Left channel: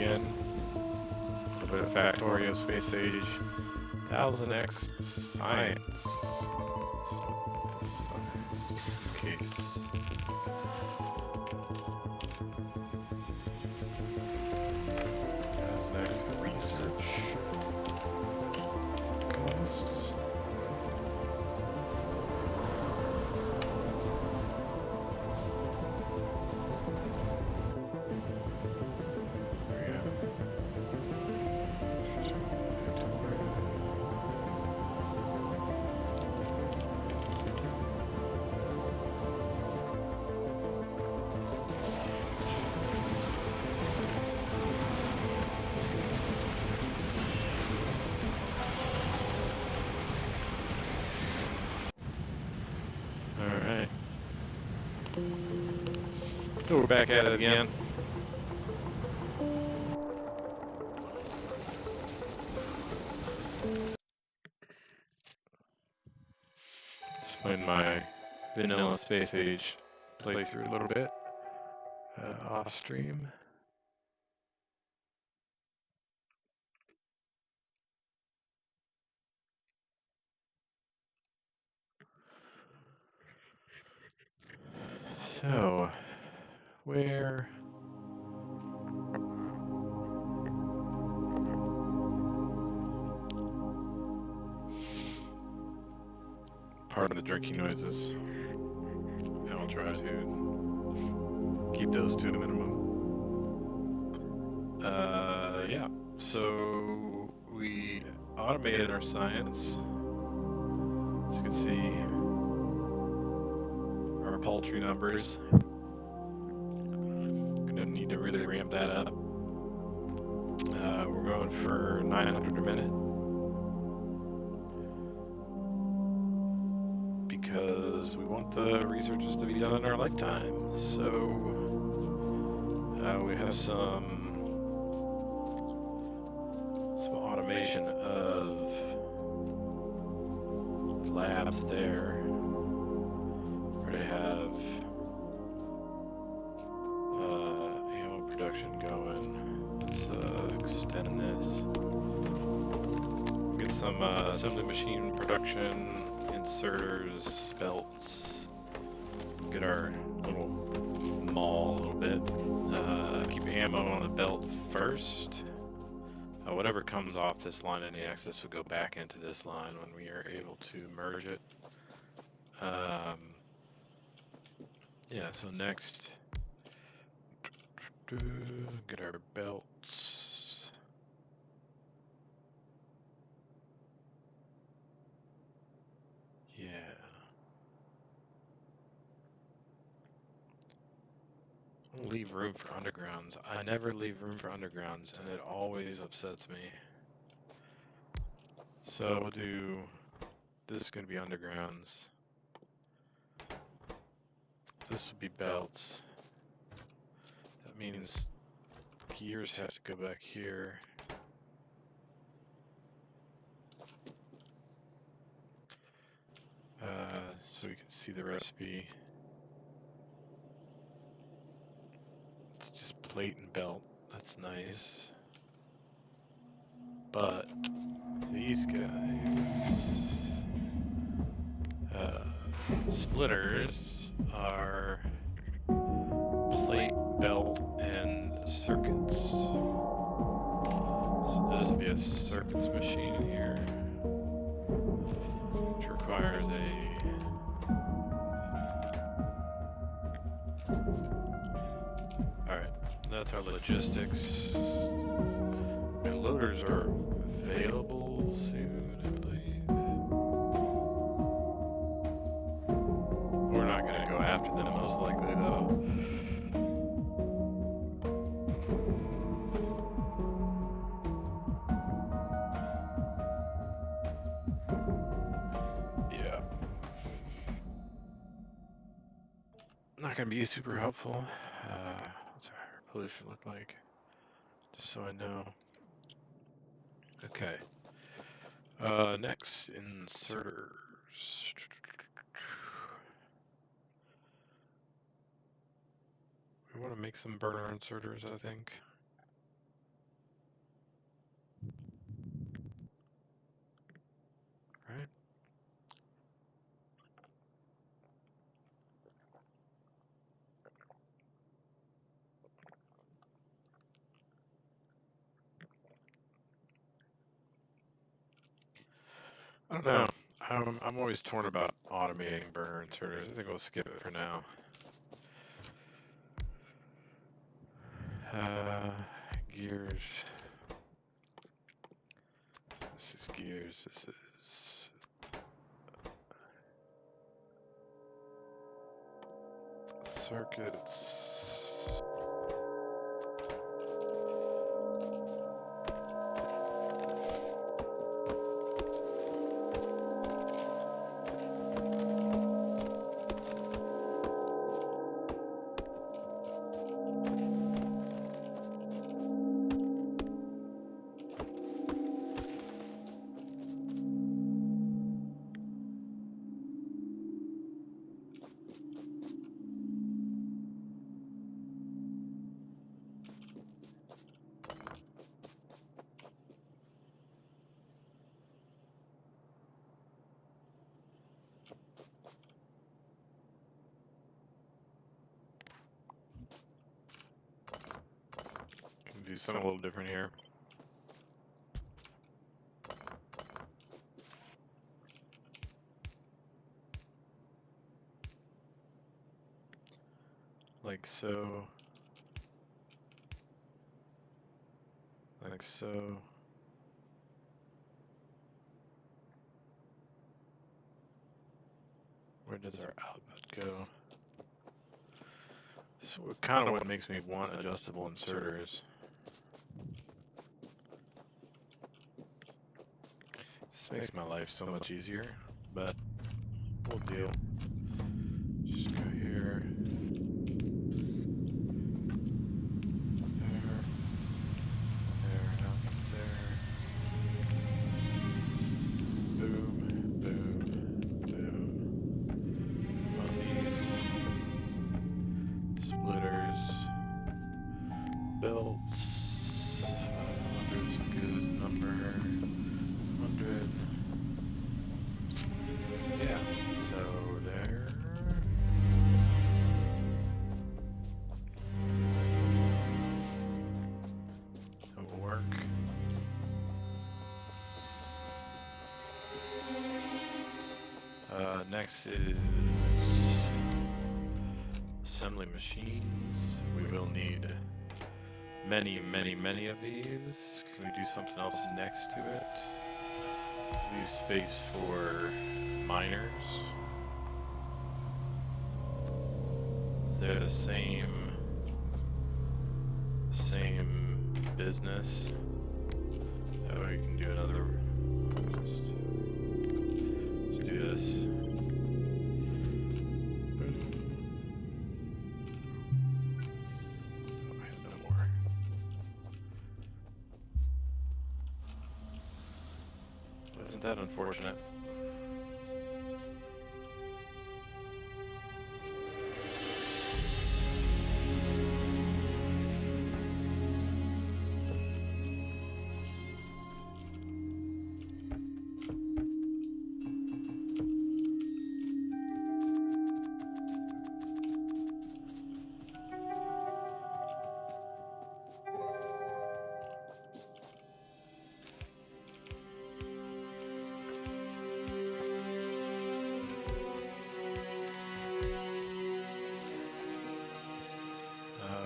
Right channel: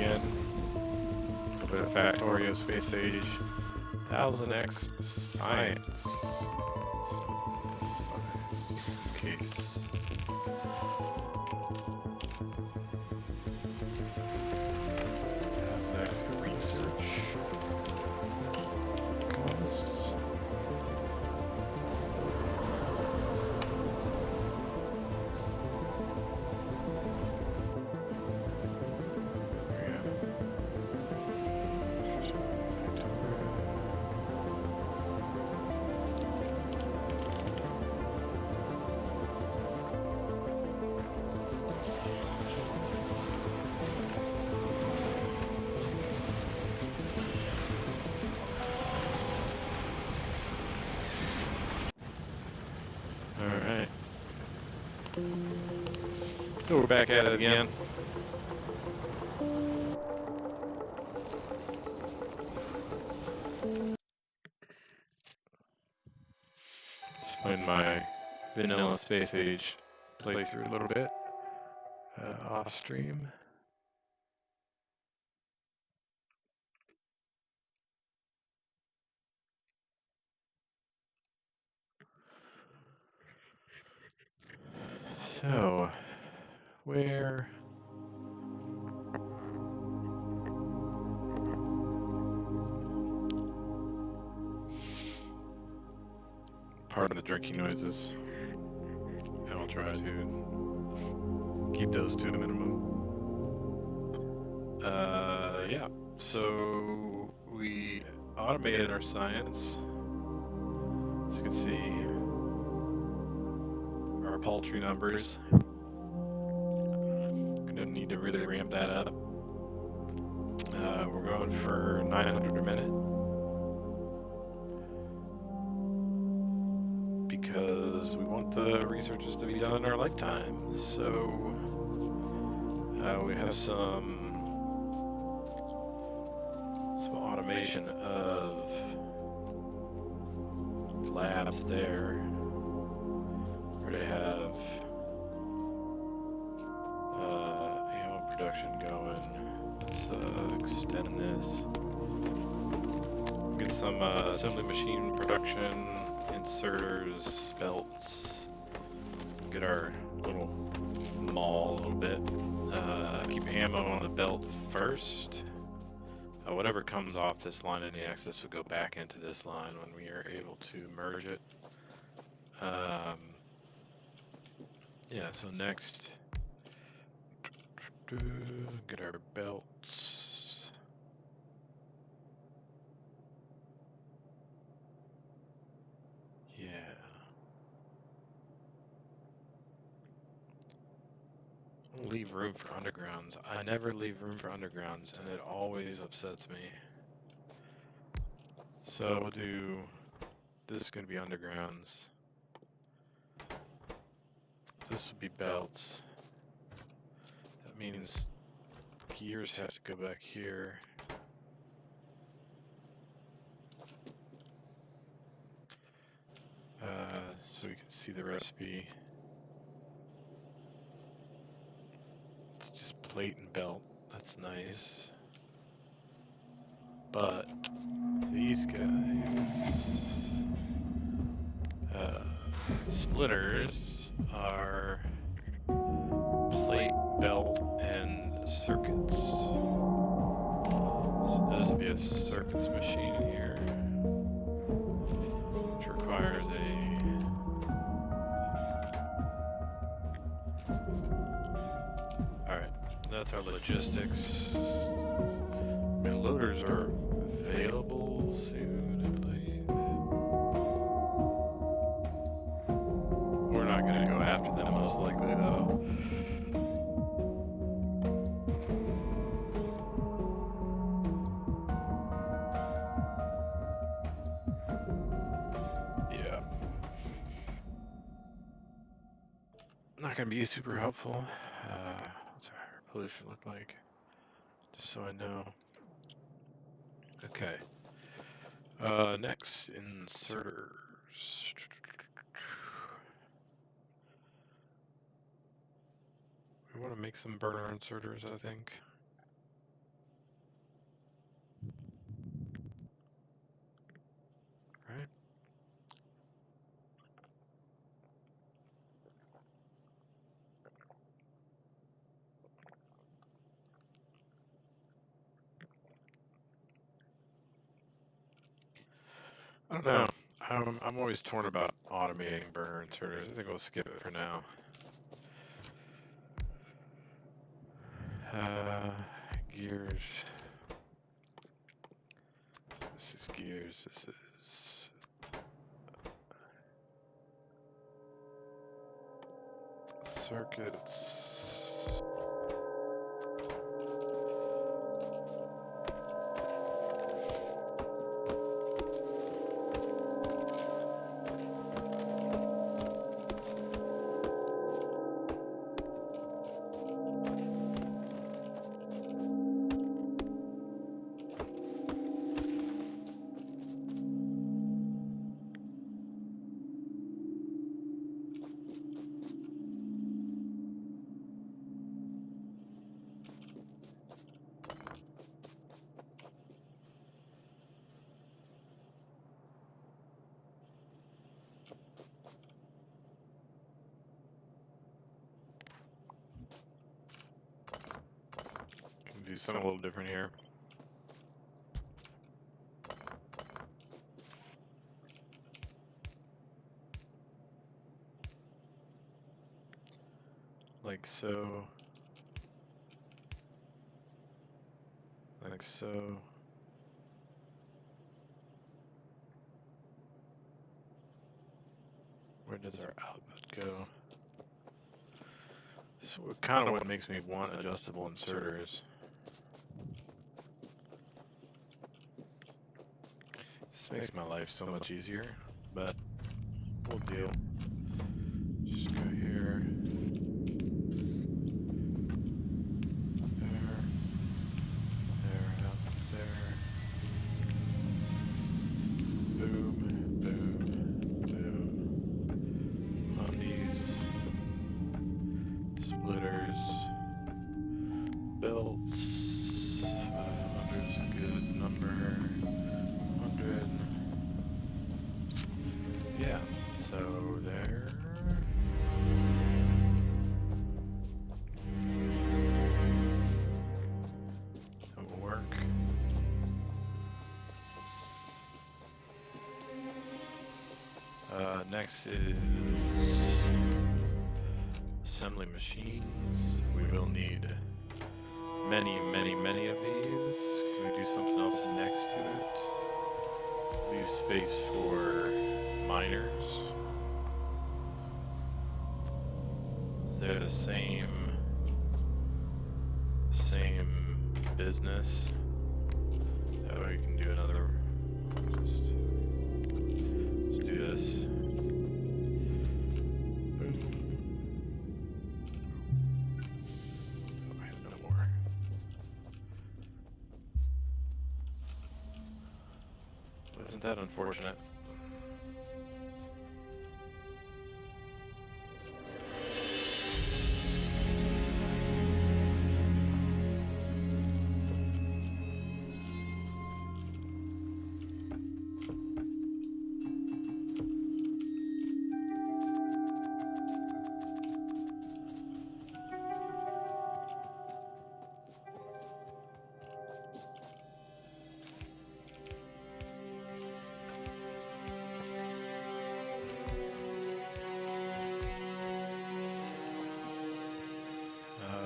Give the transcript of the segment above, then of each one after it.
again. A bit of Factorio Space Age. 1000X Science. Science case. Research costs. Alright. So we're back at it again. Just playing my vanilla Space Age playthrough a little bit off stream. So, where... Pardon the drinking noises. I'll try to keep those to a minimum. Yeah, so we automated our science. As you can see, our paltry numbers. Gonna need to really ramp that up. We're going for 900 a minute. Because we want the researches to be done in our lifetime. So we have some automation of labs there. Already have ammo production going. Let's extend this. Get some assembly machine production, inserters, belts. Get our little mall a little bit. Keep ammo on the belt first. Whatever comes off this line in the axis will go back into this line when we are able to merge it. Yeah, so next, get our belts. Yeah. Leave room for undergrounds. I never leave room for undergrounds, and it always upsets me. So we'll do, this is going to be undergrounds. This would be belts. That means gears have to go back here. So we can see the recipe. It's just plate and belt. That's nice. But these guys, splitters, are plate, belt, and circuits. So this would be a circuits machine here, which requires a that's our logistics. My loaders are available soon, I believe. We're not going to go after them most likely though. Yeah. Not going to be super helpful. What's our pollution look like? Just so I know. Okay. Next, inserters. We want to make some burner inserters, I think. don't know. I'm always torn about automating burner inserters. I think we'll skip it for now. Gears. This is gears. This is circuits. Do something a little different here. Like so. Like so. Where does our output go? This is kind of what makes me want adjustable inserters. This makes my life so much easier, but we'll deal. Just go here. There. There, up there. Boom, boom, boom. On these splitters. Belts. 500 is a good number. 100. Yeah, so there. That will work. Next is assembly machines. We will need many of these. Can we do something else next to it? Leave space for miners. They're the same business. That way we can do another. Let's do this. Boom. Oh, I have no more. Isn't that unfortunate?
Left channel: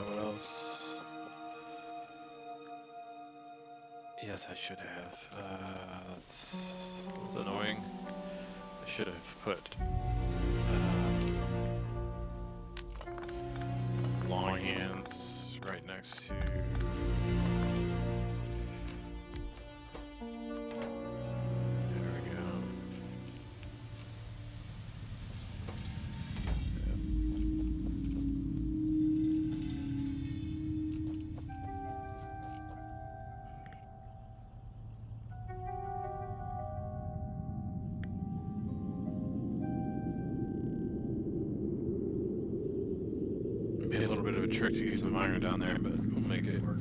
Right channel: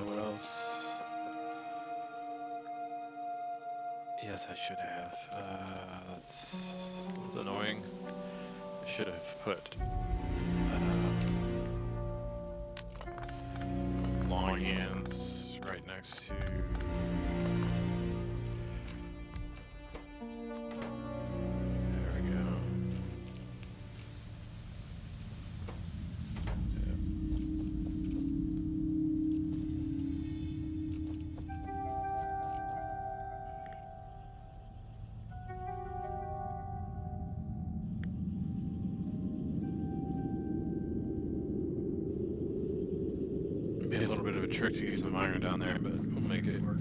What else? Yes, I should have. That's annoying. I should have put long hands right next to. There we go. Yep. Be a little bit of a trick to use the miner down there, but we'll make it work.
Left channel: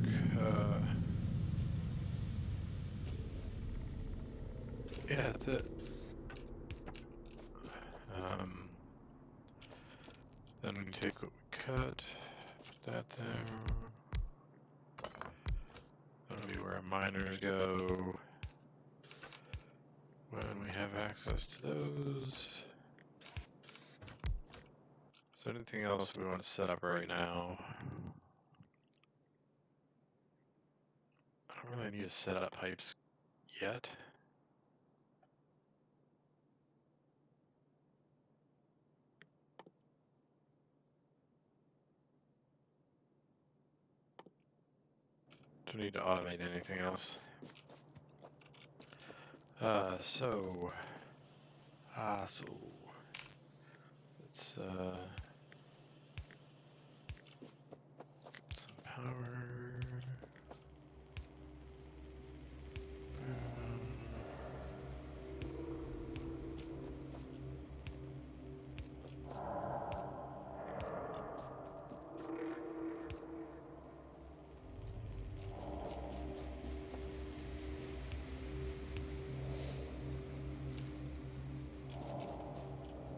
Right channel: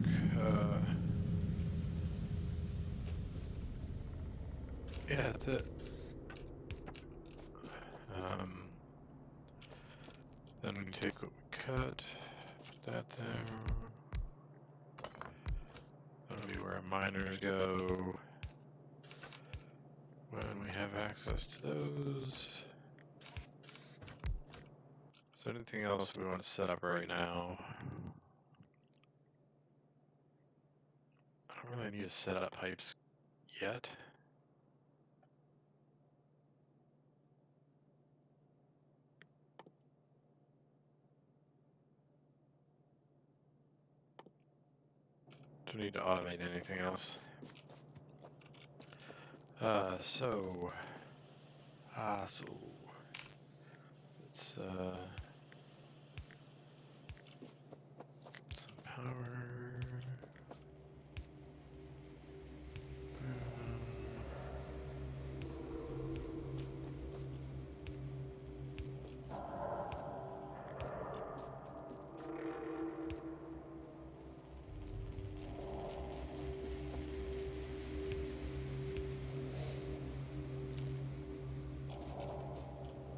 Yeah, that's it. Then we can take what we cut, put that there. That'll be where our miners go. when we have access to those. Is there anything else we want to set up right now? I don't really need to set up pipes yet. Don't need to automate anything else. So let's get some power.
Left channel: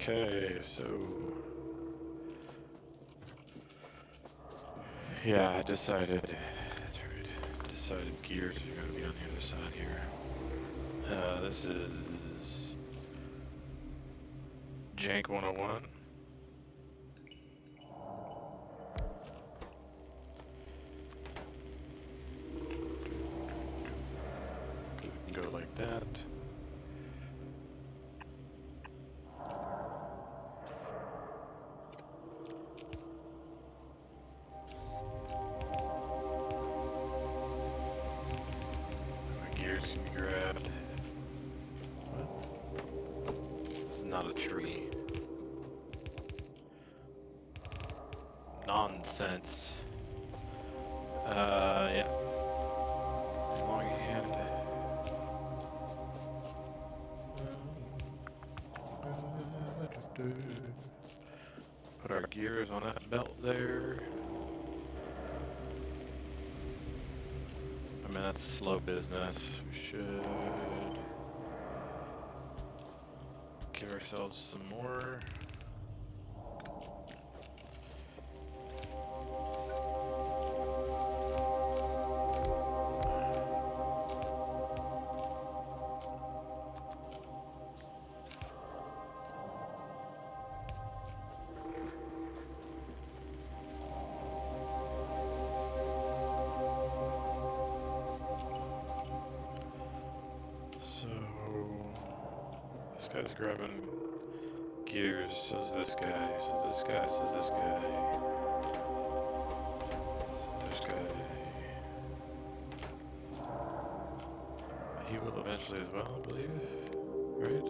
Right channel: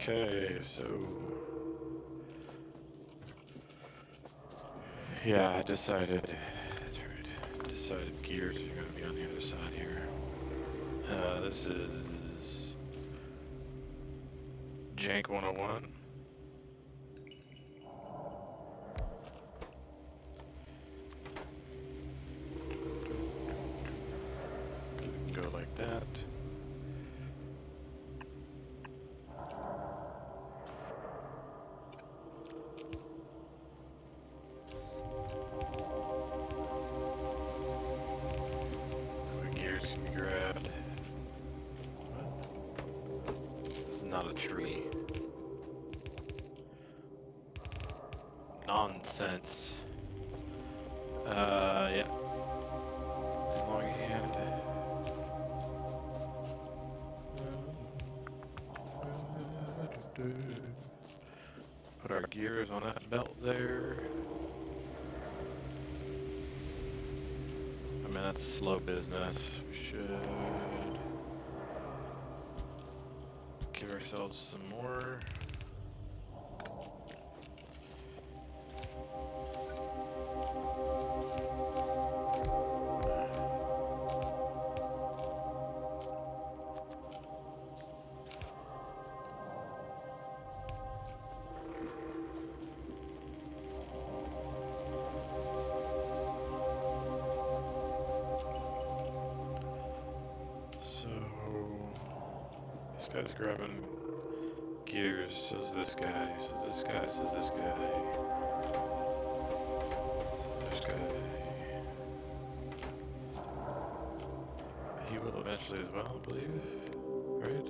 Okay, so yeah, I decided. That's right. Decided gears are going to be on the other side here. This is Jank 101. Go like that. Gears can be grabbed. What? It's not a tree. Nonsense. Yeah. Long hand. Put our gears on that belt there. I mean, that's slow business. We should give ourselves some more. So this guy's grabbing gears, so's this guy, so's this guy, so's this guy, so's this guy. He will eventually as well, I believe, right?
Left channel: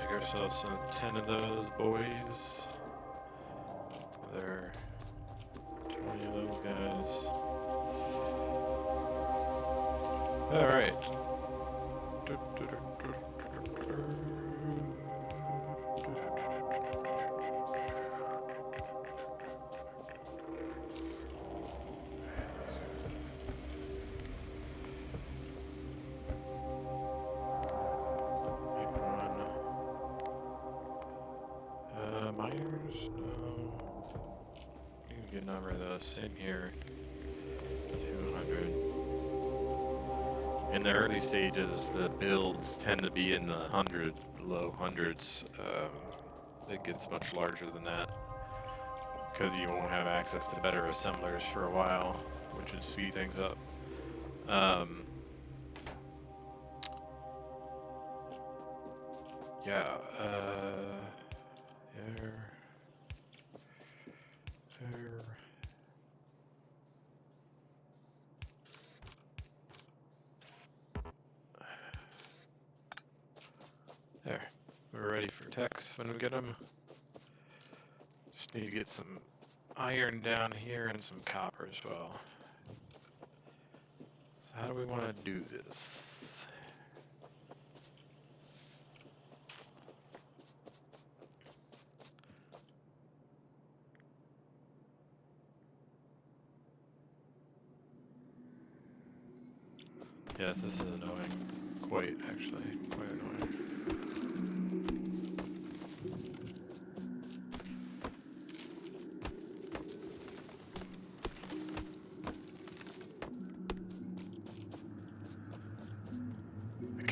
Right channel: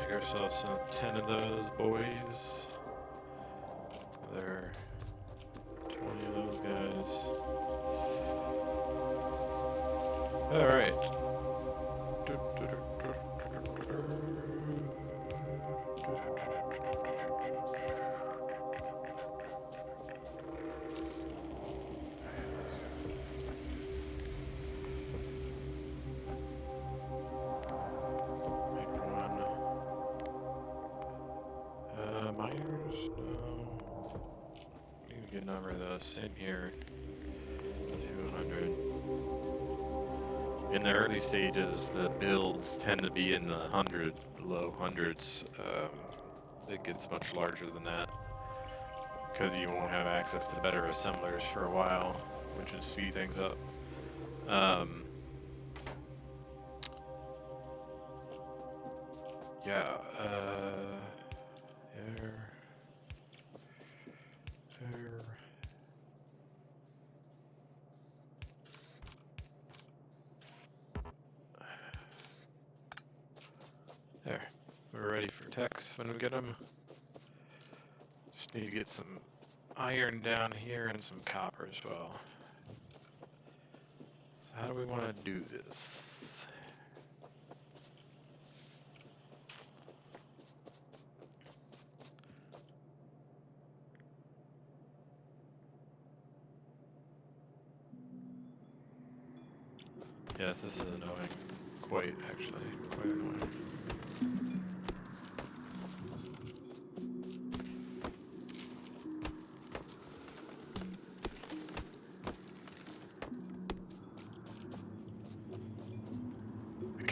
Make ourselves some 10 of those boys. There are 20 of those guys. Alright. Miners? No. Need a good number of those. Same here. 200. In the early stages, the builds tend to be in the low hundreds. It gets much larger than that because you won't have access to better assemblers for a while, which would speed things up. Yeah. There. We're ready for techs when we get them. Just need to get some iron down here and some copper as well. So how do we want to do this? Yes, this is annoying. Quite, actually. Quite annoying.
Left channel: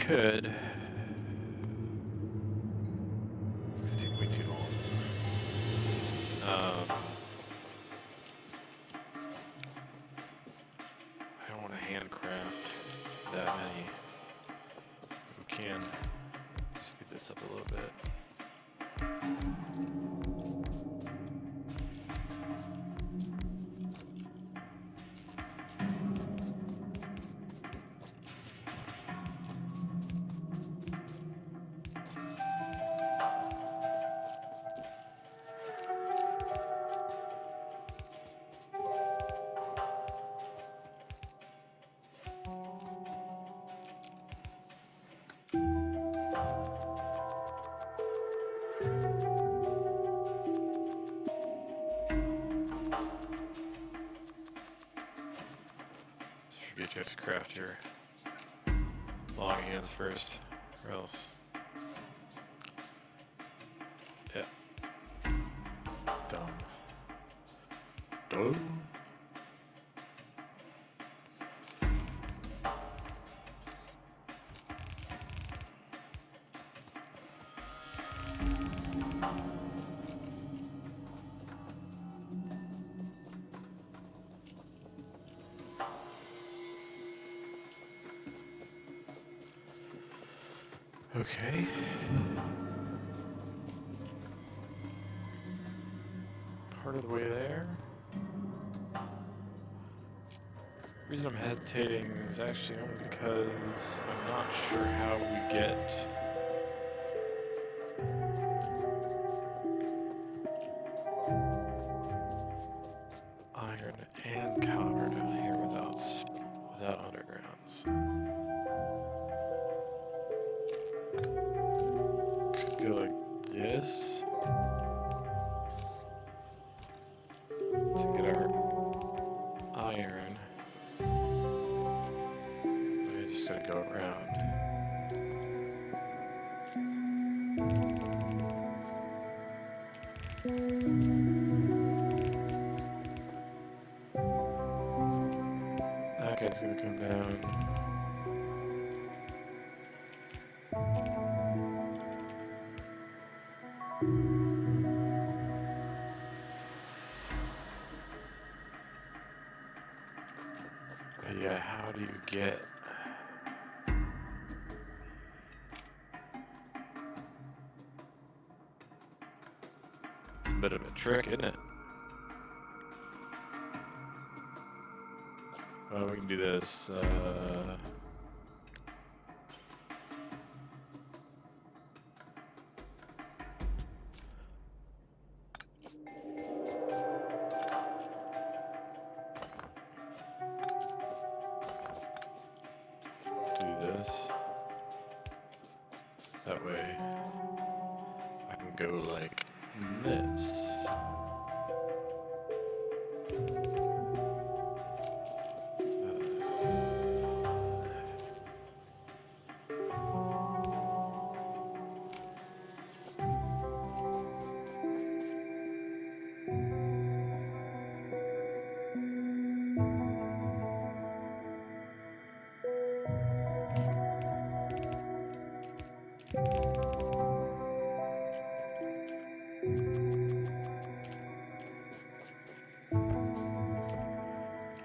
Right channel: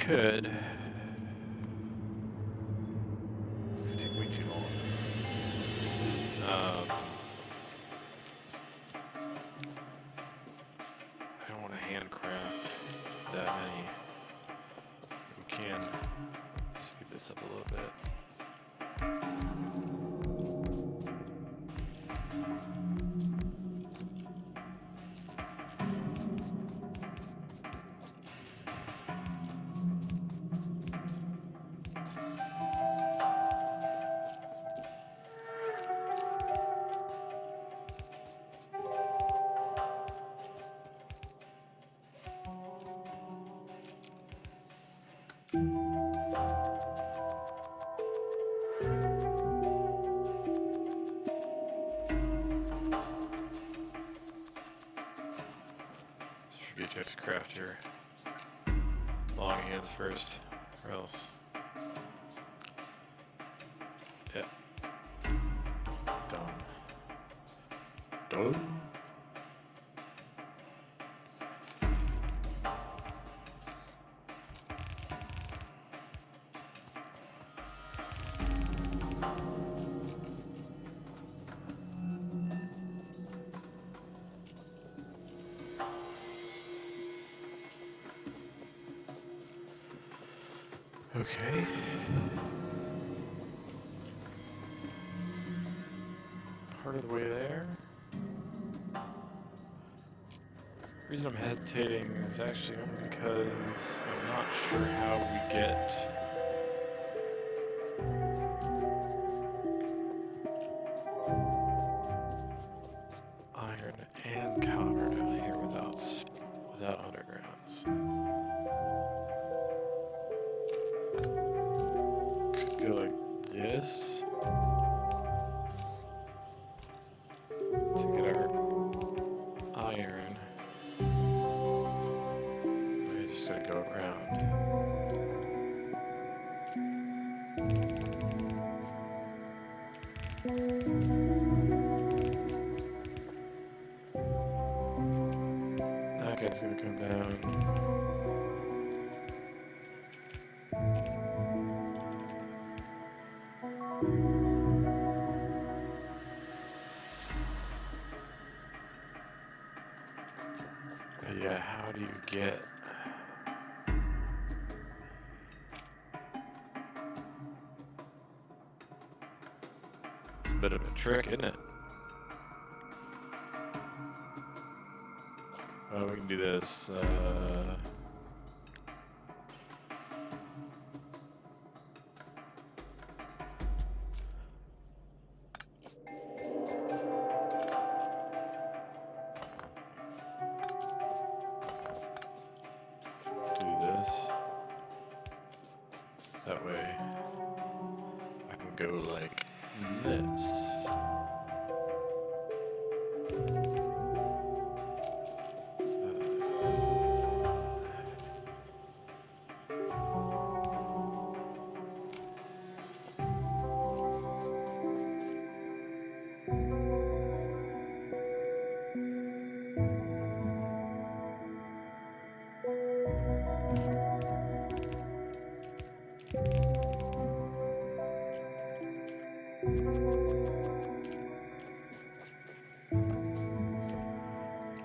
could. It's gonna take way too long. I don't want to handcraft that many. We can speed this up a little bit. Forget you have to craft your long hands first, or else. Yeah. Dumb. Dumb. Okay. Part of the way there. The reason I'm hesitating is actually only because I'm not sure how we get iron and copper down here without undergrounds. Could go like this to get our iron. I just gotta go around. That guy's gonna come down. But yeah, how do you get... It's a bit of a trick, isn't it? Well, we can do this. Do this. That way, I can go like this.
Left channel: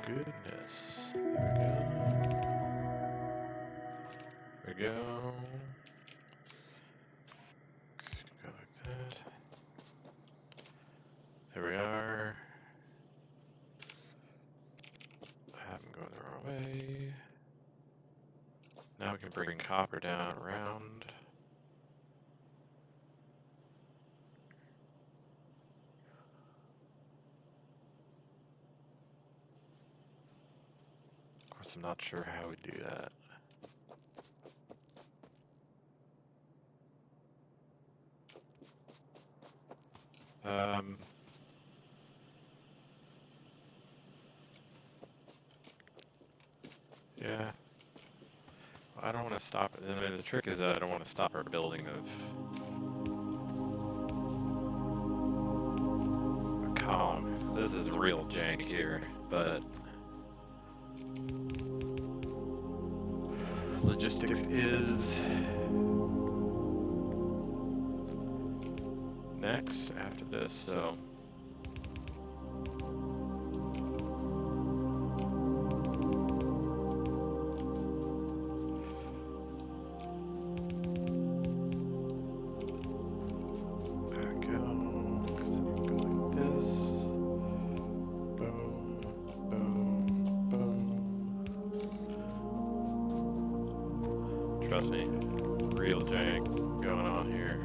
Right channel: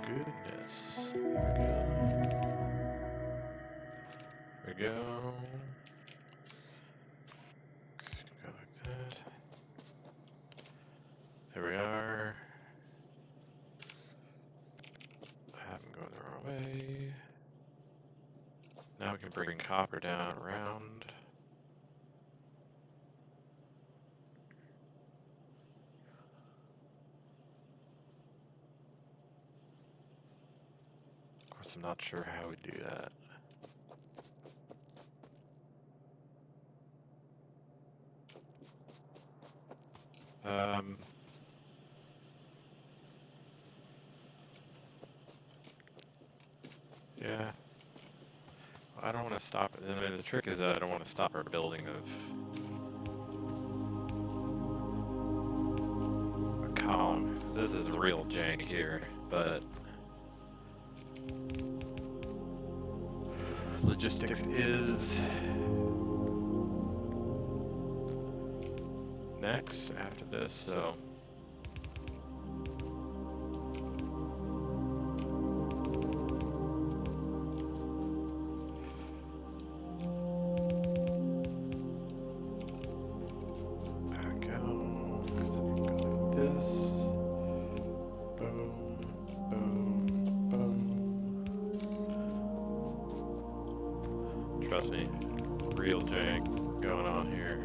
Goodness. There we go. There we go. Go like that. There we are. I haven't gone the wrong way. Now we can bring copper down around. Of course, I'm not sure how we do that. Yeah. Well, I don't want to stop it. I mean, the trick is that I don't want to stop our building of a column. This is real jank here, but logistics is next after this, so back out, because then you go like this. Boom, boom, boom. Trust me, real jank going on here.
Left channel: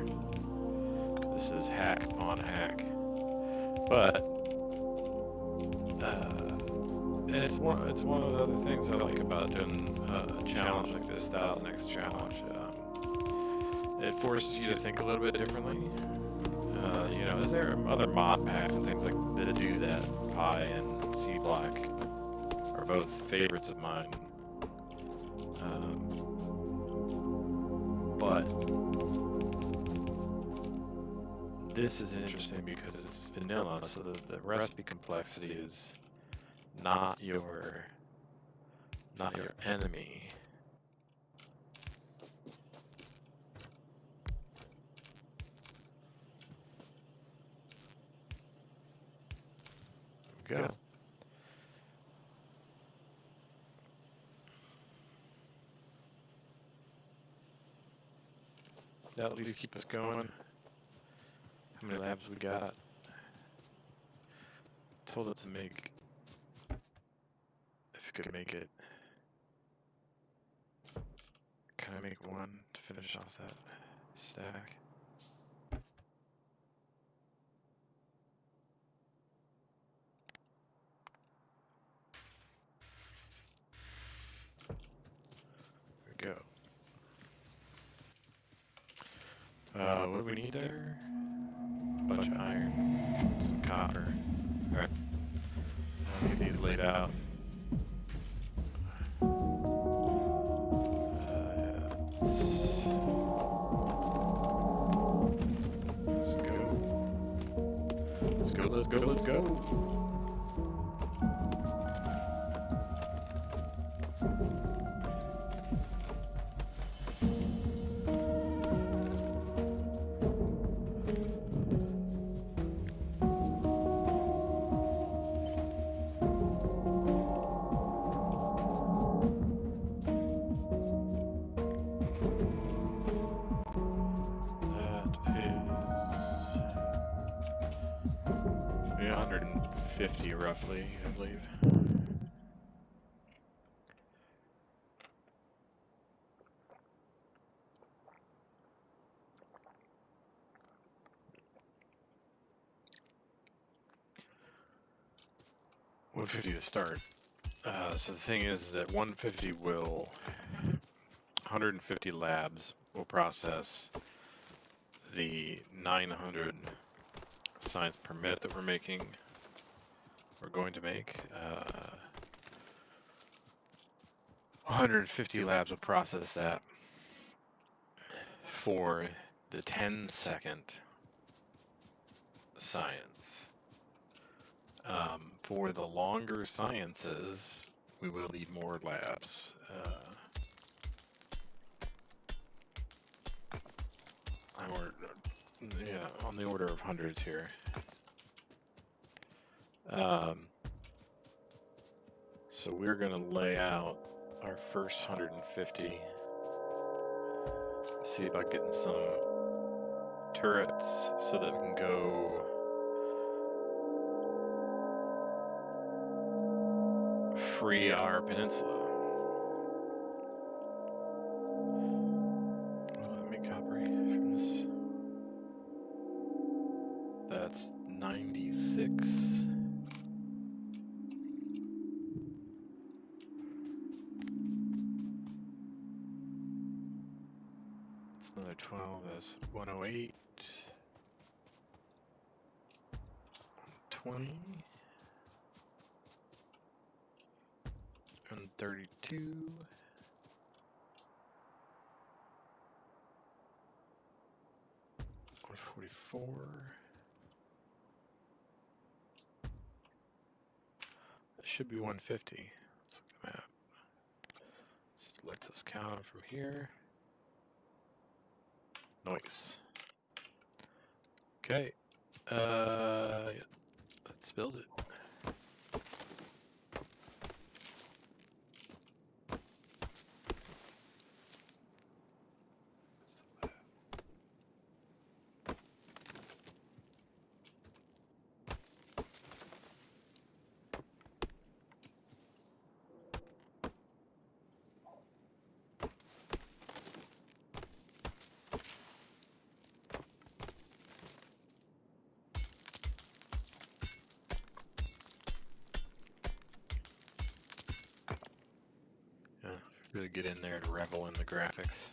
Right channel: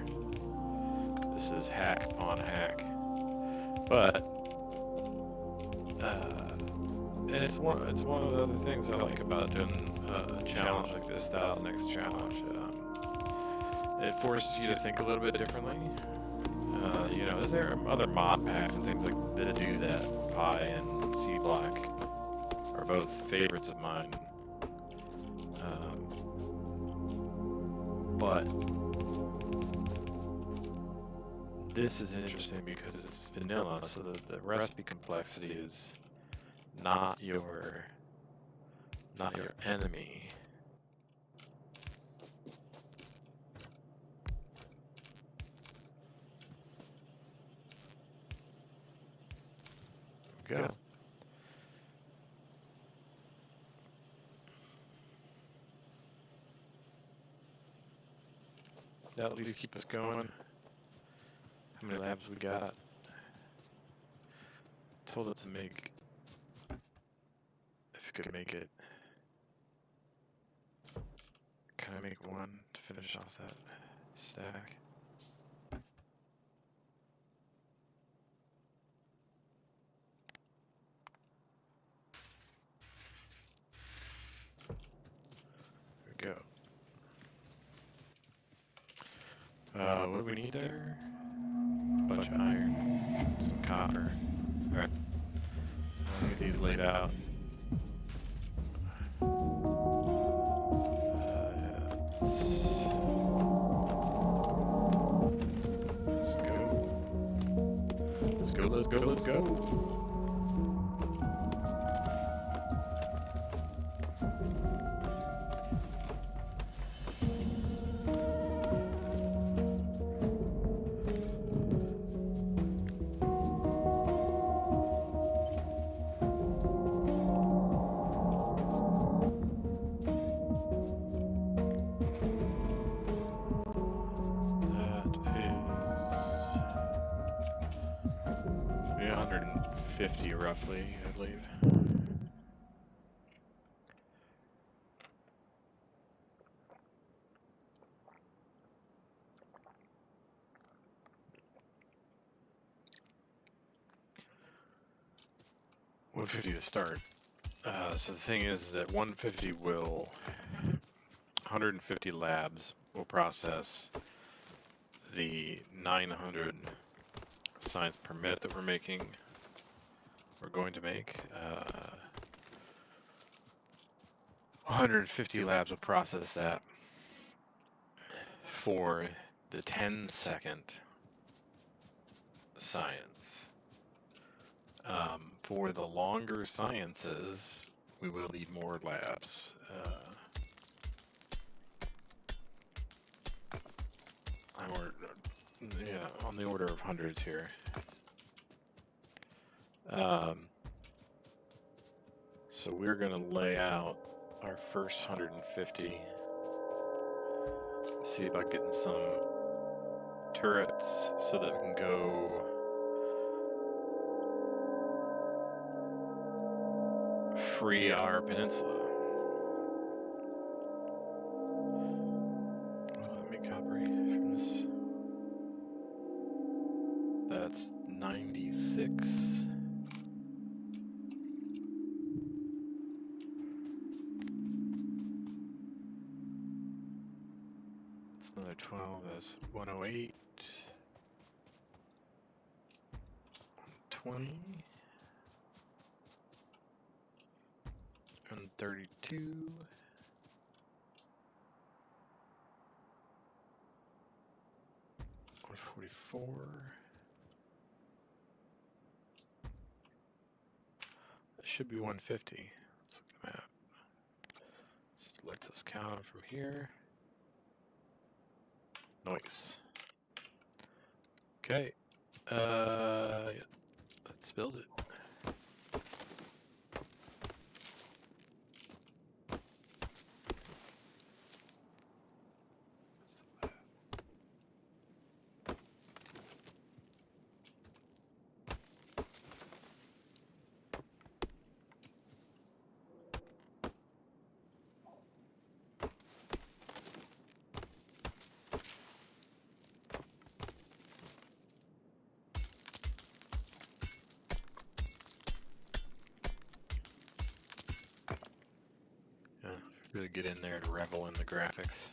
This is hack on hack, but it's one of the other things I like about doing a challenge like this 1000x challenge. It forces you to think a little bit differently. You know, there are other mod packs and things like that do that. Pi and C Block are both favorites of mine. But this is interesting because it's vanilla, so the recipe complexity is not your enemy. There we go. That'll at least keep us going. How many labs we got? Told it to make, if it could make it. Can I make one to finish off that stack? There we go. What do we need there? A bunch of iron, some copper. Alright. I'll need these laid out. Let's go. Let's go, let's go, let's go. That is 150 roughly, I believe. $150 to start. So the thing is that 150 labs will process the 900 science per minute that we're going to make. 150 labs will process that for the 10-second science. For the longer sciences, we will need more labs. On the order of hundreds here. So we're going to lay out our first 150. See about getting some turrets so that we can go free our peninsula. Let me copy from this. That's 96. That's another 12. That's 108. 120. And 32. 144. It should be 150. Let's look at the map. It's lets us count from here. Nice. Okay. Yeah. Let's build it. Really get in there to revel in the graphics.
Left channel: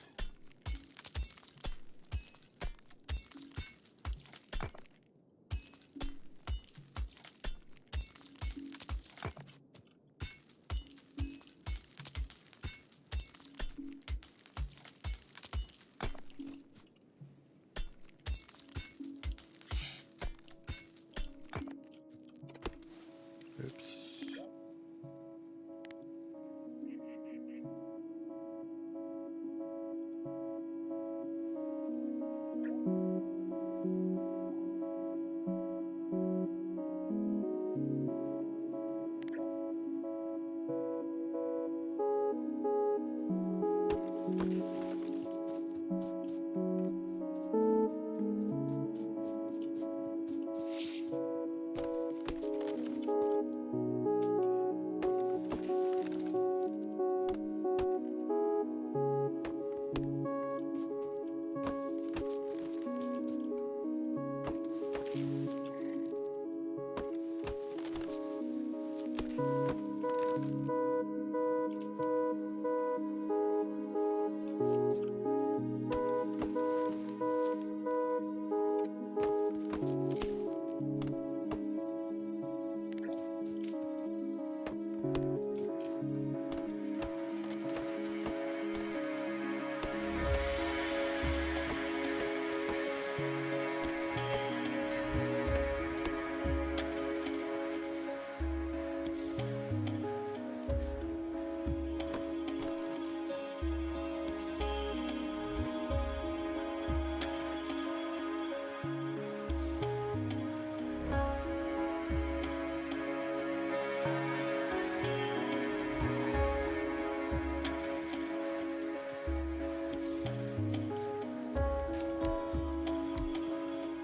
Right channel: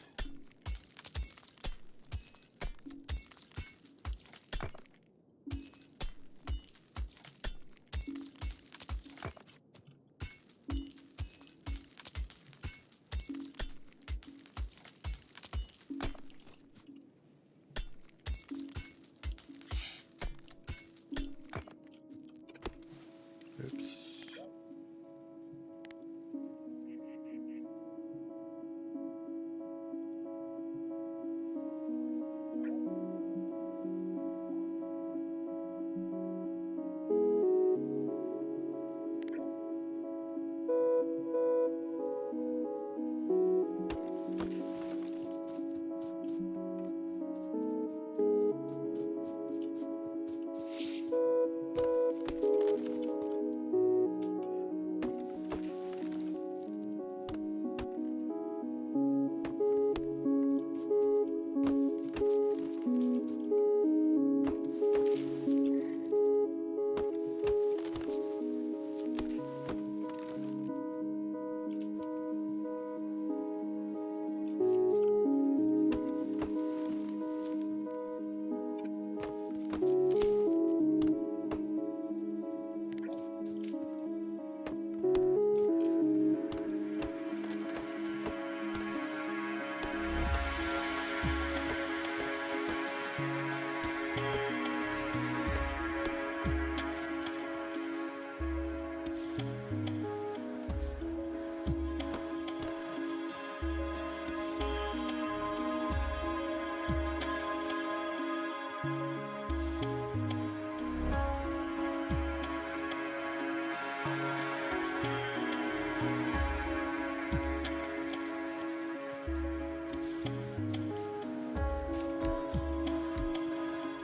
Oops.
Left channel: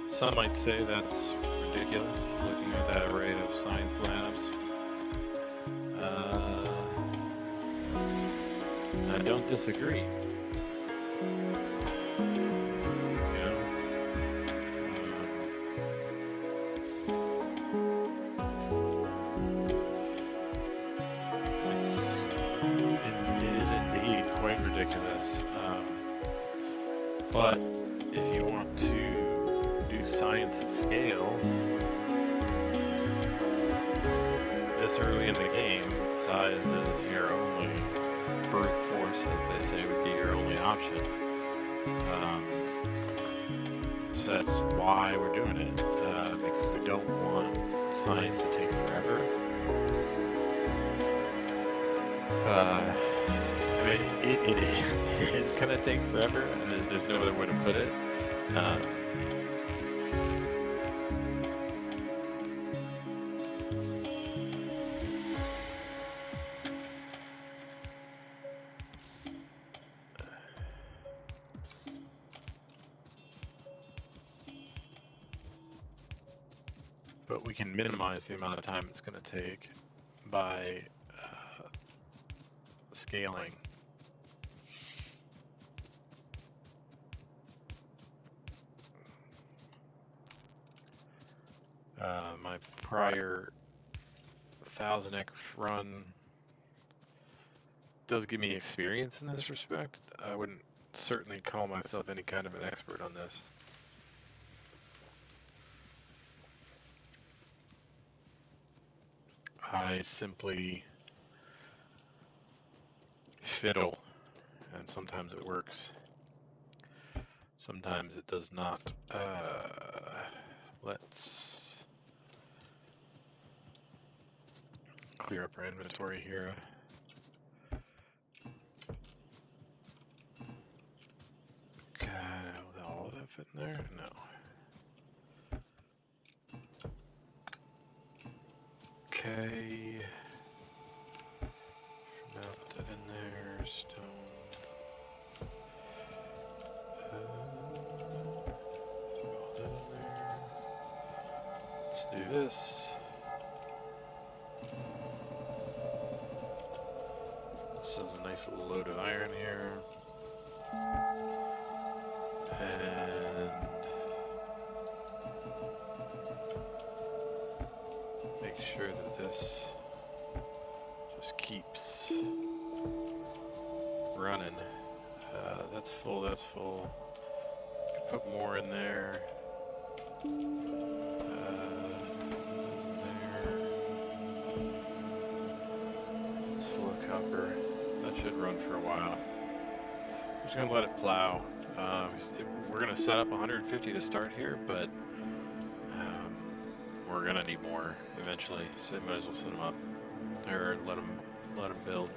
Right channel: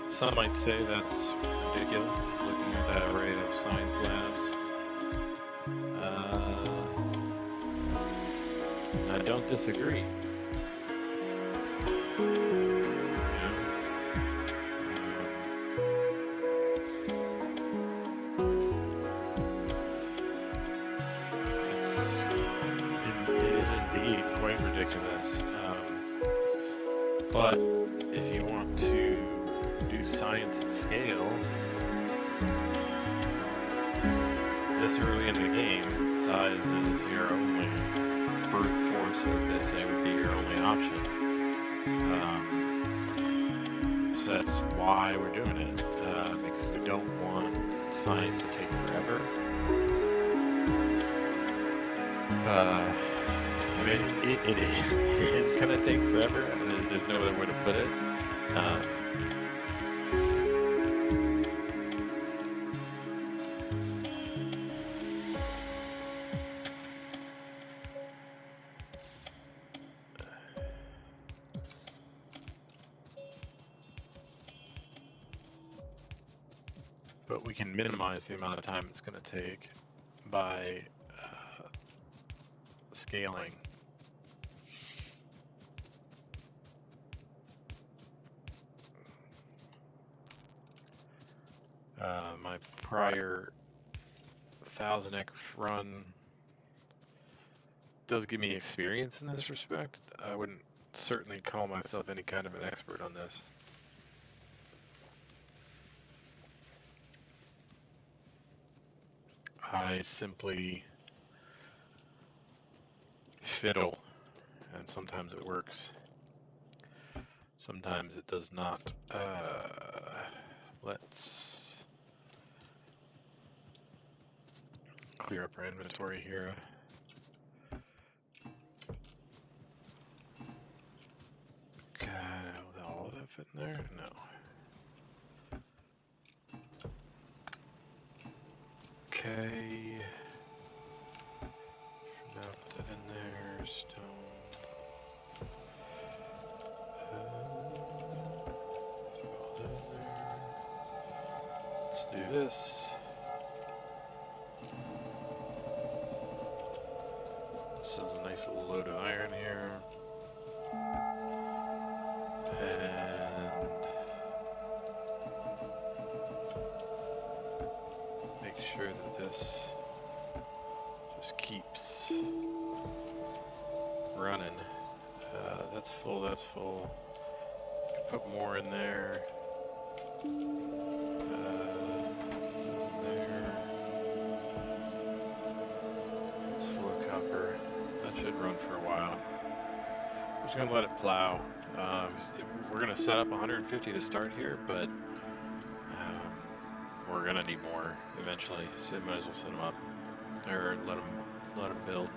Some might say that's ridiculous, looking at that array of science labs. I don't disagree. It is indeed quite ridiculous. But if you want to do science at scale, this early in the game, size is your only brute force, as they say, would be your only option. So that's why we're doing it, because we don't want science to take forever. I mean, it is going to take forever. There's no other way to put it. But we can minimize the amount of time it's going to take by scaling. My prior 1000x run does give me experience in this respect. I wouldn't certainly call myself any kind of an expert on this. I simply fiddle, and sometimes it works. Sometimes it does not. Let's clear up our inventory here. fit in there? No. Okay. Now put that in there. Stone. Throw all that in there. Let's do this. This is a nice little load of iron here. And make sure that this just keeps running. That's full, that's full. Could put more in there. Goes in there. It's full of copper. That should run for a while. We're just gonna let it plow. We're gonna set up 150 to start here, but we're gonna need more eventually, so we might as well set them up, or let them build.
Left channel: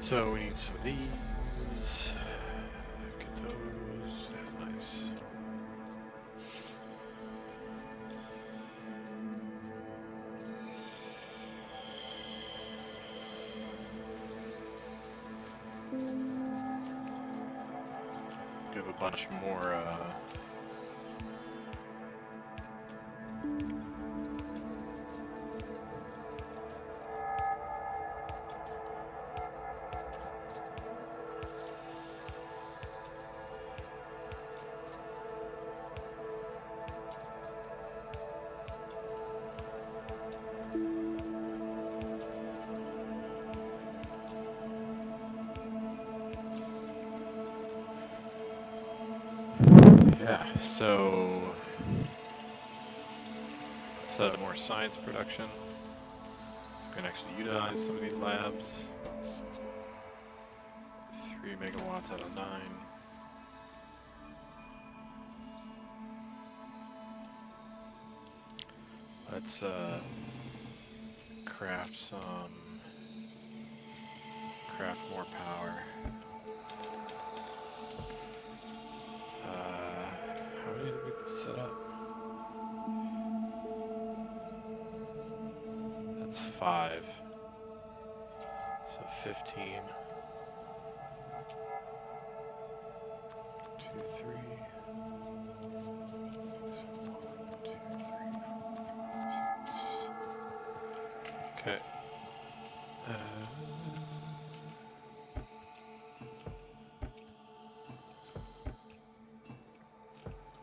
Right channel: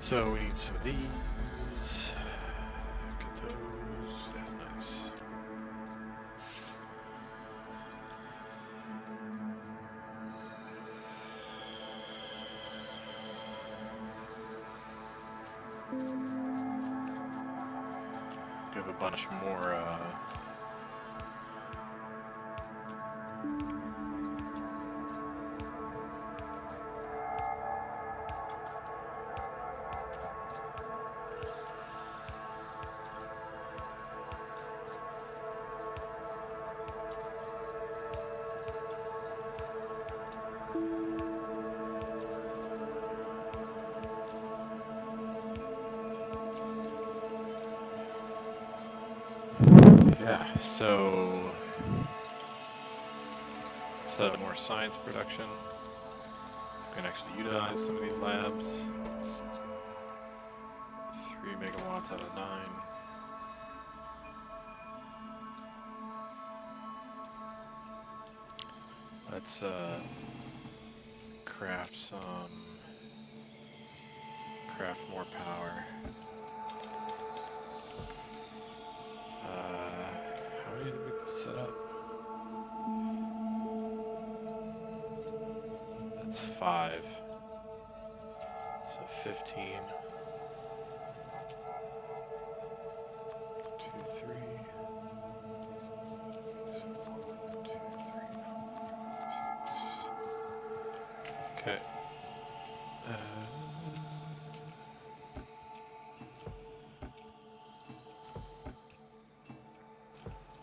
So we need some of these. Get those. Yeah, nice. Give a bunch more. Yeah, so let's set up more science production. We can actually utilize some of these labs. 3 megawatts out of 9. Let's craft more power. How many did we set up? That's 5. So 15. 2, 3. 1, 2, 3, 4, 5, 6. Okay.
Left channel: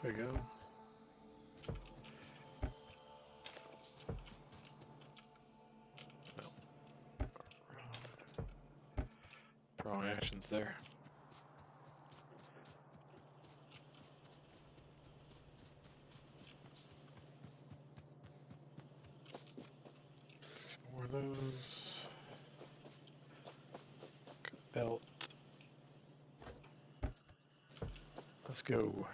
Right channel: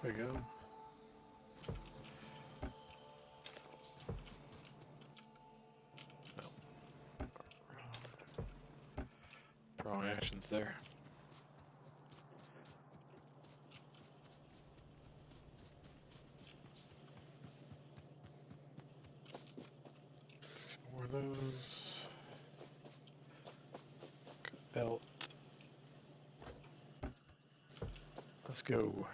There we go. Wrong actions there. More of those. Belt. Let's go.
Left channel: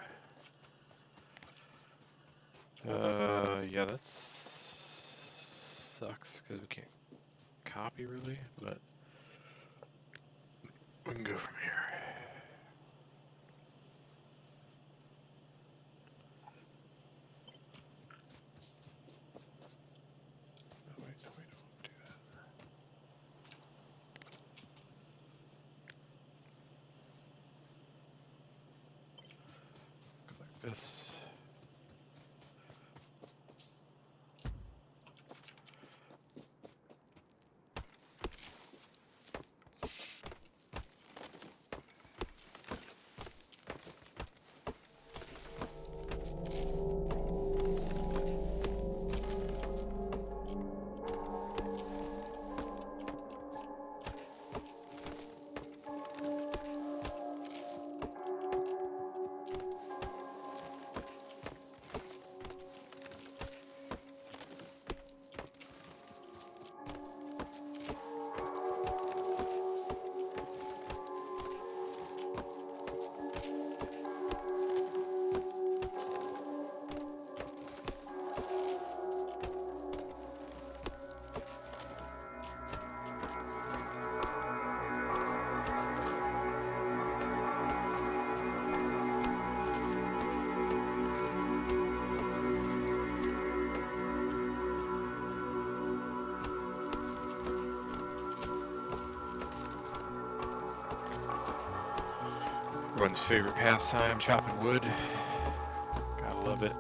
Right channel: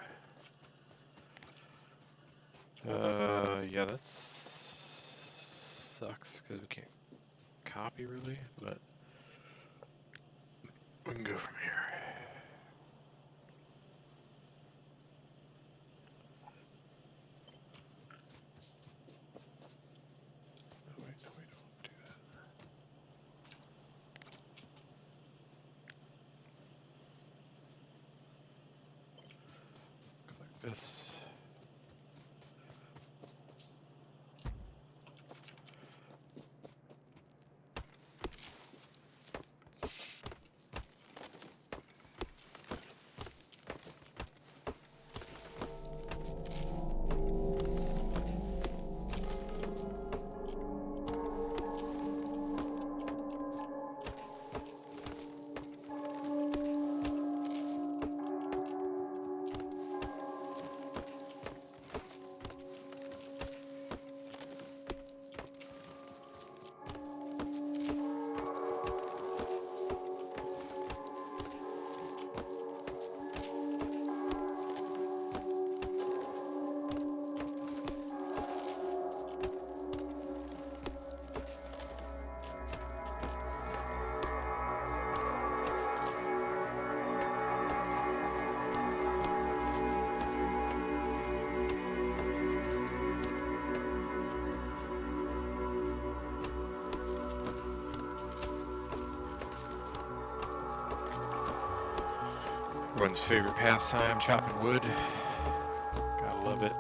Yeah, that sucks because we can't copy really, but we can go from here. No, wait, don't do that. Go like this. Everyone's favorite pastime, chopping wood. Gotta love it.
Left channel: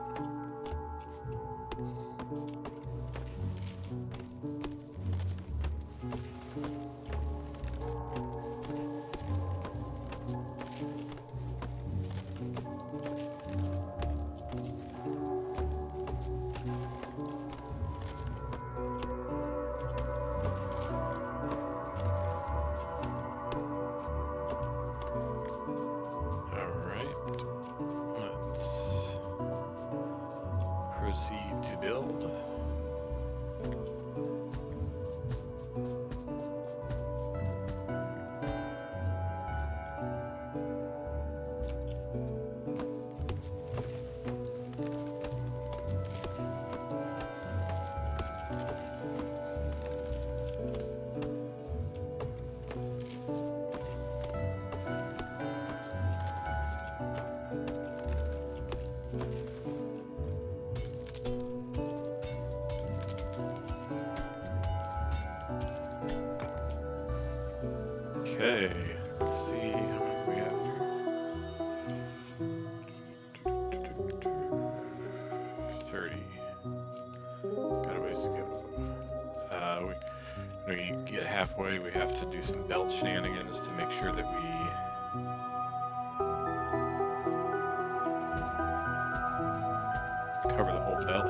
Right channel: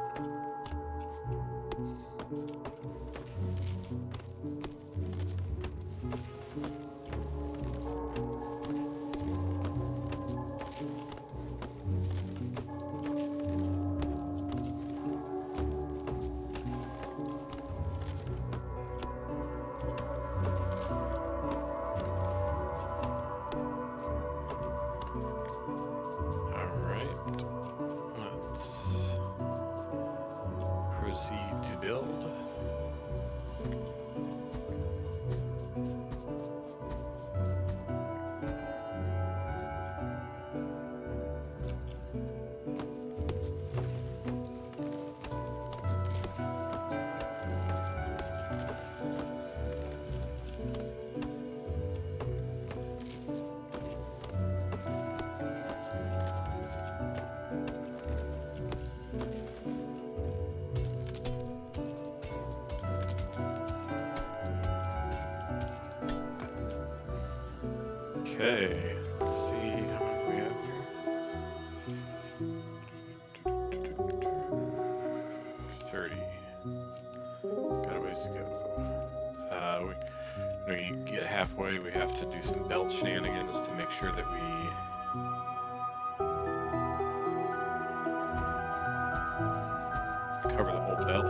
Proceed to build. Okay, let's see how many we have here. 30. Got a ways to go. When we get halfway, we have to do some belt shenanigans to make sure that we cover the whole belt.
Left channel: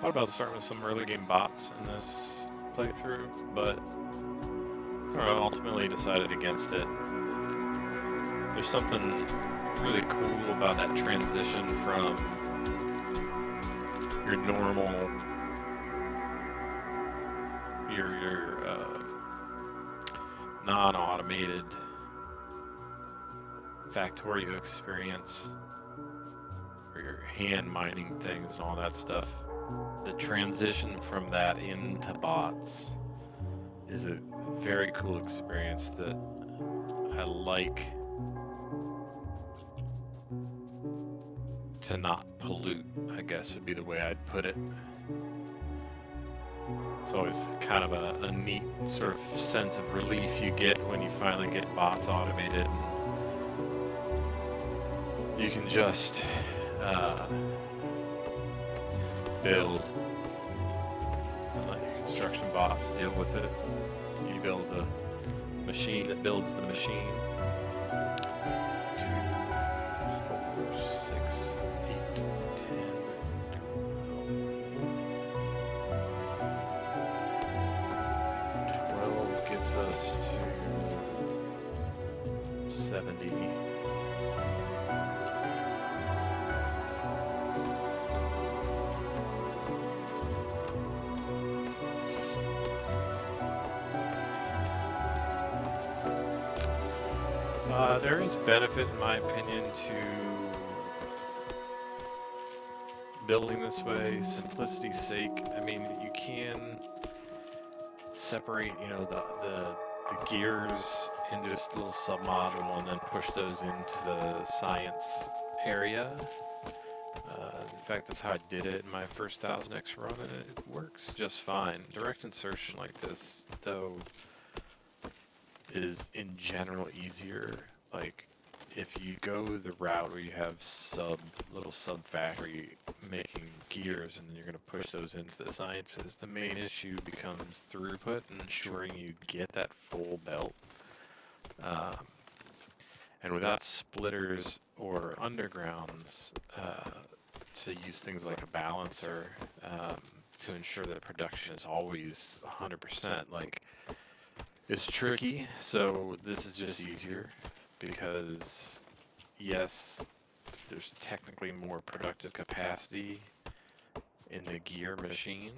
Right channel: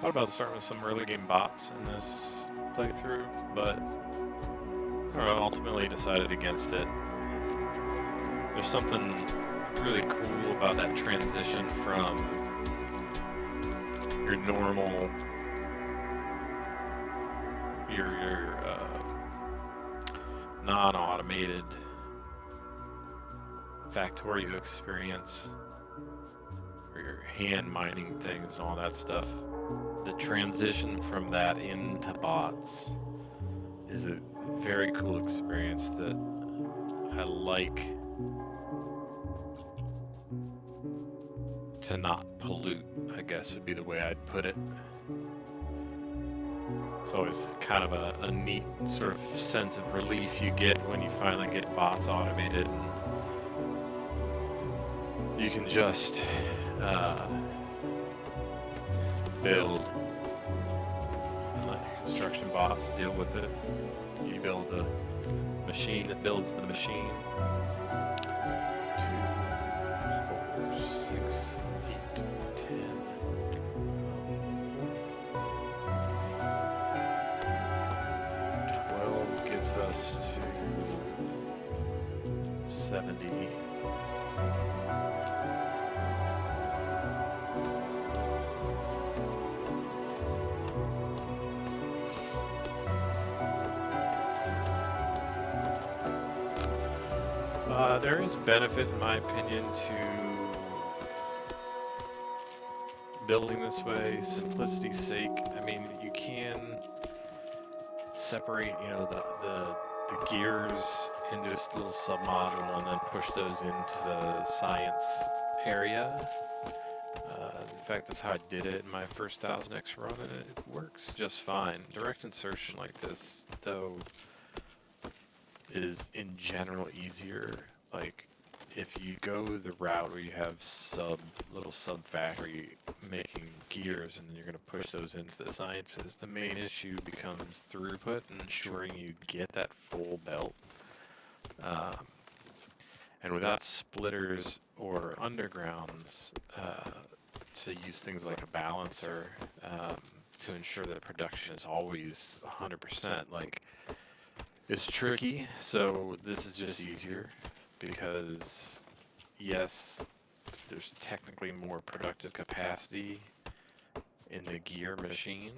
Thought about starting with some early game bots in this playthrough, but I don't know, ultimately decided against it. There's something really cool about that transition from your normal, your non-automated Factorio experience, or your hand mining things and all that stuff. The transition from that into bots is a very cool experience that I like to not pollute, I guess would be the way I'd put it. It's always kind of a neat sort of sense of relief you get when you finally get bots automated and you can just build and let your construction bots deal with it. You build the machine that builds the machine. 2, 4, 6, 8, 10, 12 gets us to 70. There is benefit, in my opinion, to building this way, simplicity's sake. I mean, you can separate, you know, the gears into just a little submodule and then push those into the science area. In fact, that's how I did it in my first 1000X run, and it works just fine. Direct insertion like this, though, is in general easier. Like, if you go the route where you have little sub factory making gears and then you're going to push those into the sciences, the main issue becomes throughput and ensuring you get that full belt. And without splitters or undergrounds, to use things like a balancer to ensure that production is always 100%, like, it's tricky. So this is just easier because, yes, there's technically more productive capacity in the gear machine.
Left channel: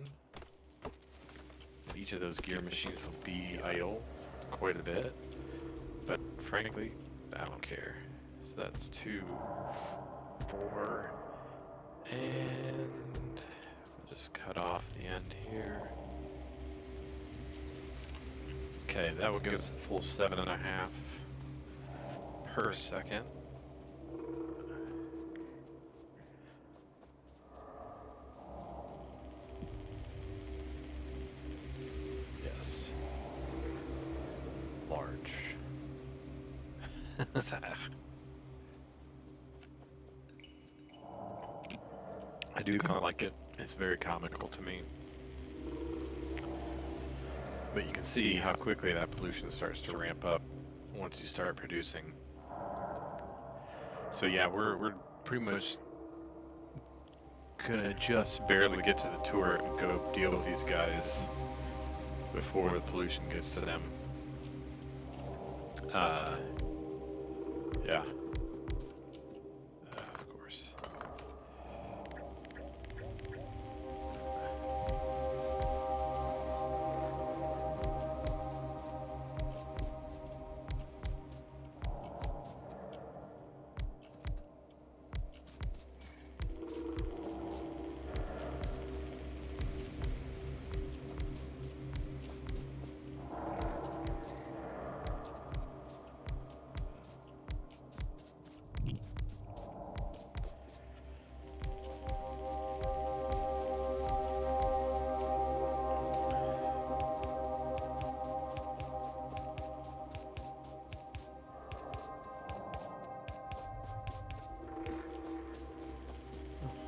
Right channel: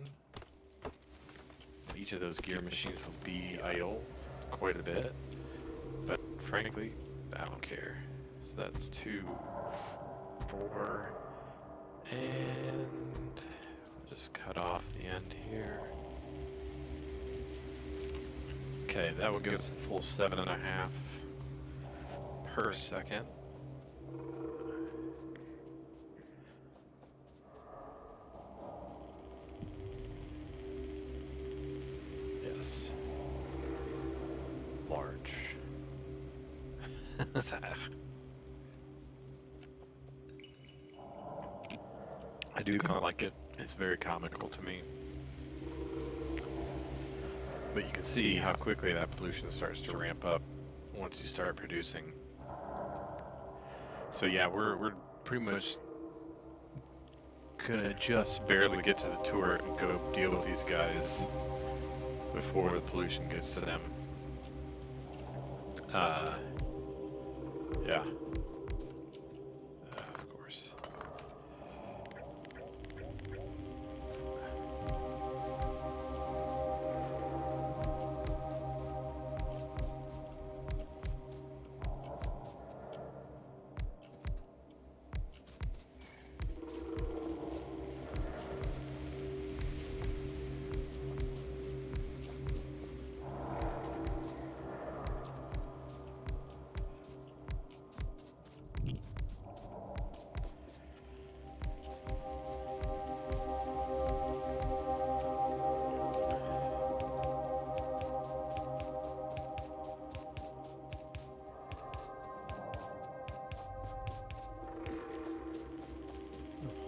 Each of those gear machines will be idle quite a bit, frankly, I don't care. So that's 2, 4, and we'll just cut off the end here. Okay, that will give us a full 7.5 per second. Yes. Large. I do kind of like it. It's very comical to me. But you can see how quickly that pollution starts to ramp up once you start producing. So yeah, we're pretty much gonna just barely get to the turret and go deal with these guys before the pollution gets to them. Yeah. Of course.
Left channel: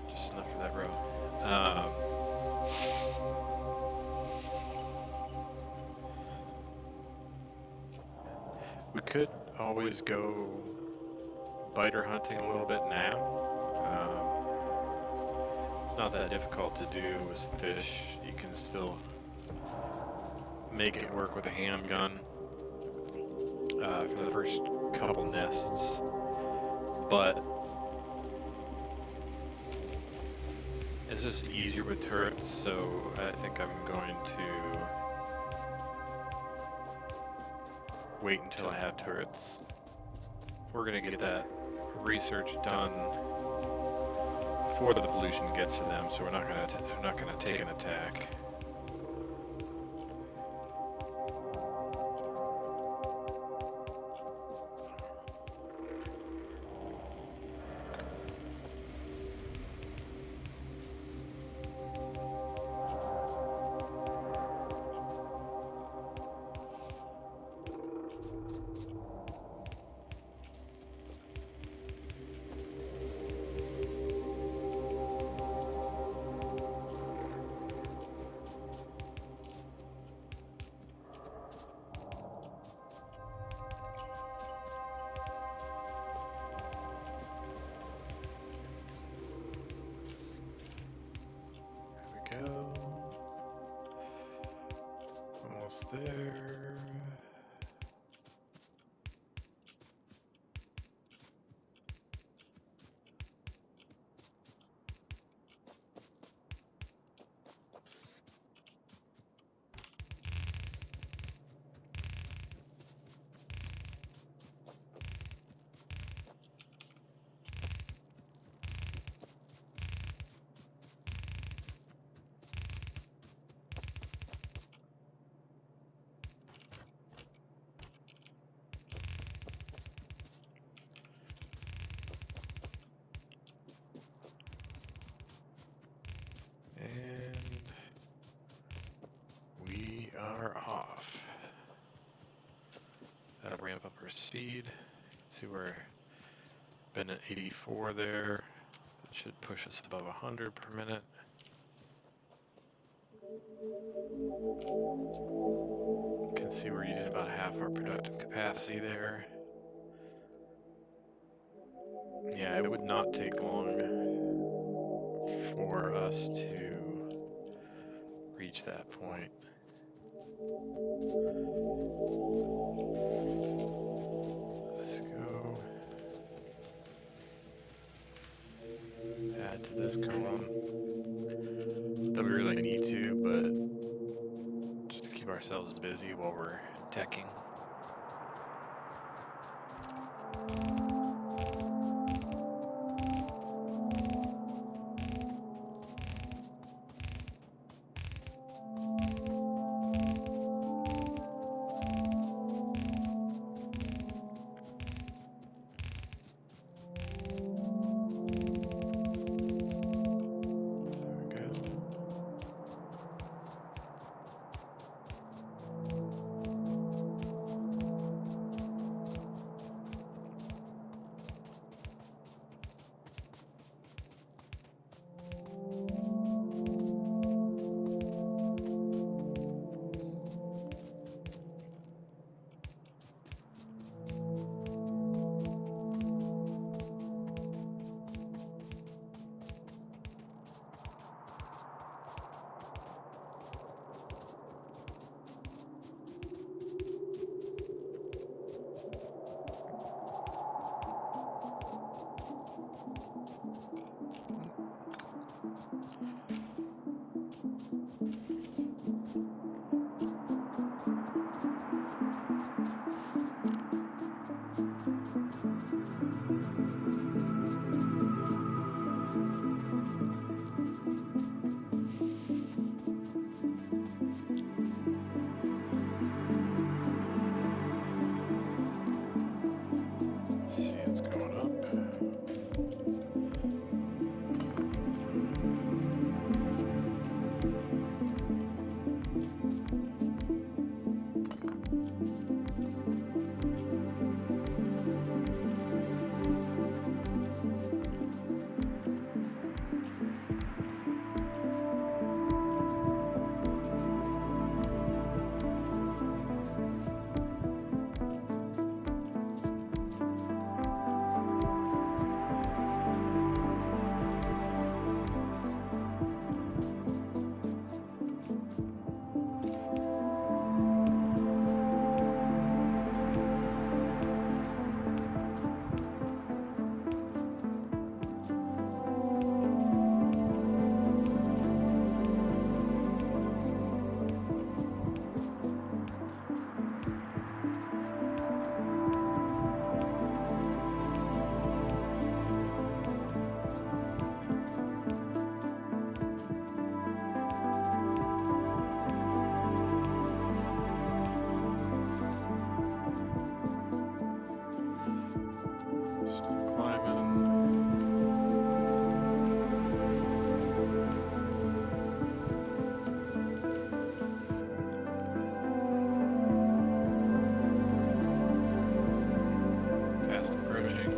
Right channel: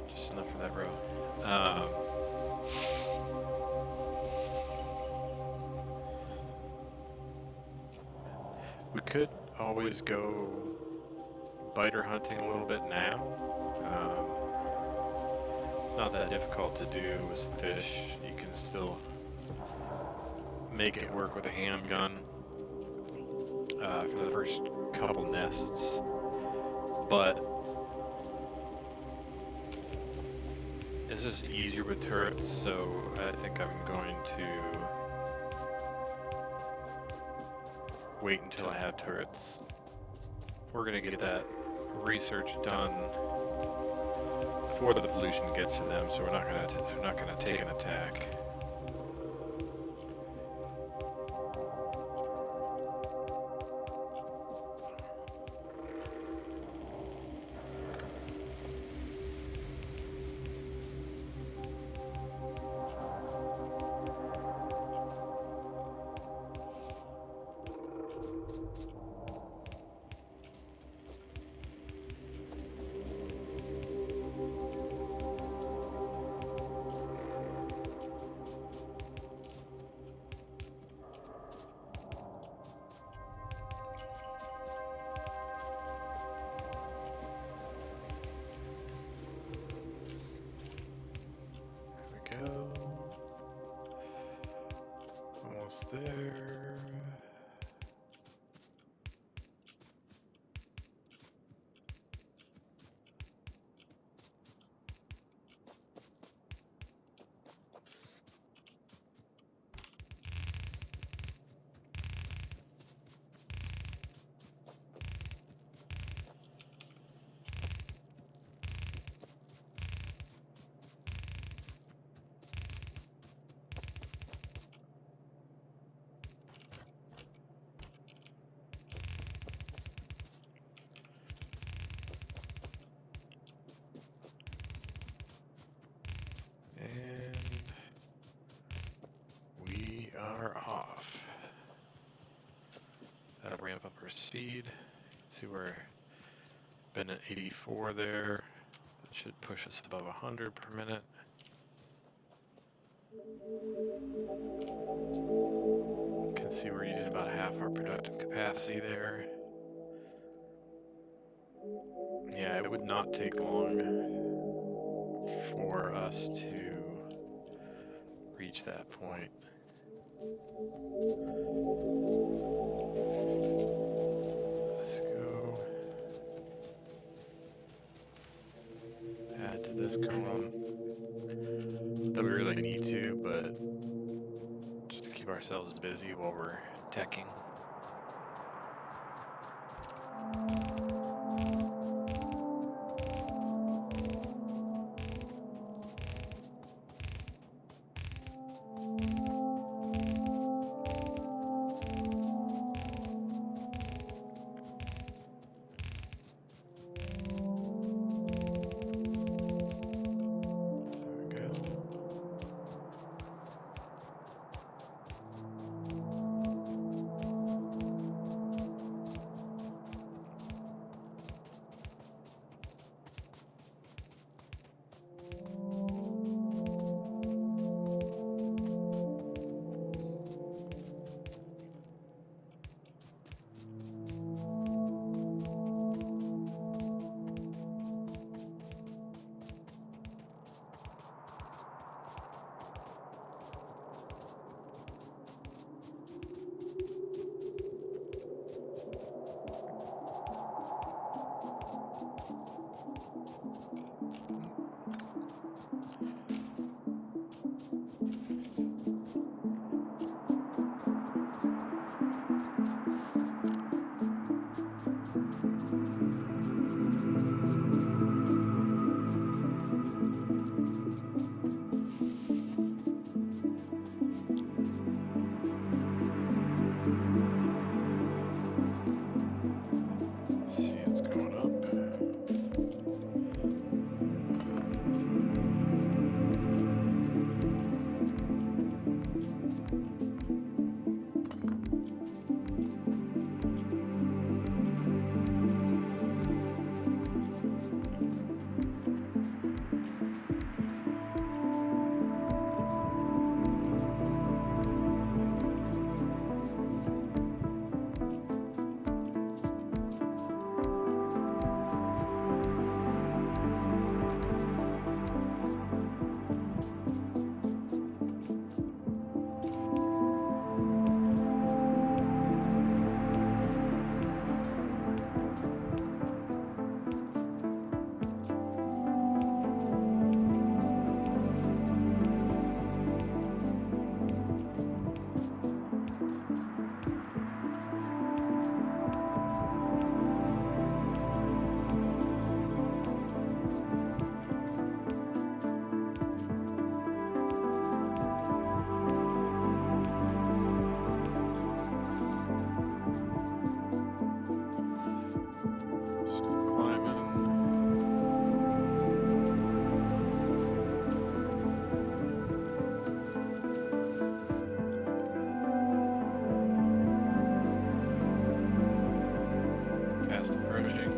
Just enough for that row. We could always go biter hunting a little bit now. It's not that difficult to do with fish. You can still make it work with a handgun for the first couple nests, but it's just easier with turrets, so I think I'm going to wait until I have turrets. We're gonna get that research done before the pollution gets to them, so we're not gonna take an attack. Go. Almost there. And we are off. That'll ramp up our speed. See, we're been at 84 there. That should push us above 100 per minute. You can see we're using about half our productive capacity there. Yeah, it would not take long for us to reach that point. Let's go add to this column. That we really need to, but just to keep ourselves busy while we're teching. Fast approaching.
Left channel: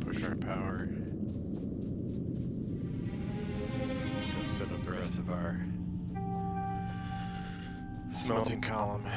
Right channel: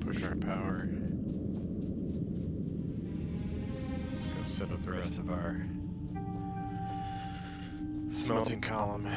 Push our power. Let's go set up the rest of our smelting column.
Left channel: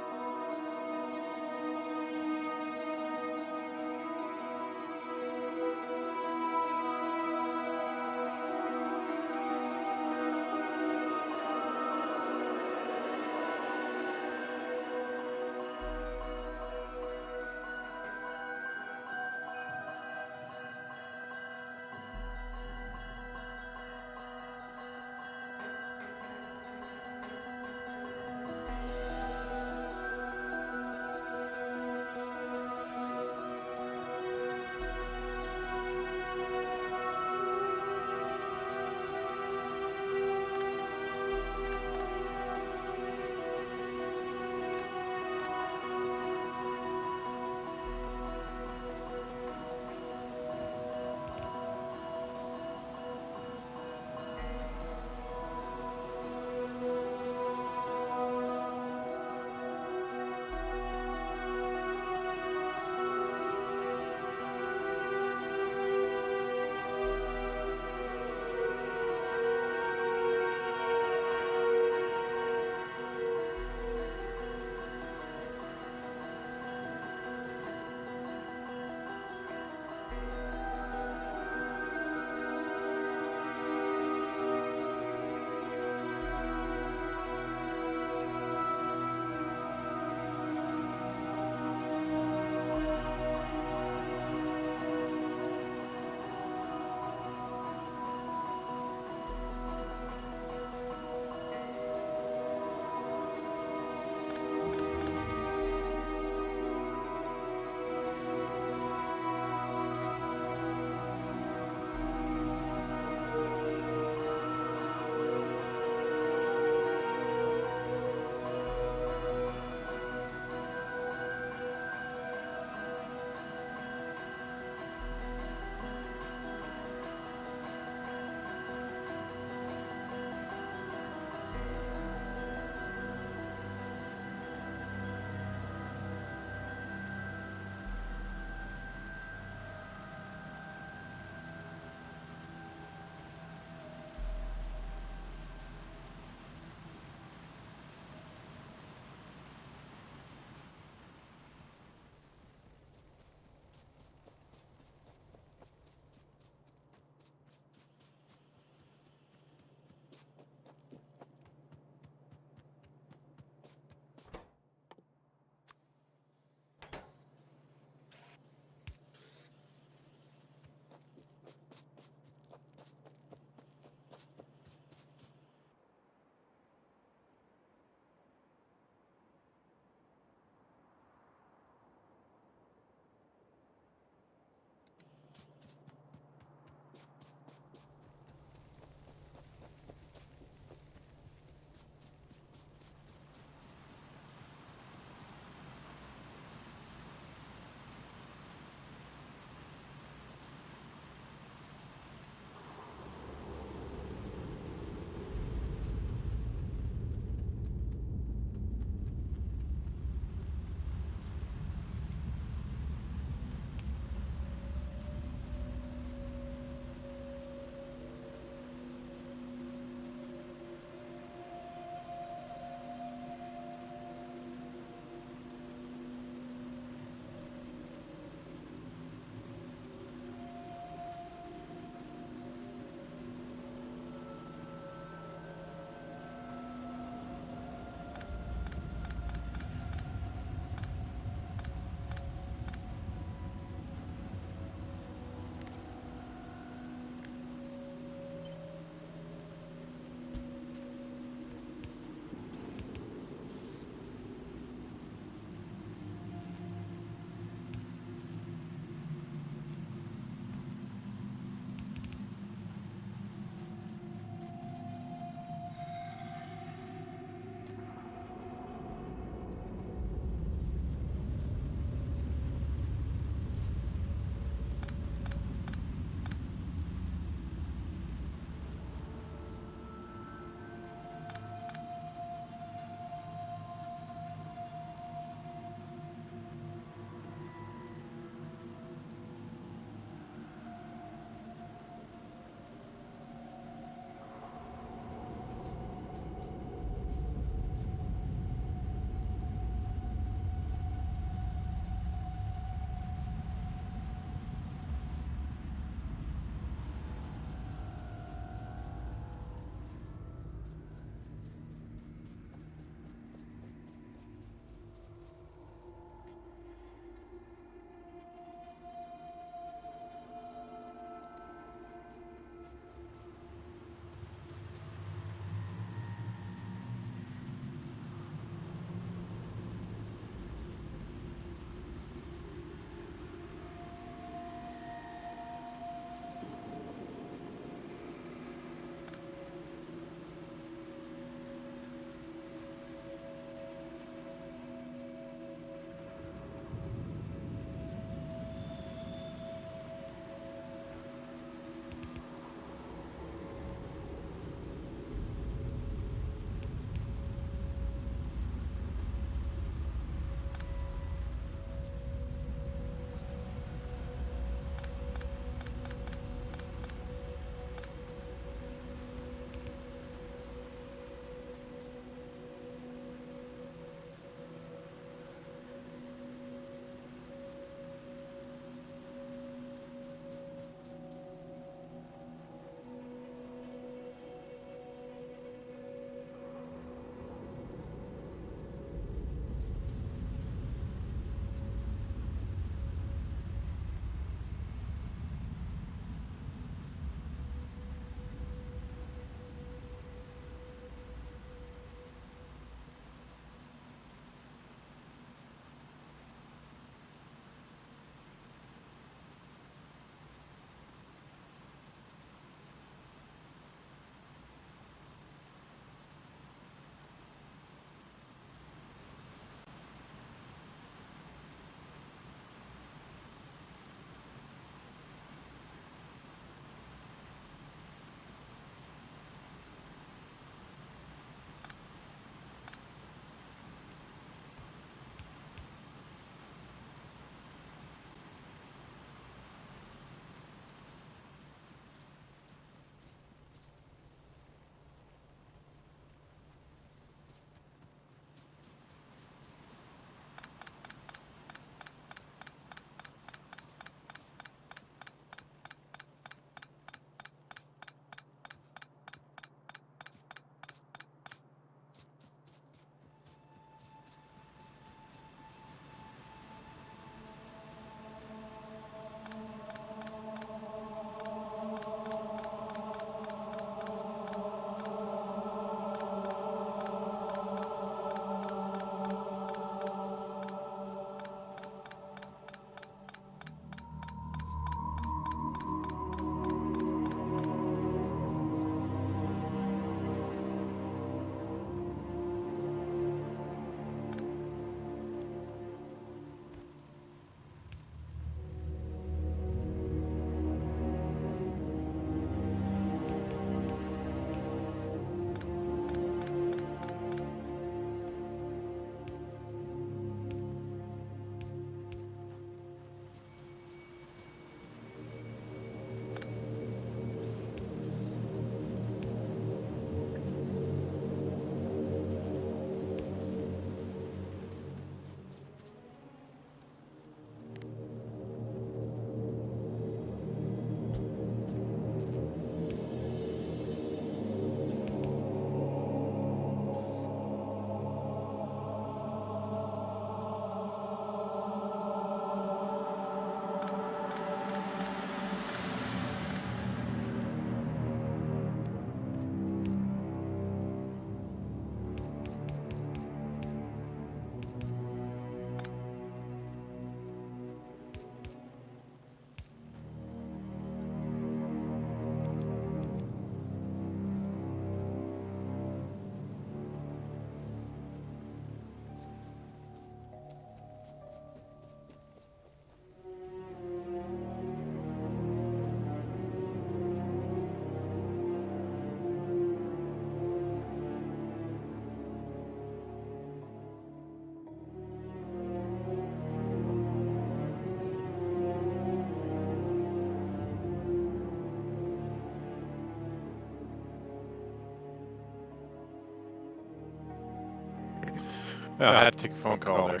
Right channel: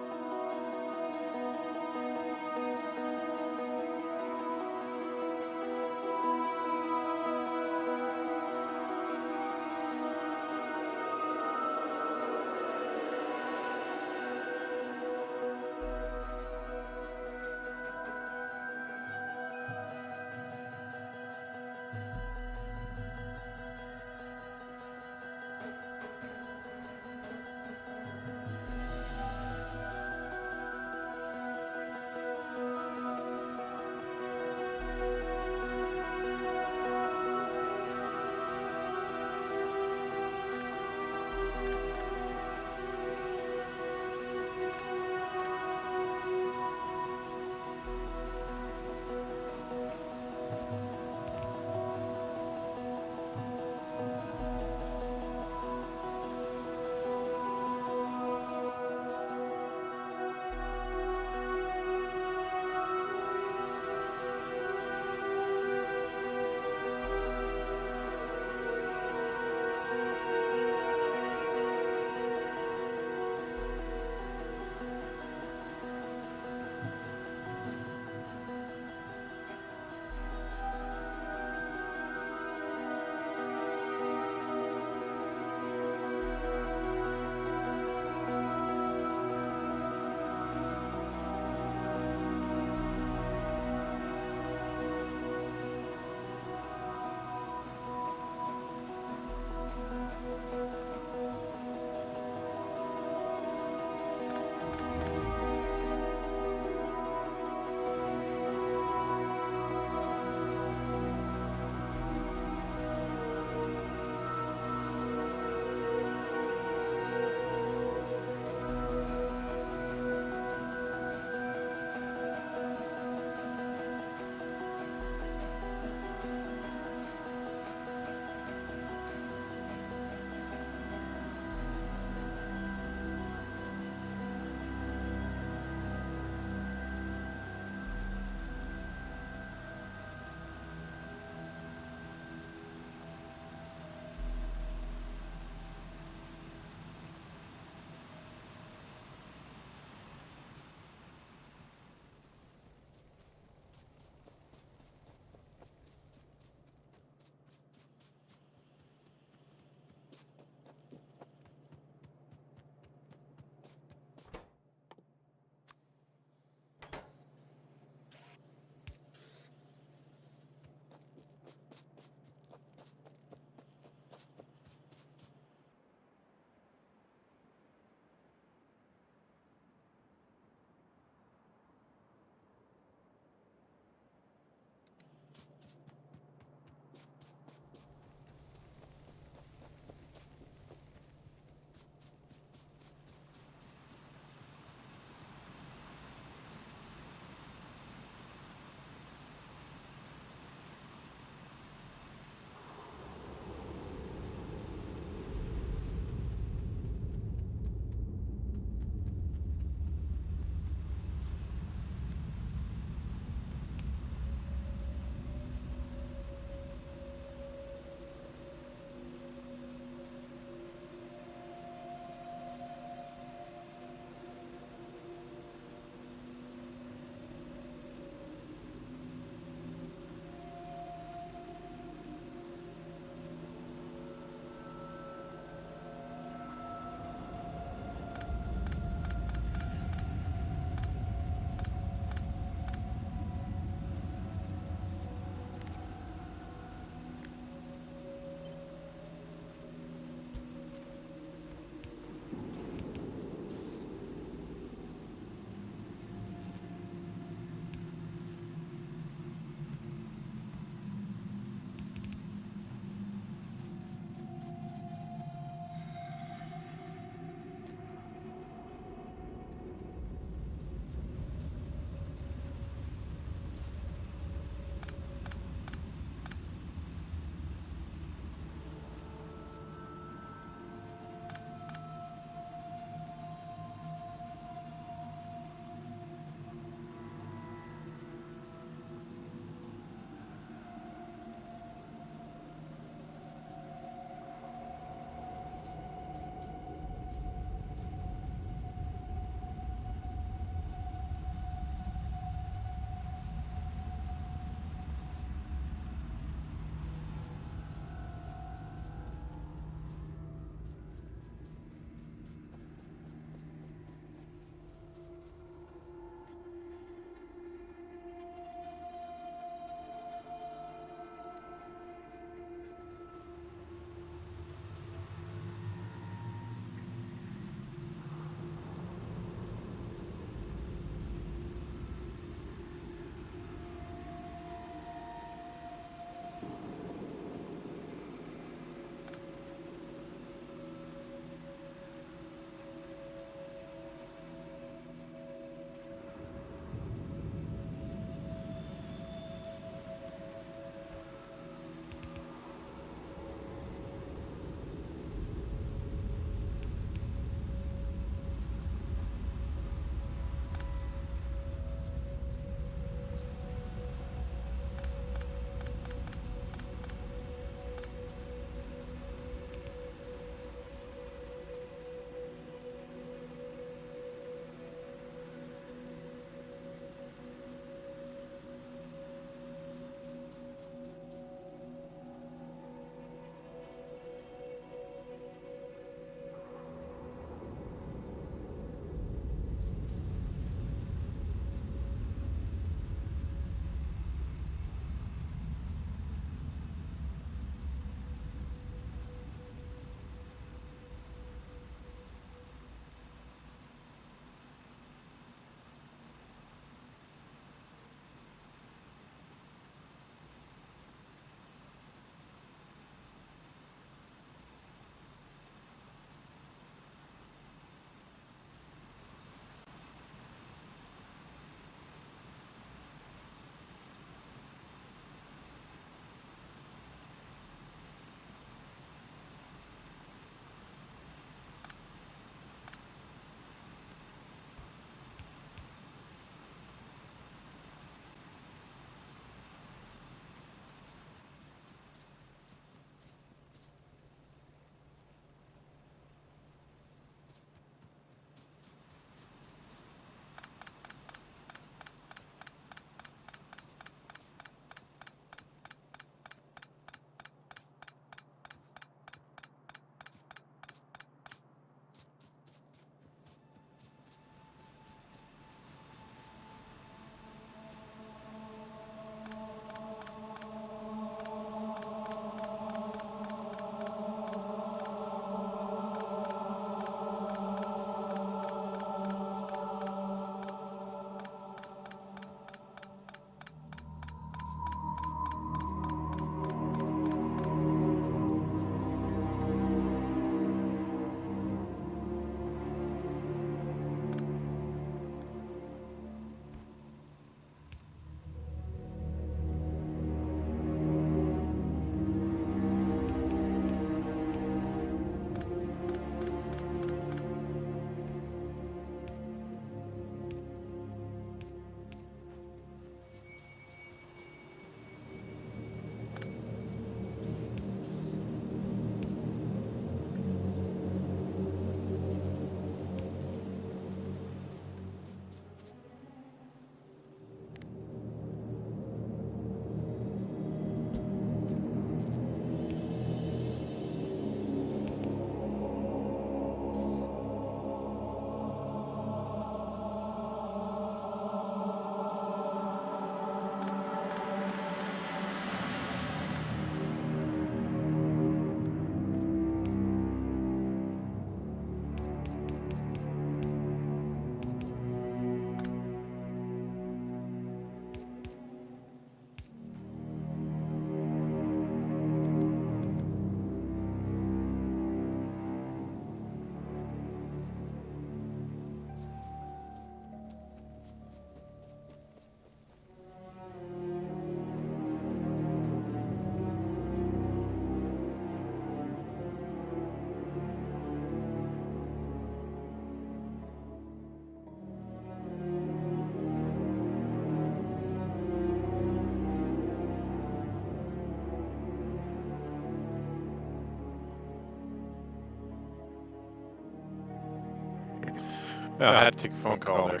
Yeah, I had to take a phone call there.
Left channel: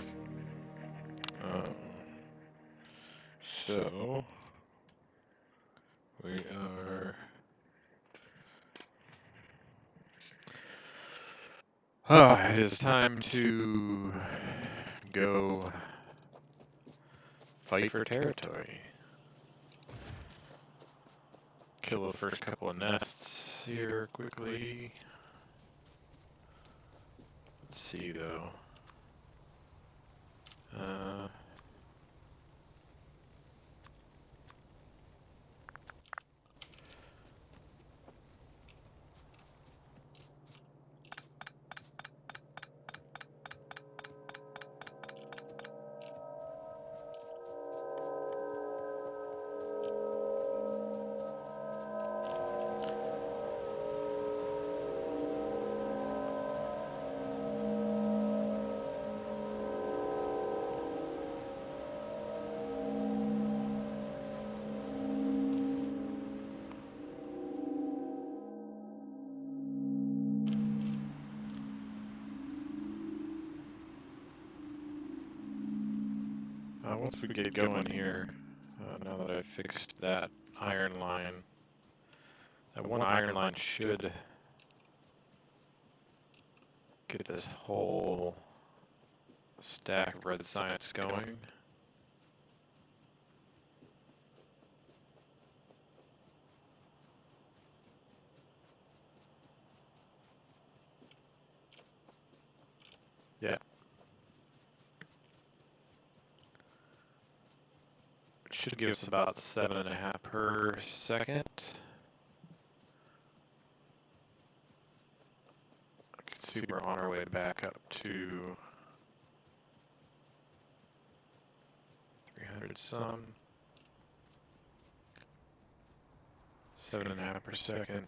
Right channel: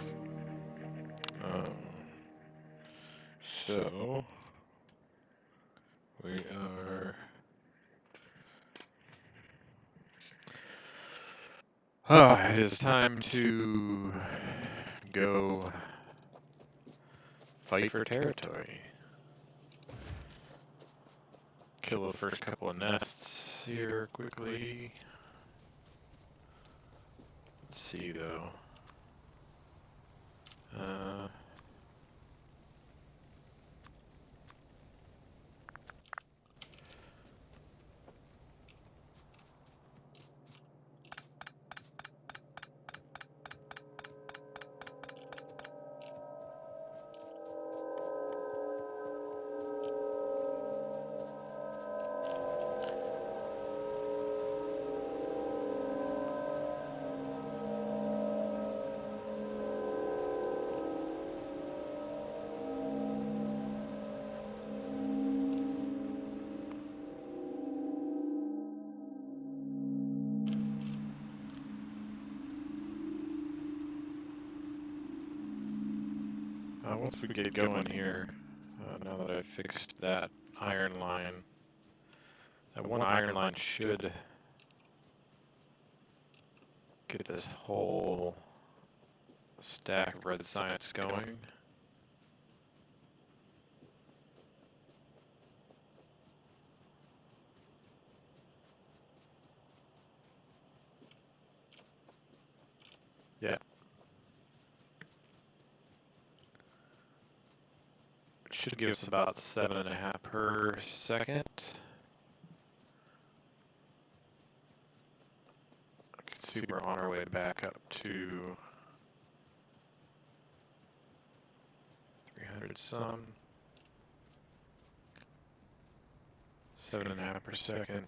So we are. It is time to go fight for territory. Kill the first couple of nests here quickly. Let's see though. Once we get going here, now that I've fixed that iron line, that one iron line should get this whole stack of red science going. Yeah. It should give us about 7.5 per second. I can see we're on our way back up to 300 some. 7.5 per second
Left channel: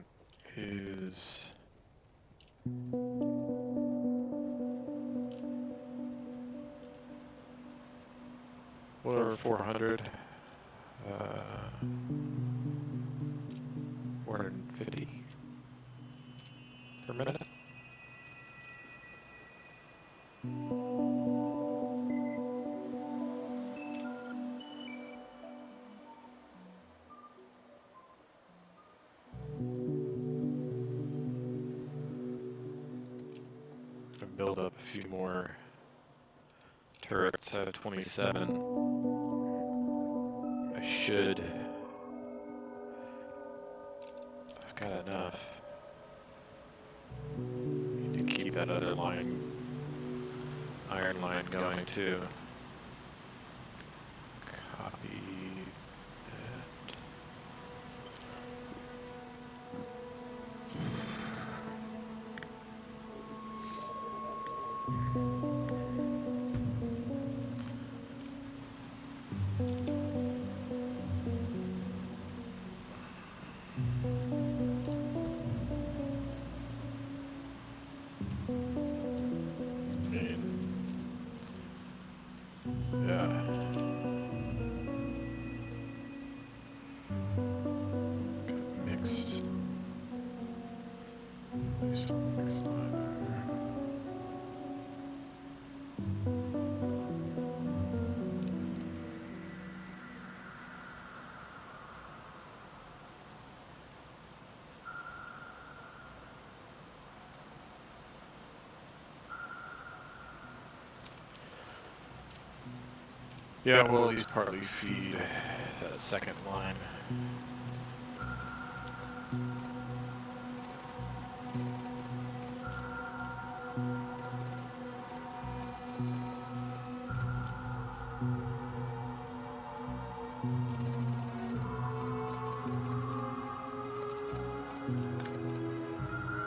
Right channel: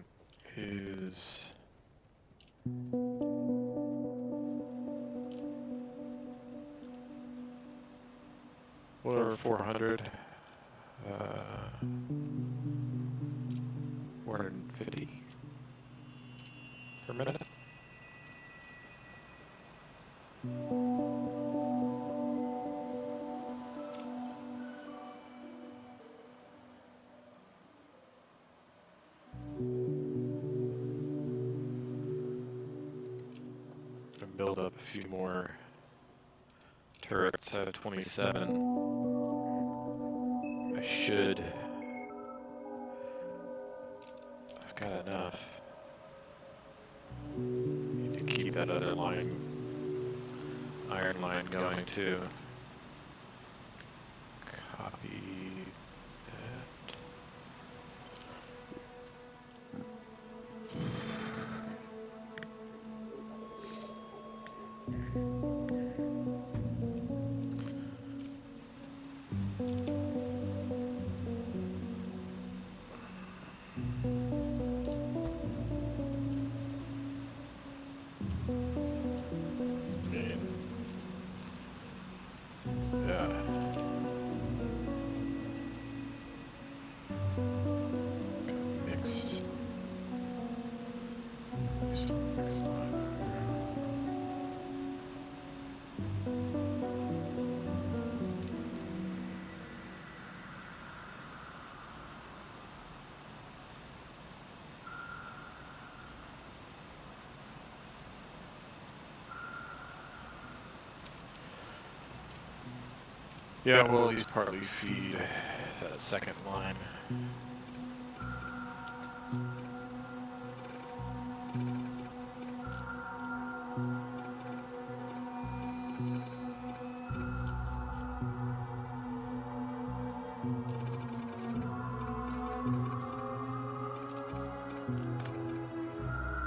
is what over 400. 450 per minute. Gonna build up a few more turrets at 27. I should. I've got enough. Need to keep that other line, iron line going too. Copy that. Yeah, we'll at least partly feed that second line.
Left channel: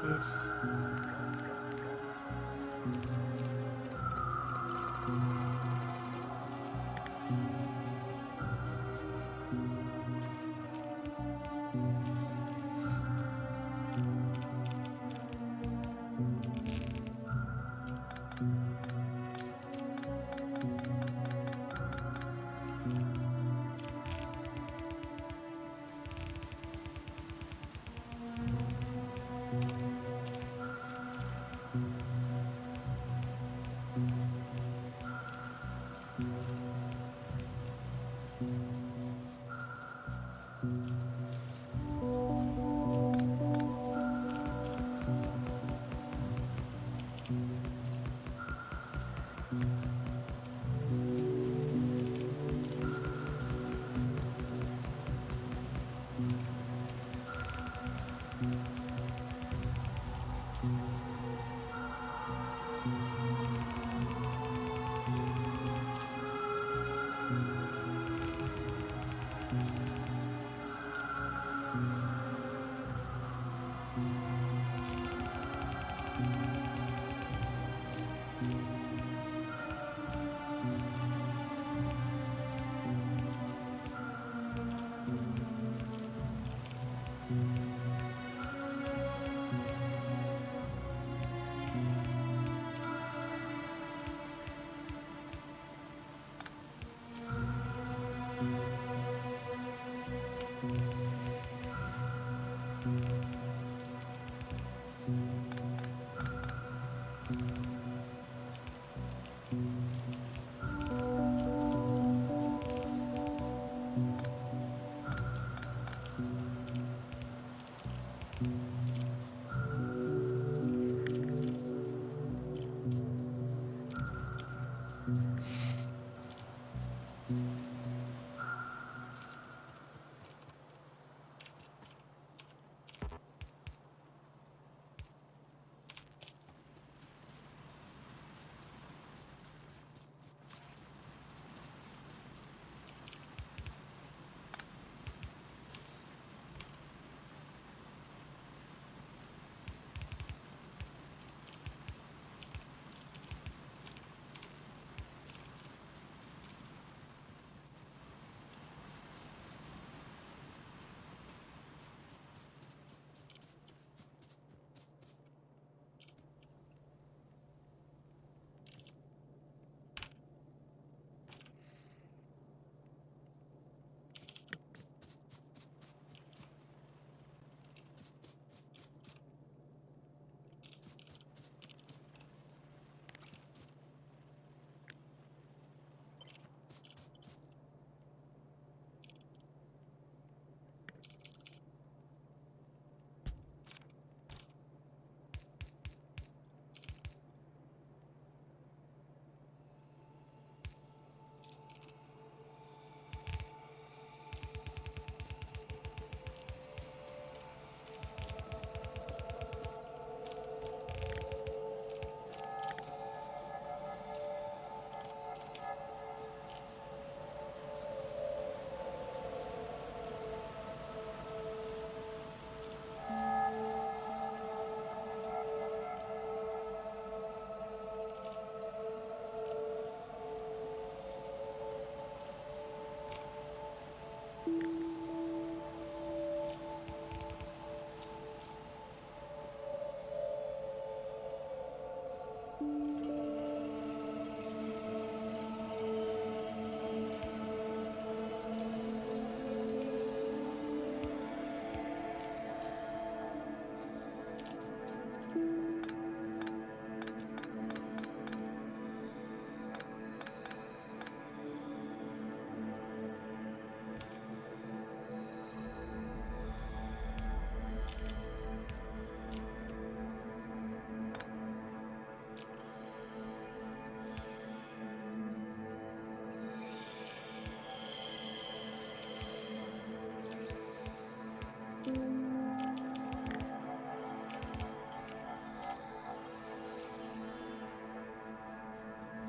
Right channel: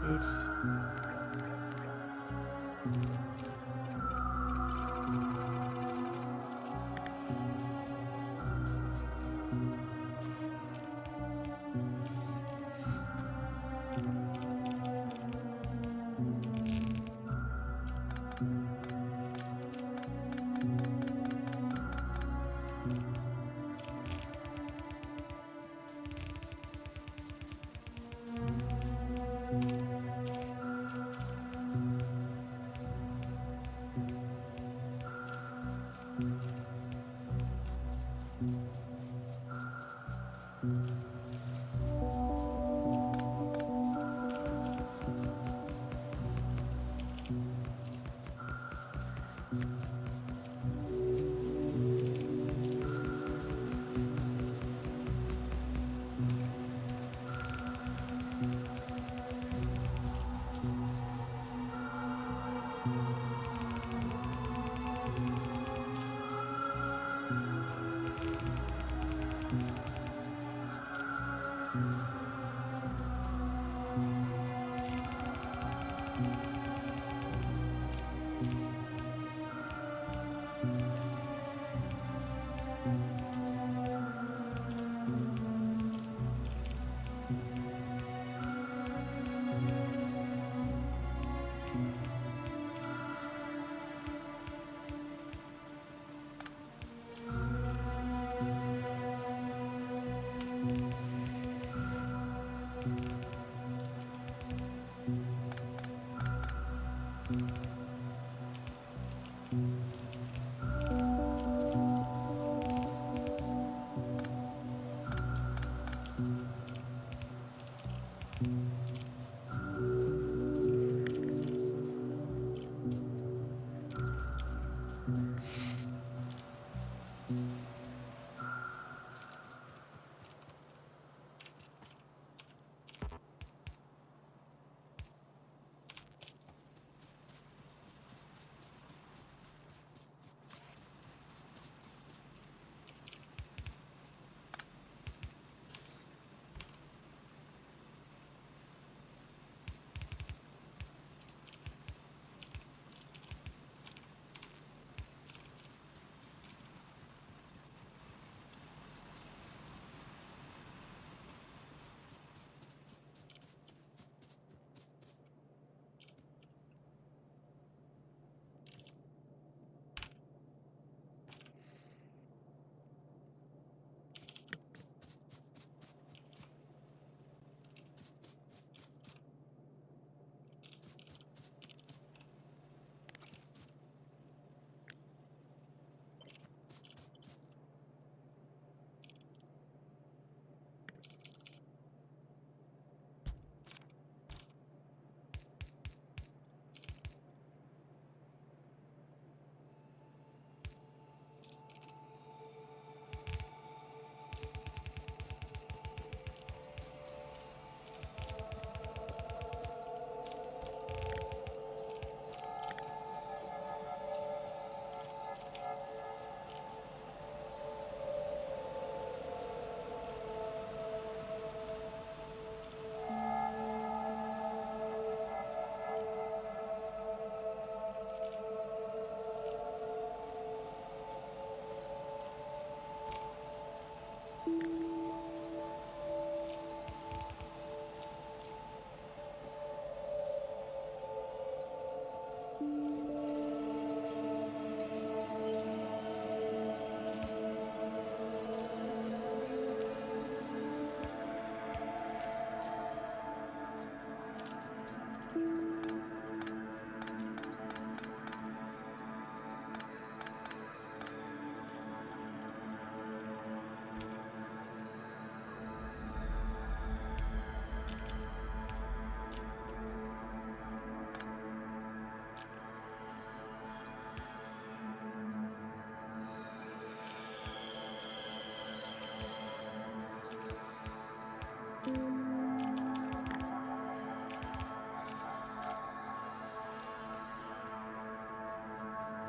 Oops.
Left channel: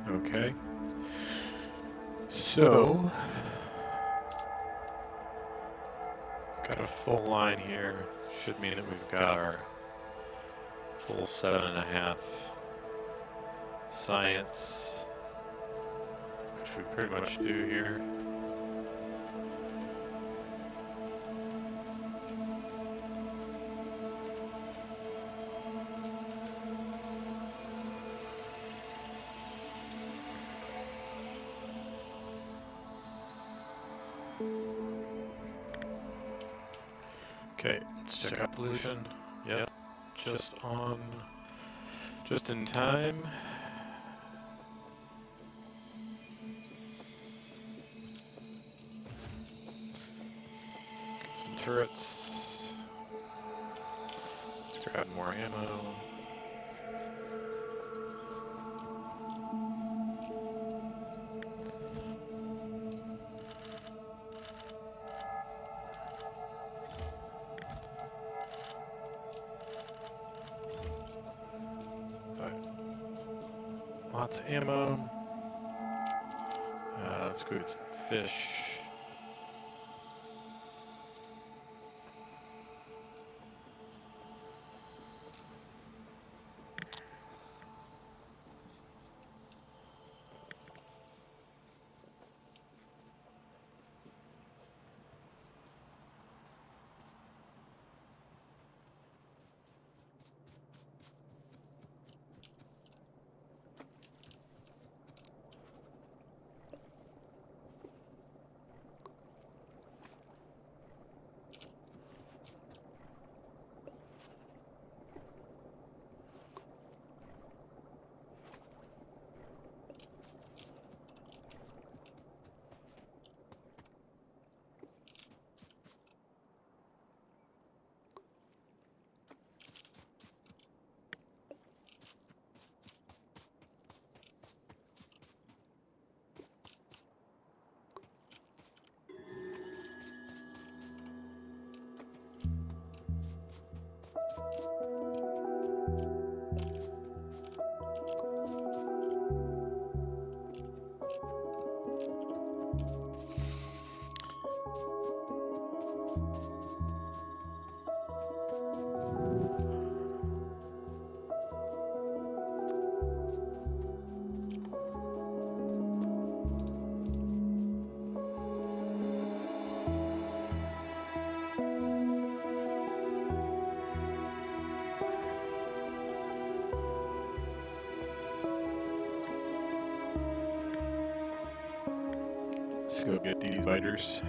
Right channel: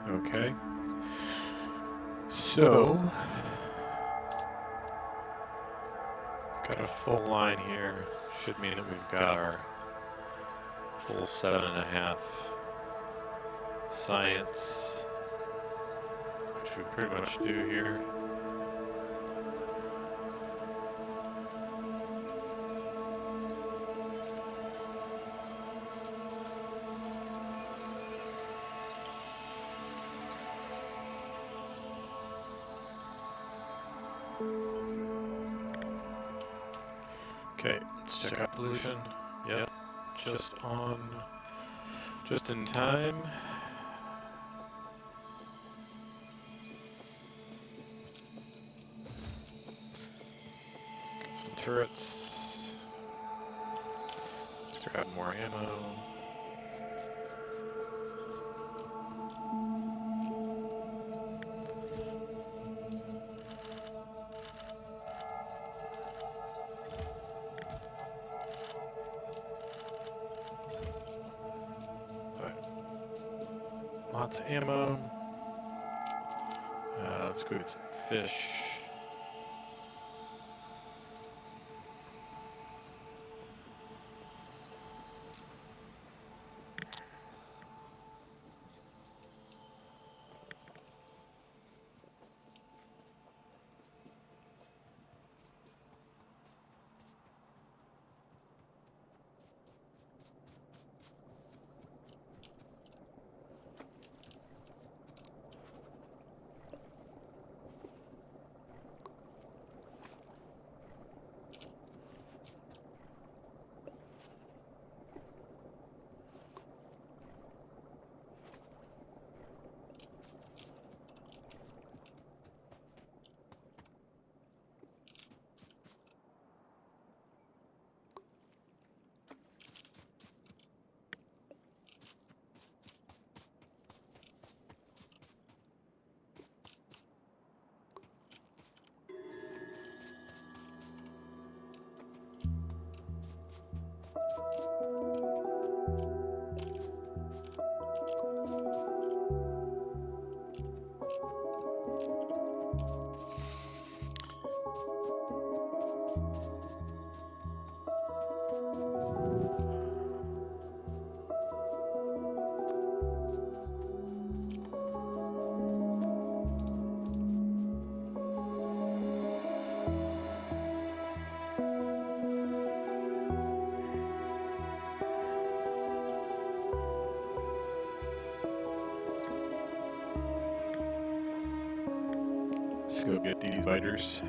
Okay. So, got a full line here. Should mean that we've got our full 7.5 science, which we pretty much do here. Okay, let's check out pollution. Yep, just in time. Get some turrets. Let's grab more ammo. Lots of ammo. Let's go get some fish. Let's go get these biters.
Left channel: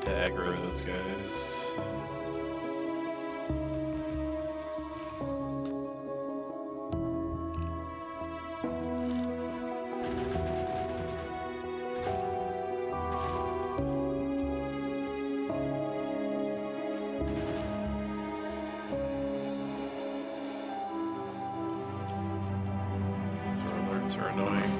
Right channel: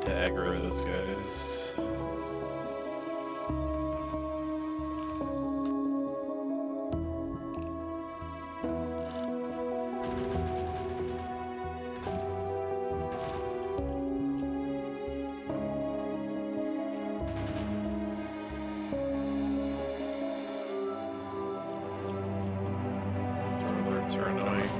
To aggro those guys. These alerts are annoying.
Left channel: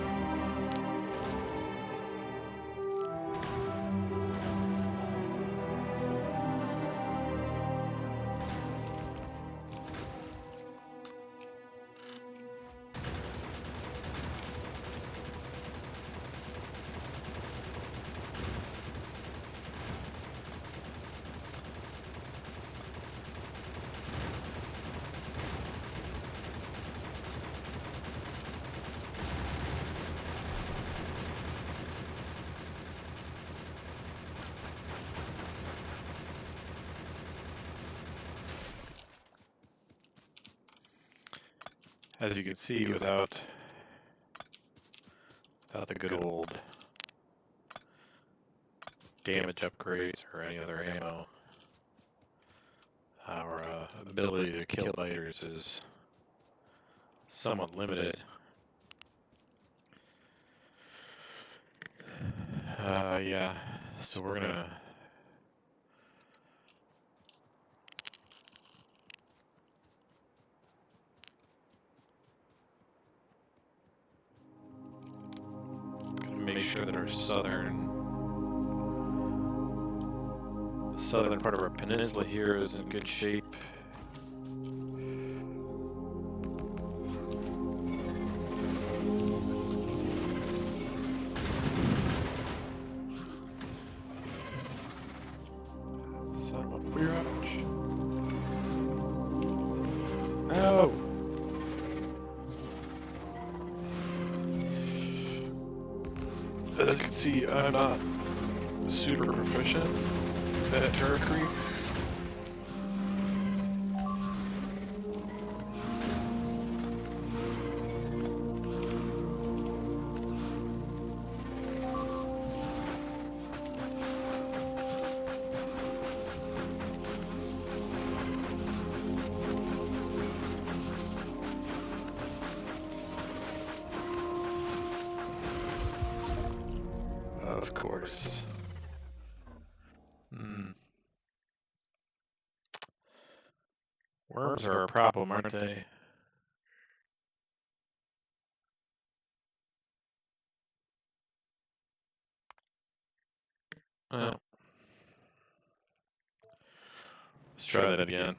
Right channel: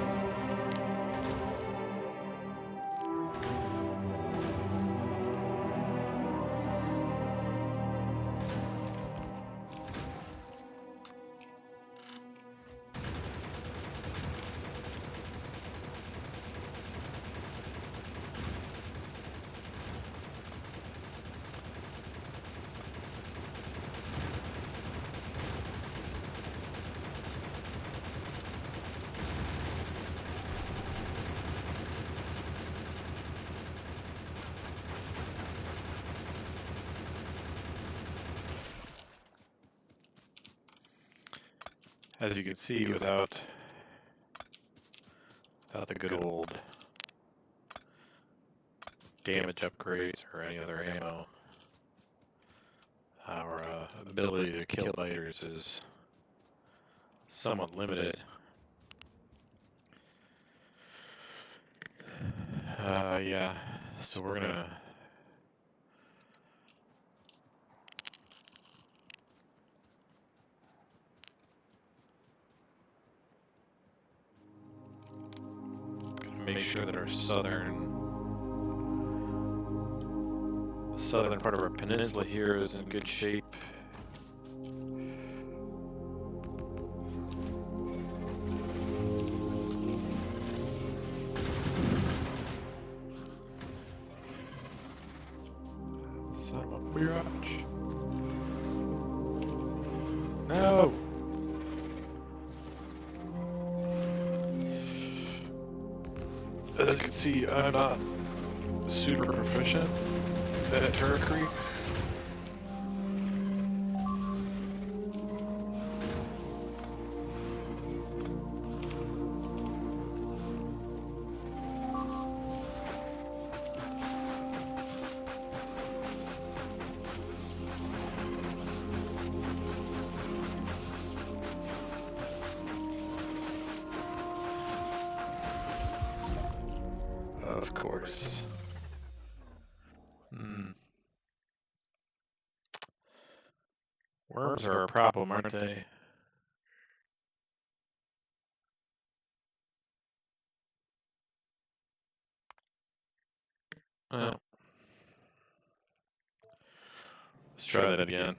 As you can see, without the good old damage upgrades or any other ammo, our ability to kill biters is somewhat limited. Yeah, so we're gonna make sure that our southern part of our peninsula here is in good shape. Son of a biatch. No! As you can see, I'm not super proficient at turret creep. Of course. Worms are a problem, aren't they? Well, let's try that again.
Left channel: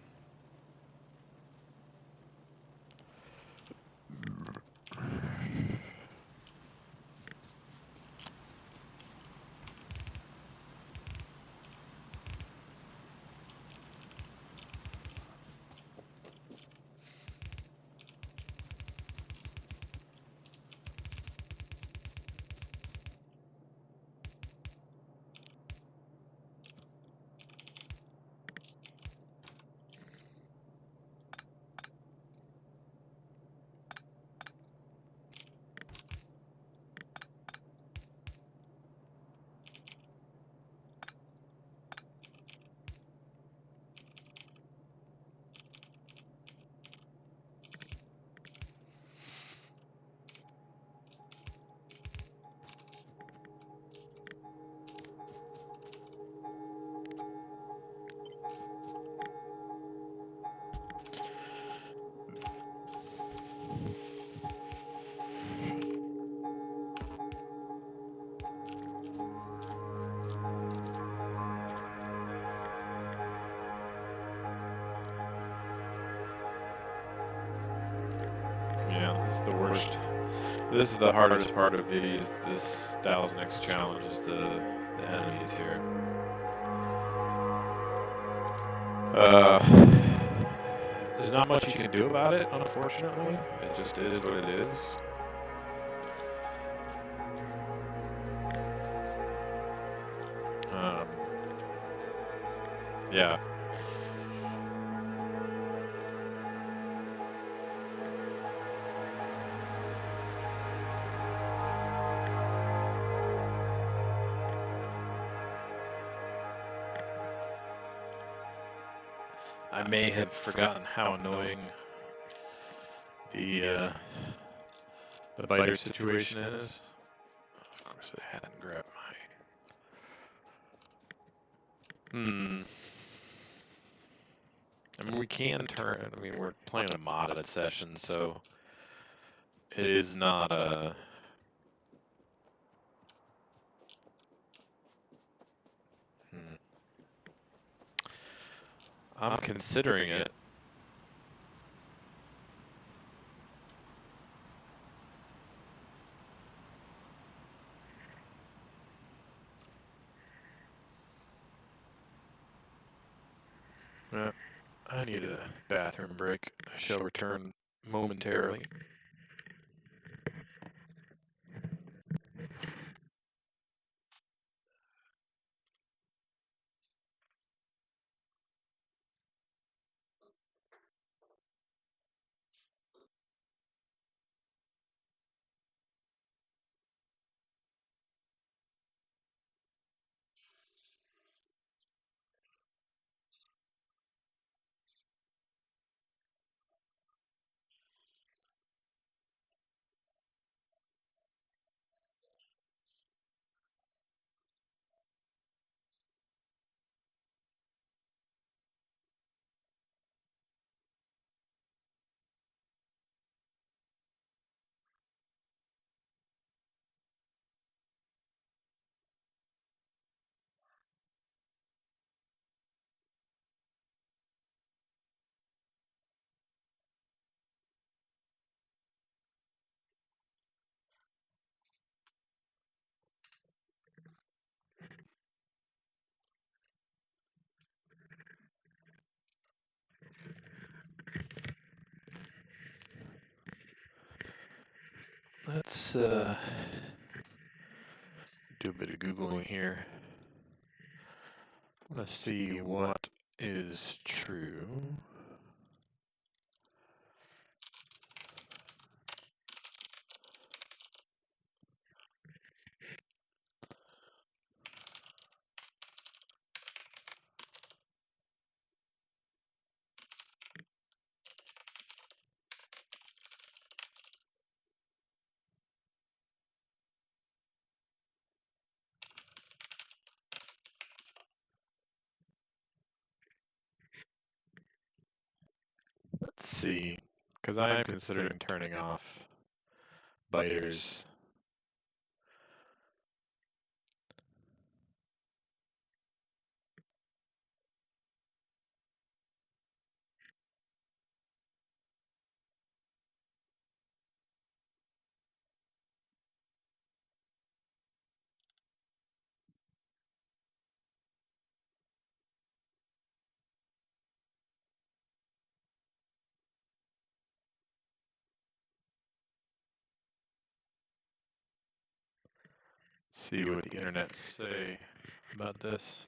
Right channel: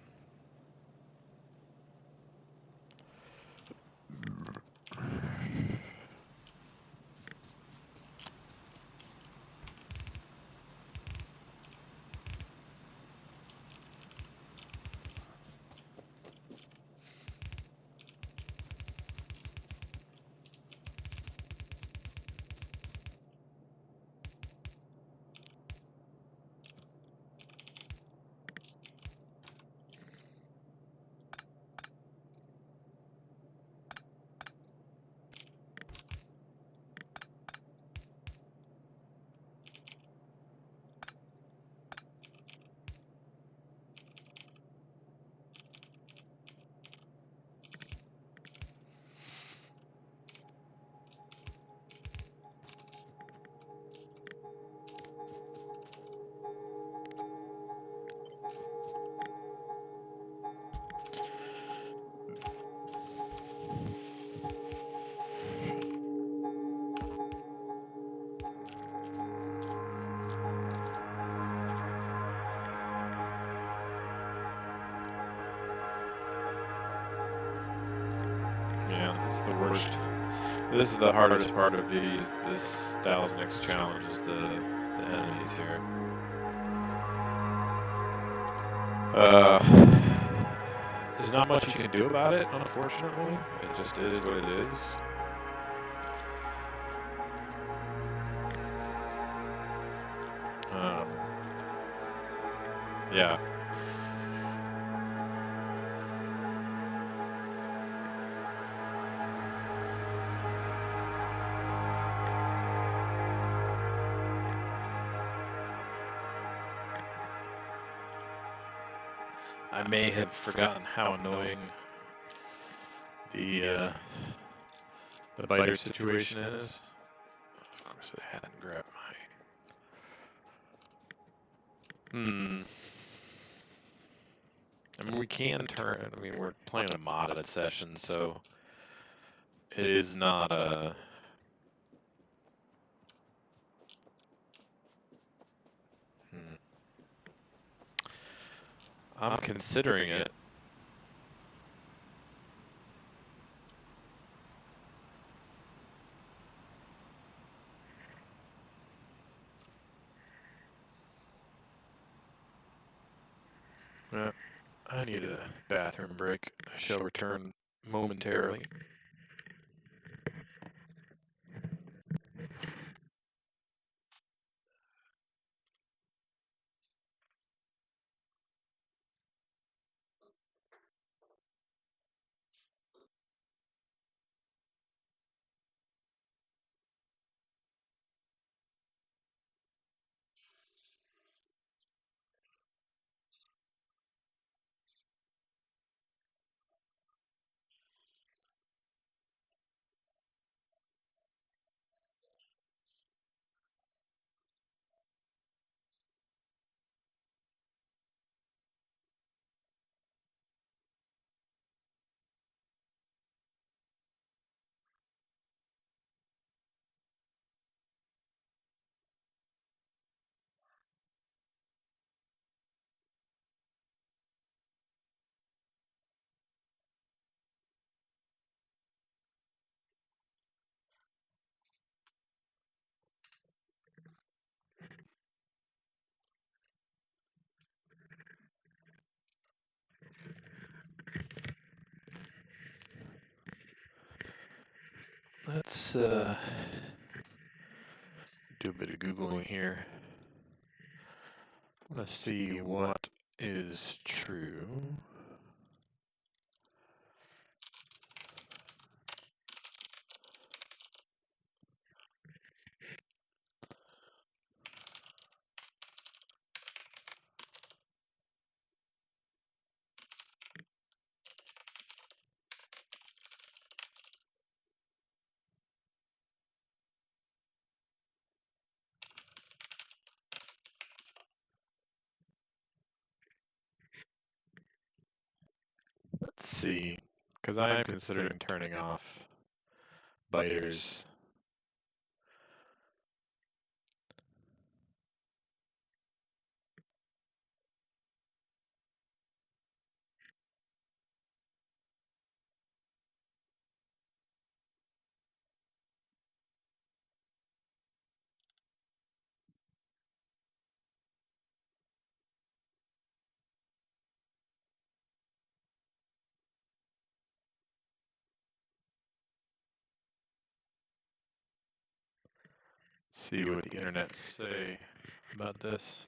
Yeah, this is the worst. This is the hardest part of this 1000X challenge is the enemies here. There's not much you can do about it, unfortunately. It just is what it is. Yeah. I may have forgotten how annoying the biter situation is. Of course, I hadn't grabbed my. I mean, we can turn. I mean, we're playing a modded session, so it is not a. I'm considering it. I need a bathroom break. I shall return momentarily. Let's do a bit of Googling here. Let's see what is true. Let's see, because I am considering turning off biters. See what the internet say about this.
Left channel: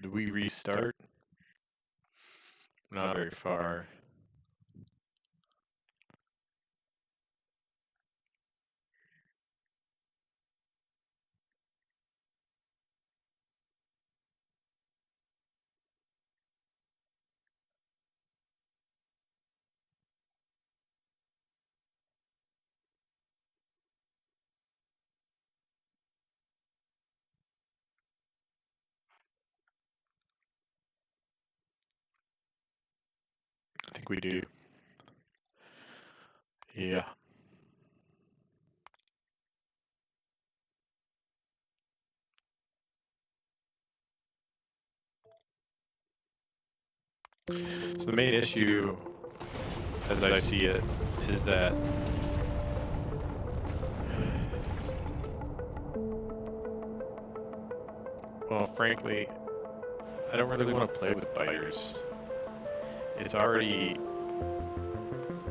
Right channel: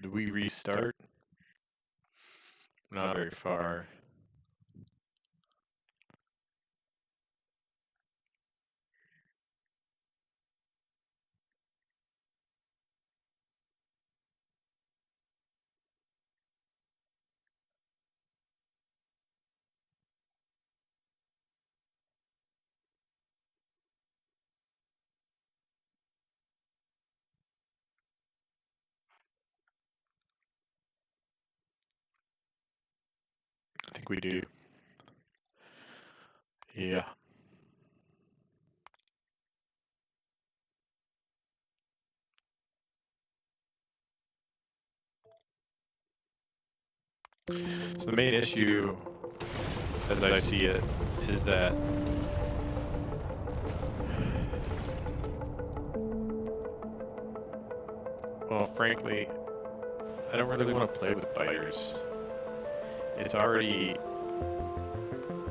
Do we restart? Not very far. we do. Yeah. So the main issue, as I see it, is that well, frankly, I don't really want to play with biters. It's already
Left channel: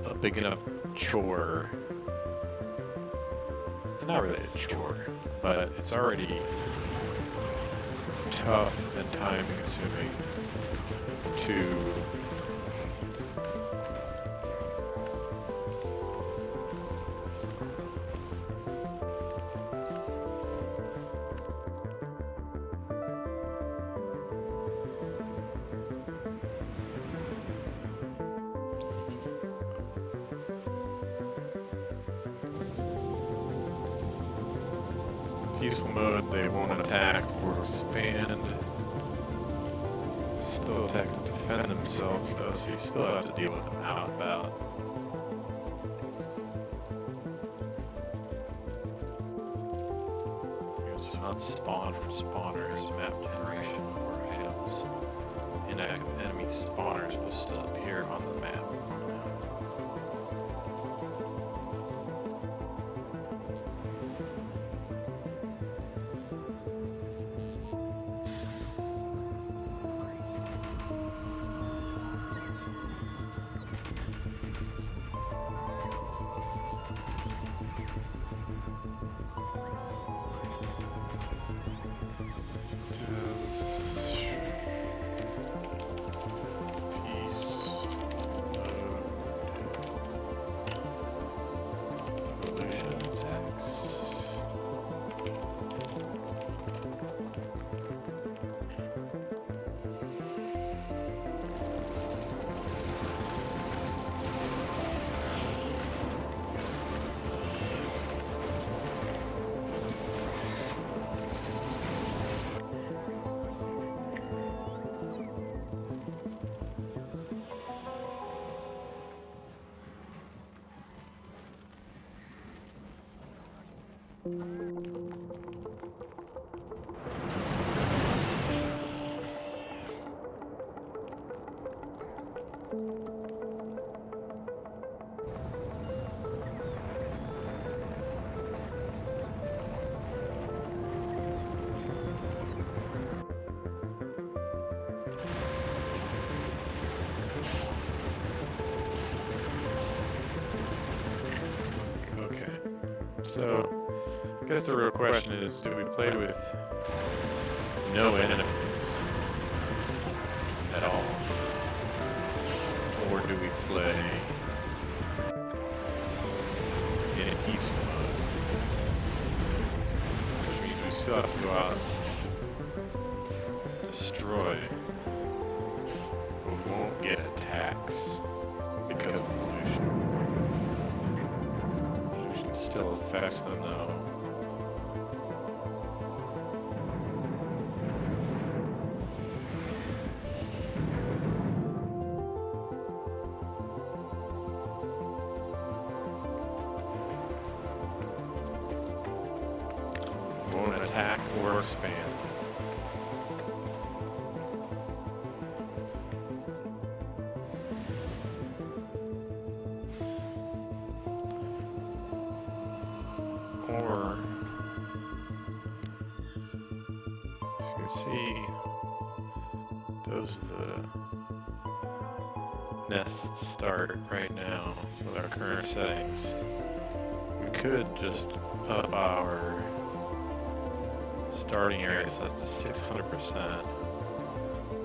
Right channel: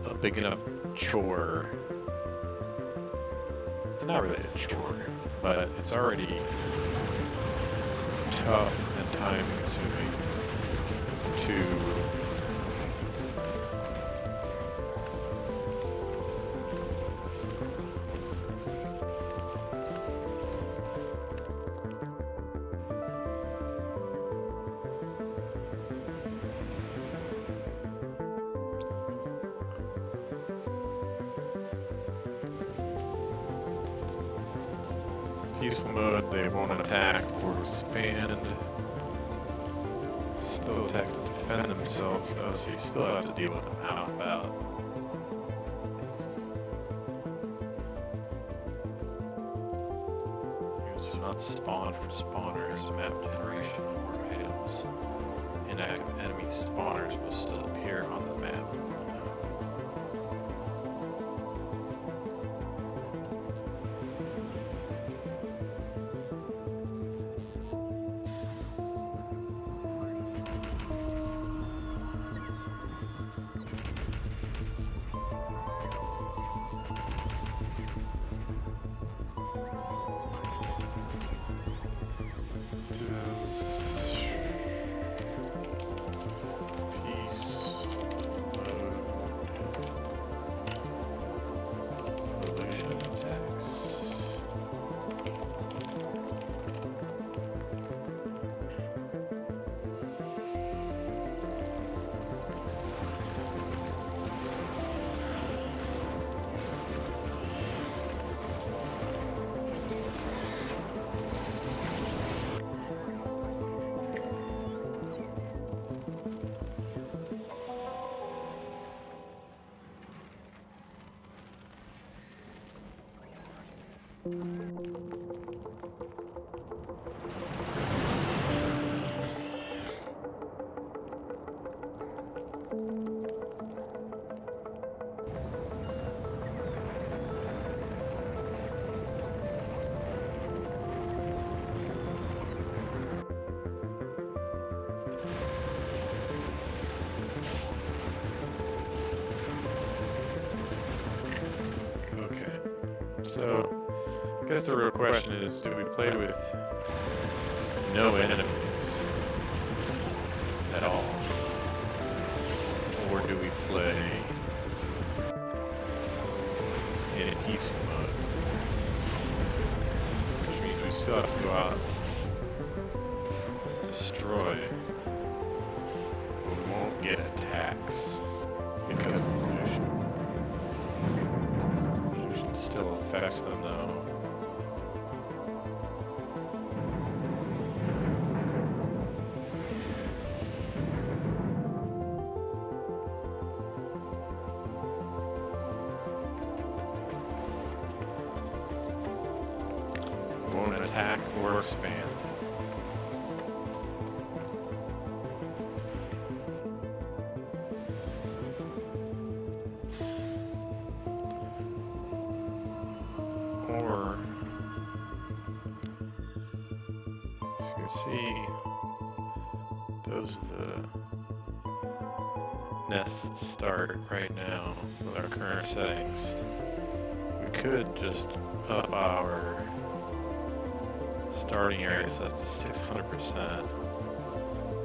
a big enough chore. Not really a chore, but it's already tough and time consuming to peaceful mode. They won't attack or expand. Still attack to defend themselves though, so you still have to deal with them out and about. Units do not spawn from spawners, map generation, or items. Inactive enemy spawners will still appear on the map. So, I guess the real question is, do we play with no enemies at all? Or do we play in peaceful mode? Which means we still have to go out and destroy, but we won't get attacks because of pollution. Still affects them though. Won't attack or expand. Or, as you can see, those are the nests that start right now with our current settings. We could just up our starting area size to 600%.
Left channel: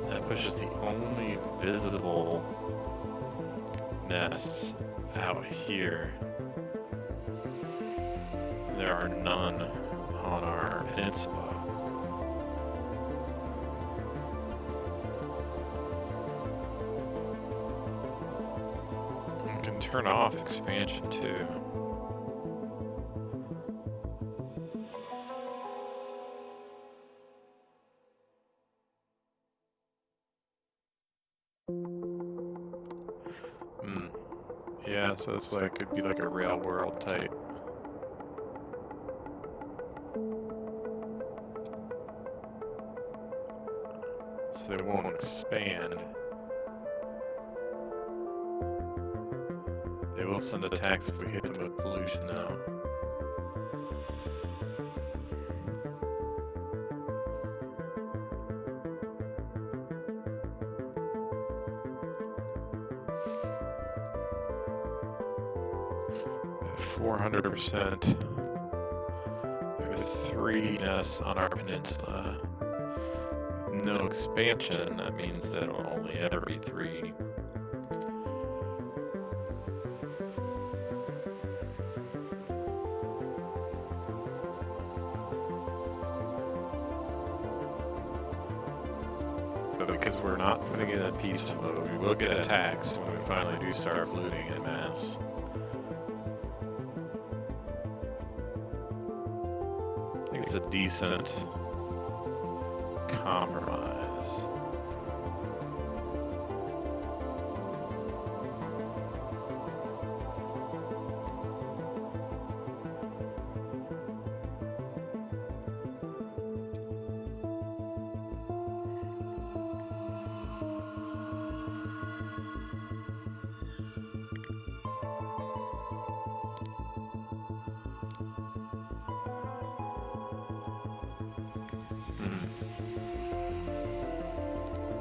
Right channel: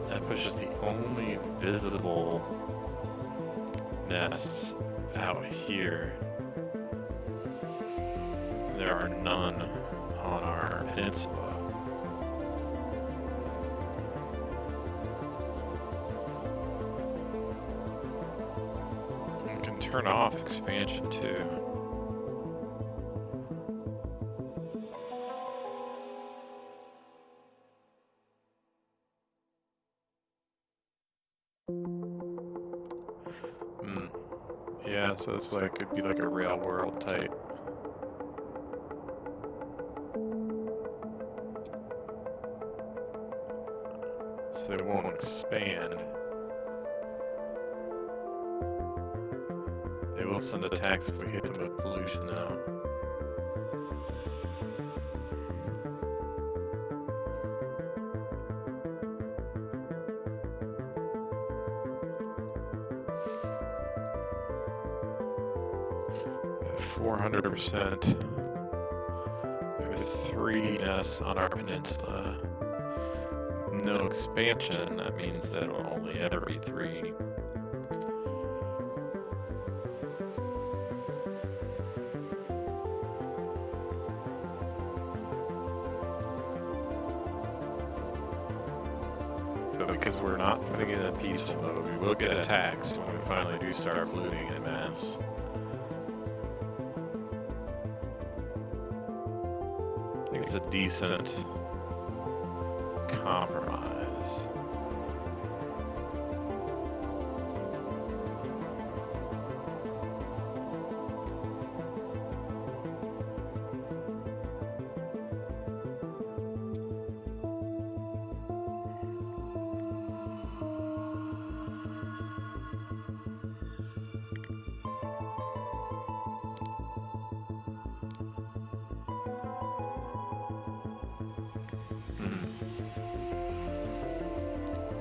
That pushes the only visible nests out here. There are none on our peninsula. You can turn off expansion too. Yeah, so it's like, it'd be like a real world type. So they won't expand. They will send attacks if we hit them with pollution now. At 400%. There are 3 nests on our peninsula. No expansion, that means that it'll only ever be 3. But because we're not putting it in peaceful mode, we will get attacks when we finally do start looting en masse. I think it's a decent compromise.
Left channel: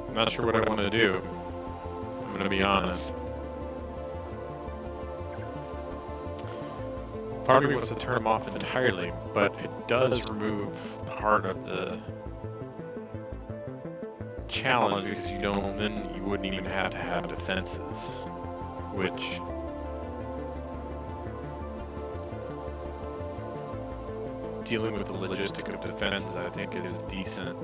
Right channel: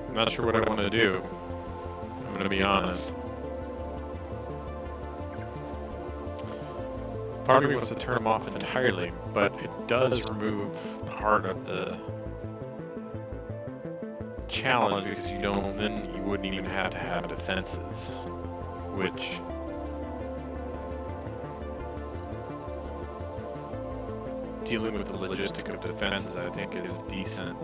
I'm not sure what I want to do. I'm going to be honest. Part of me wants to turn them off entirely, but it does remove part of the challenge because you wouldn't even have to have defenses, which dealing with the logistic of defenses I think is decent.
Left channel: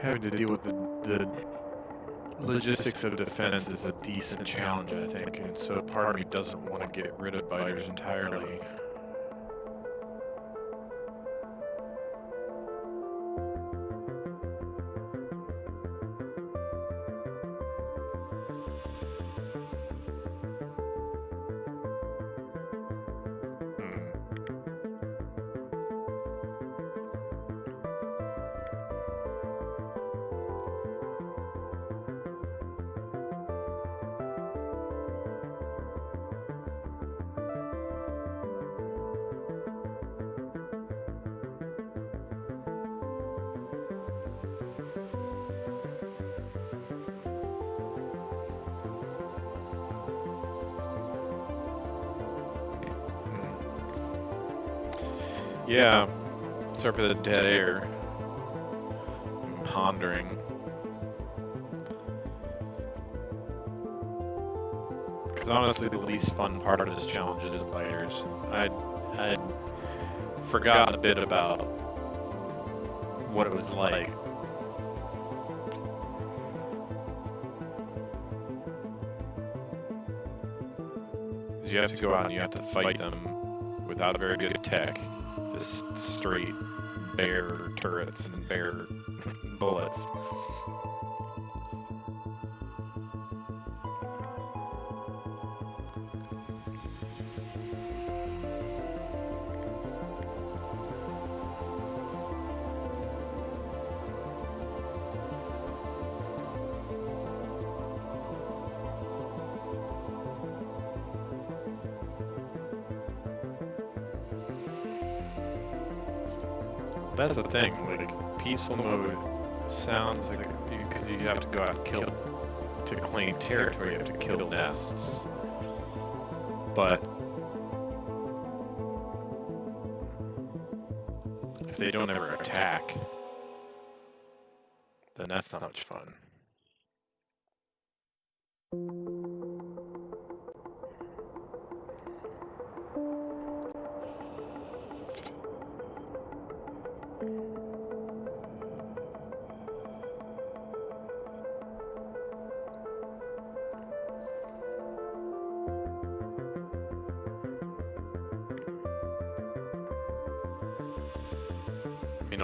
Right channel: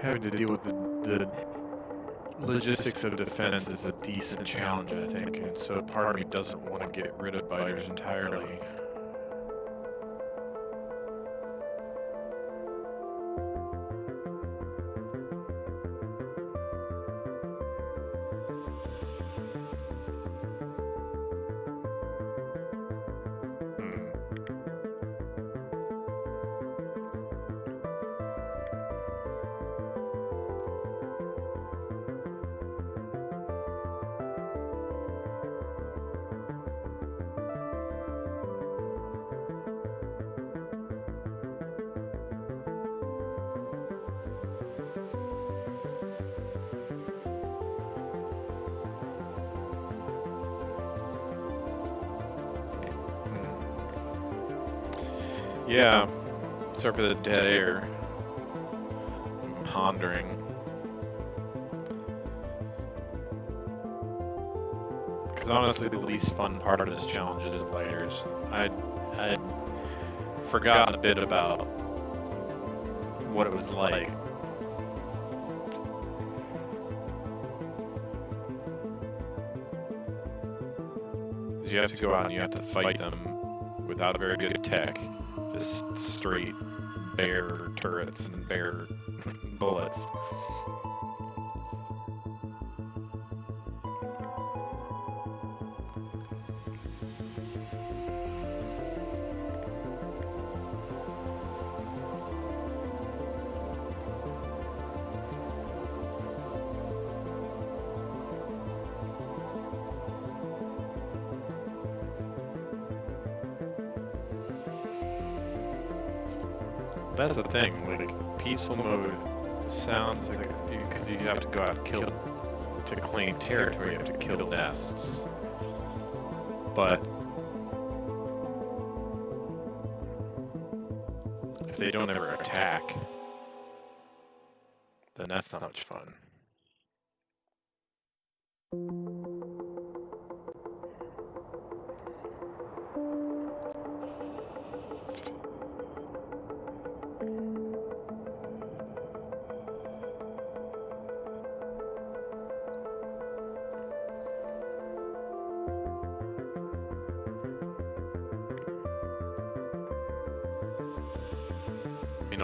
Having to deal with the logistics of defense is a decent challenge, I think, and so part of me doesn't want to get rid of biters entirely. Yeah, sorry for the dead air. I'm pondering. Because honestly, the least fun part of this challenge is biters. I'd forgotten a bit about what it was like. Because you have to go out and you have to fight them without very good tech. Just straight bare turrets and bare bullets. That's the thing, like, peaceful mode sounds like, because you have to go out and kill, to claim territory, you have to kill nests. But if they don't ever attack, then that's not much fun.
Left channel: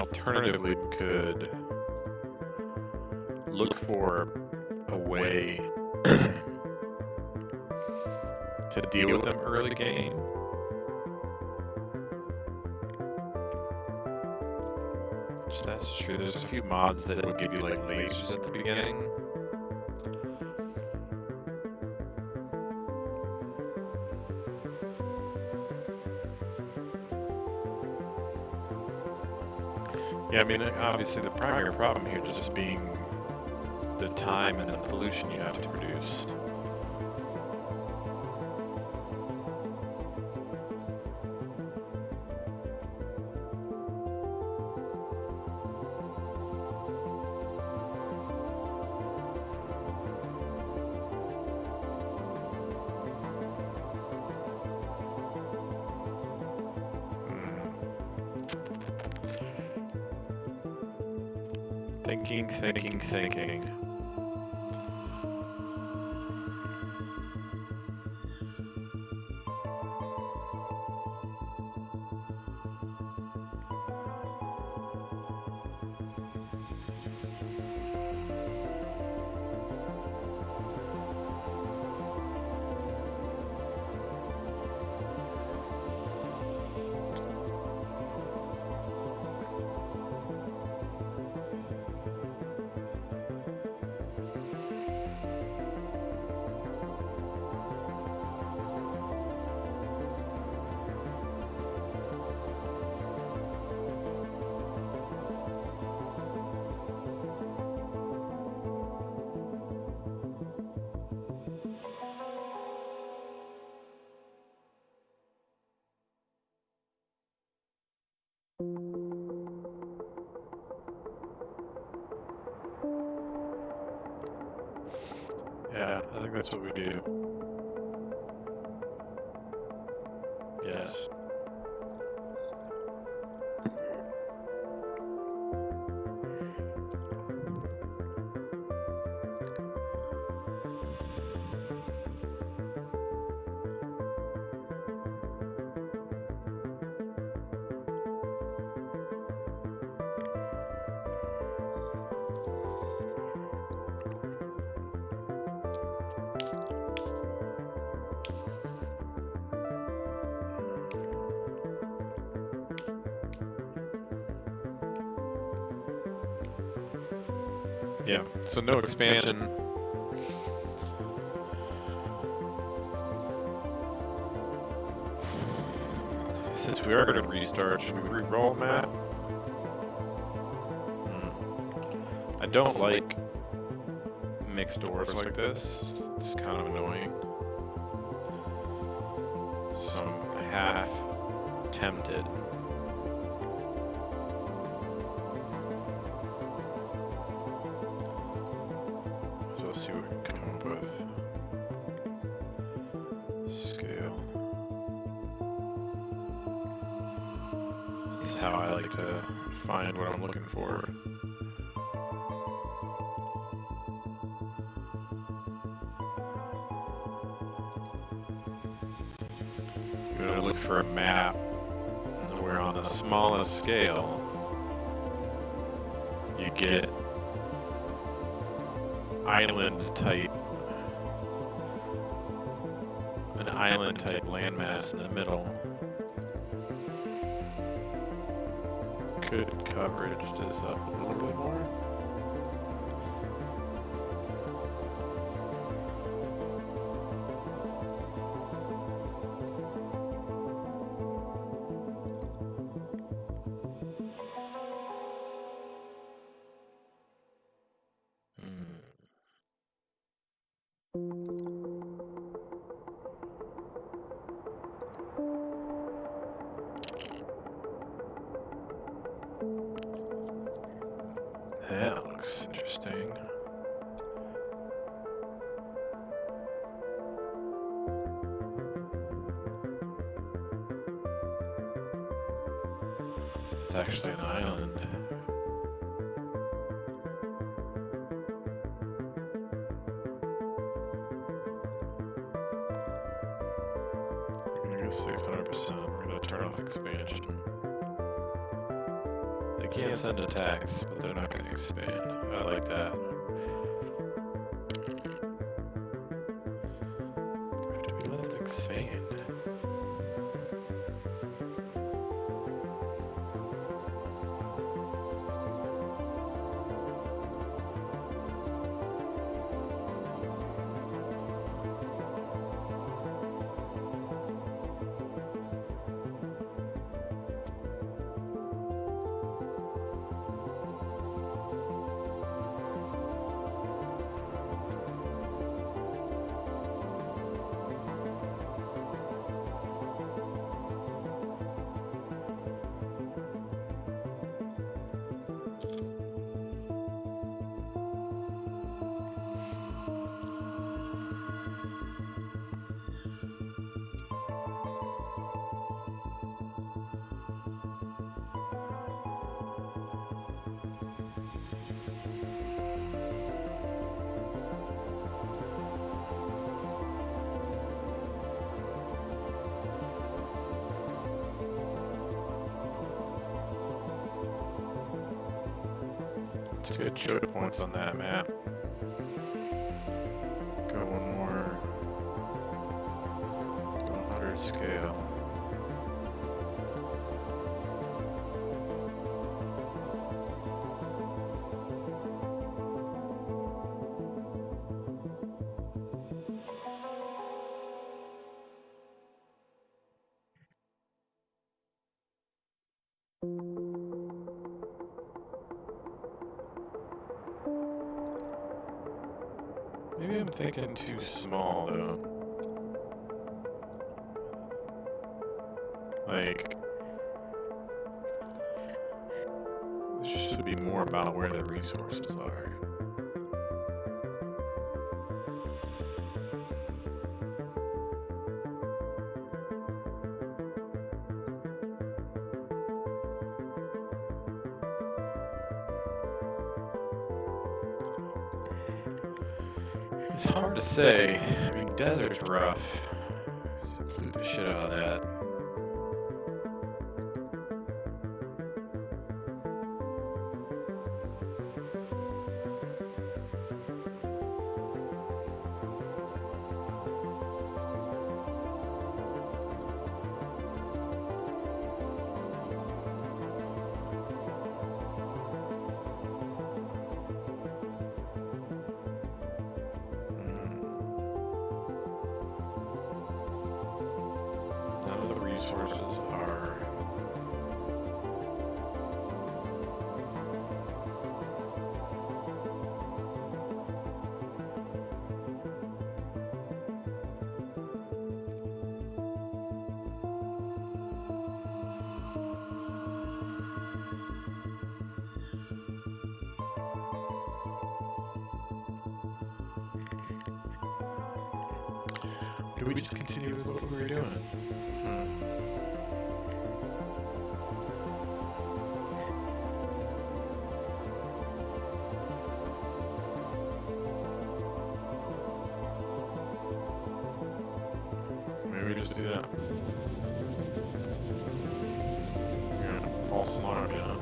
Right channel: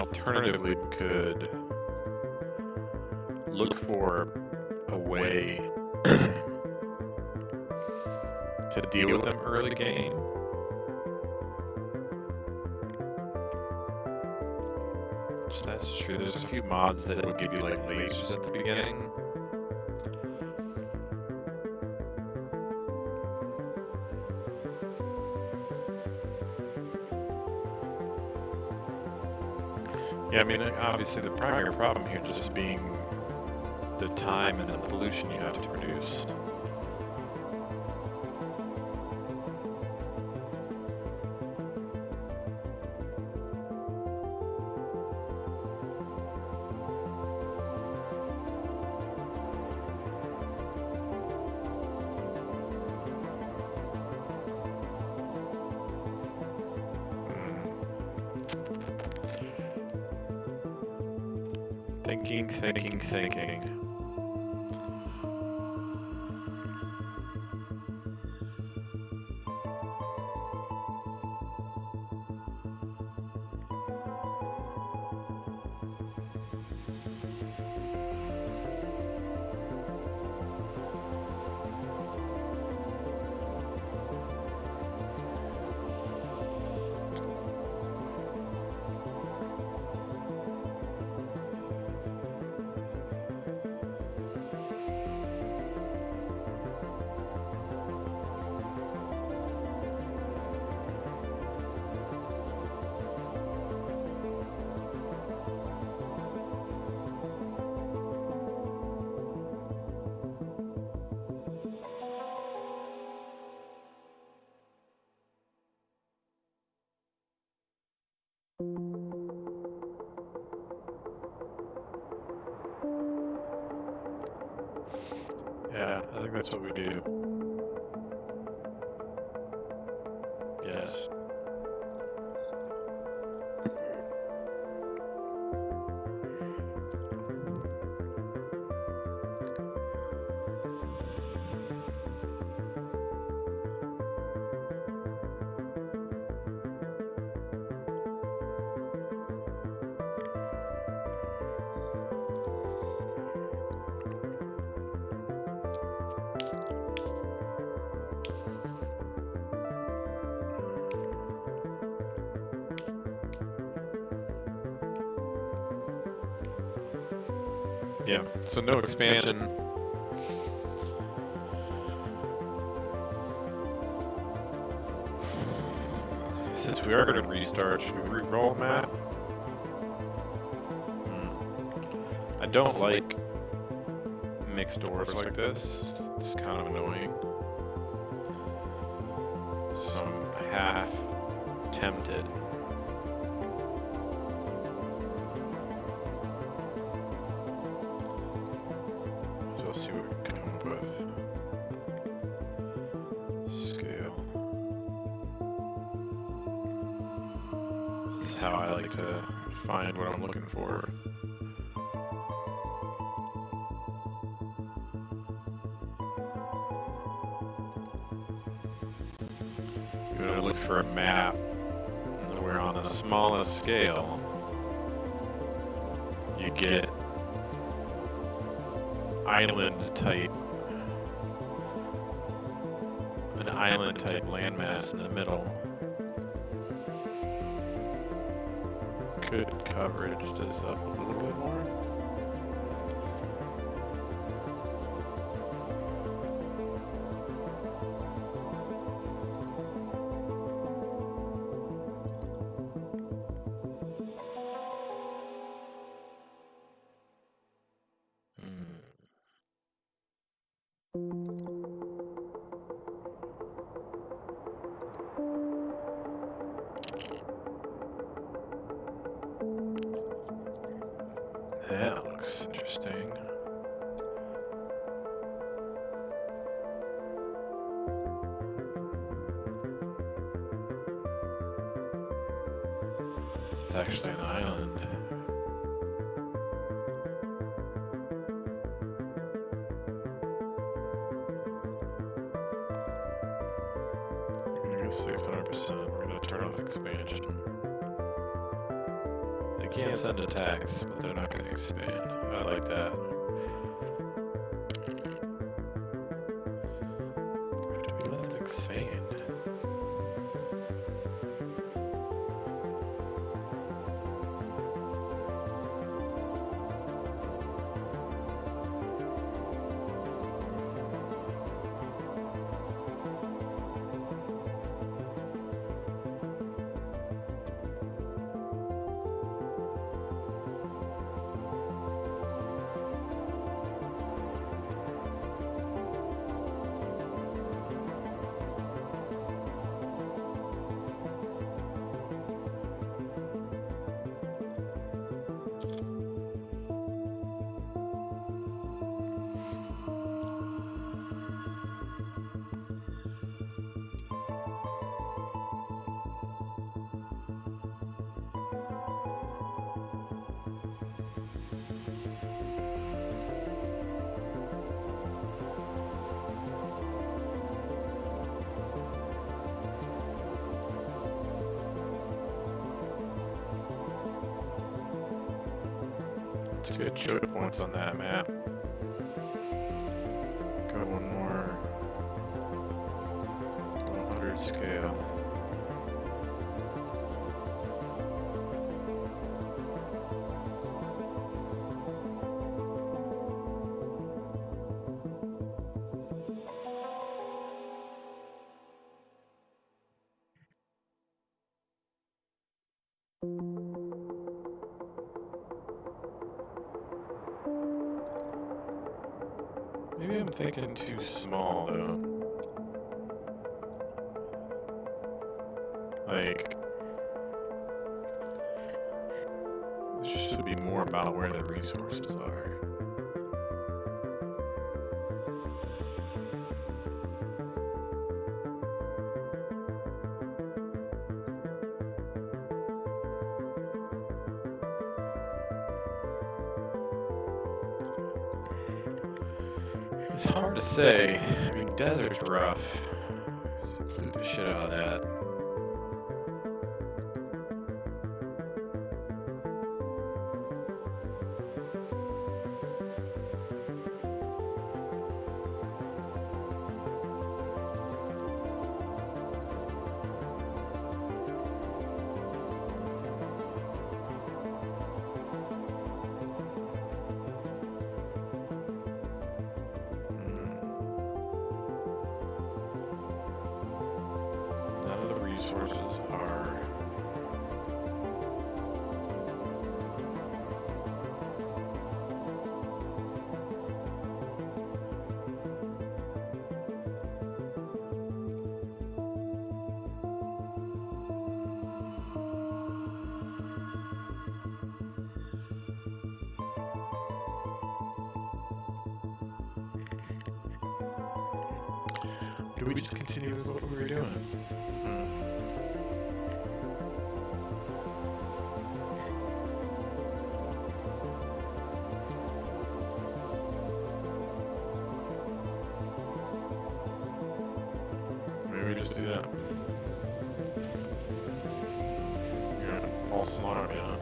alternatively, we could look for a way to deal with them early game. Which that's true. There's a few mods that would give you like lasers at the beginning. Yeah, I mean, obviously the primary problem here just being the time and the pollution you have to produce. Thinking. Yeah, I think that's what we do. Yes. Yeah, so no expansion. Since we are going to restart, should we re-roll map? I don't like mixed doors like this. It's kind of annoying. So I'm half tempted. So let's see what we can come up with. Scale. This is how I like to find what I'm looking for. You're going to look for a map where on the smallest scale you get an island type landmass in the middle. Could coverage this up a little bit more? That looks interesting. It's actually an island. We're gonna go 600%. We're gonna turn off expansion. can send attacks, but they're not going to expand. I like that. Do we let them expand? Let's get choke points on that map. Go one more. Go 100 scale. Maybe I'm thinking too small though. Like, this should be more about where the resources are. It's hard to say. I mean, desert's rough. Blew the shit out of that. None of the resources are. Do we just continue with what we were doing? Maybe we just do that. Yeah, false alarm, yeah.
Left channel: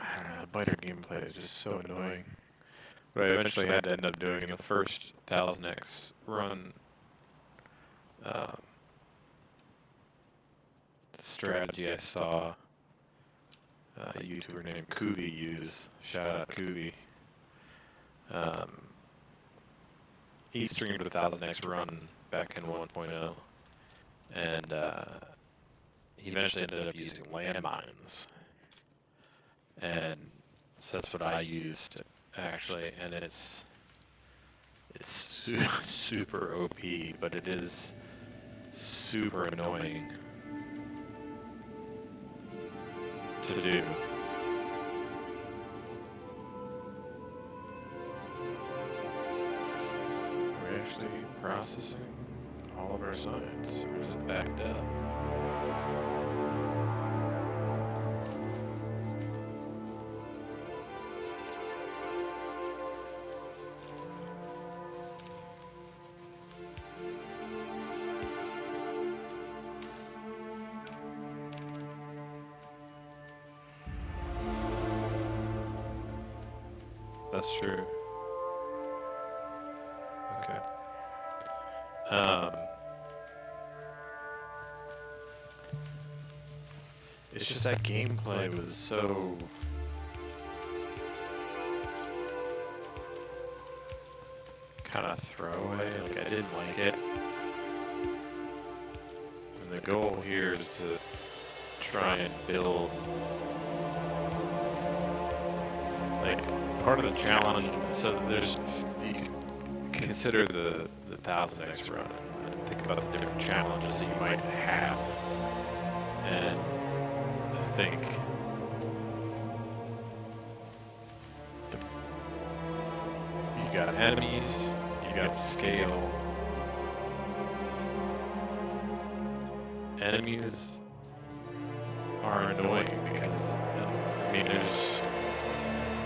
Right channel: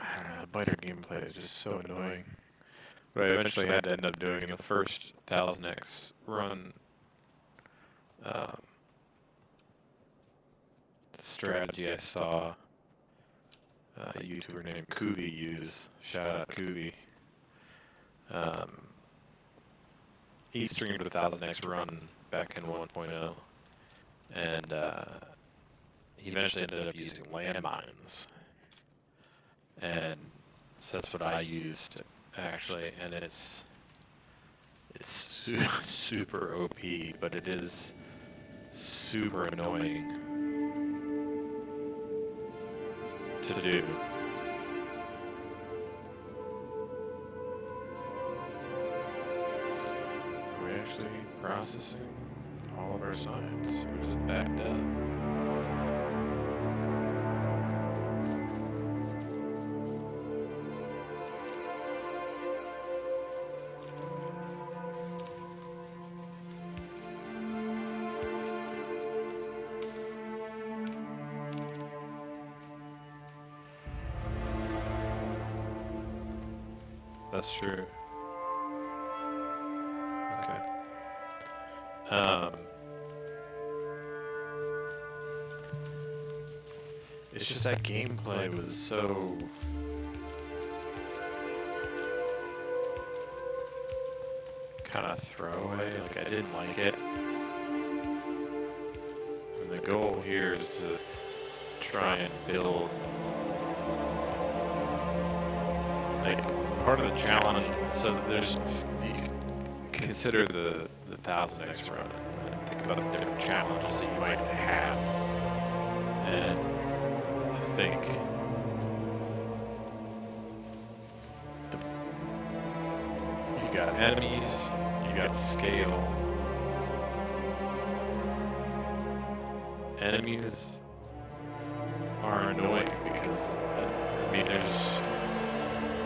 I don't know, the biter gameplay is just so annoying. What I eventually had to end up doing in the first 1000X run, strategy I saw a YouTuber named Kubi use. Shout out Kubi. He streamed the 1000X run back in 1.0, and he eventually ended up using landmines. And so that's what I used actually, and it's super OP, but it is super annoying to do. Are we actually processing all of our science, or is it backed up? That's true. Okay. It's just that gameplay was so kind of throwaway. Like, I didn't like it. And the goal here is to try and build, like, part of the challenge. So there's, you consider the 1000X run and think about the different challenges that you might have. And I think you got enemies, you got scale. Enemies are annoying because, I mean,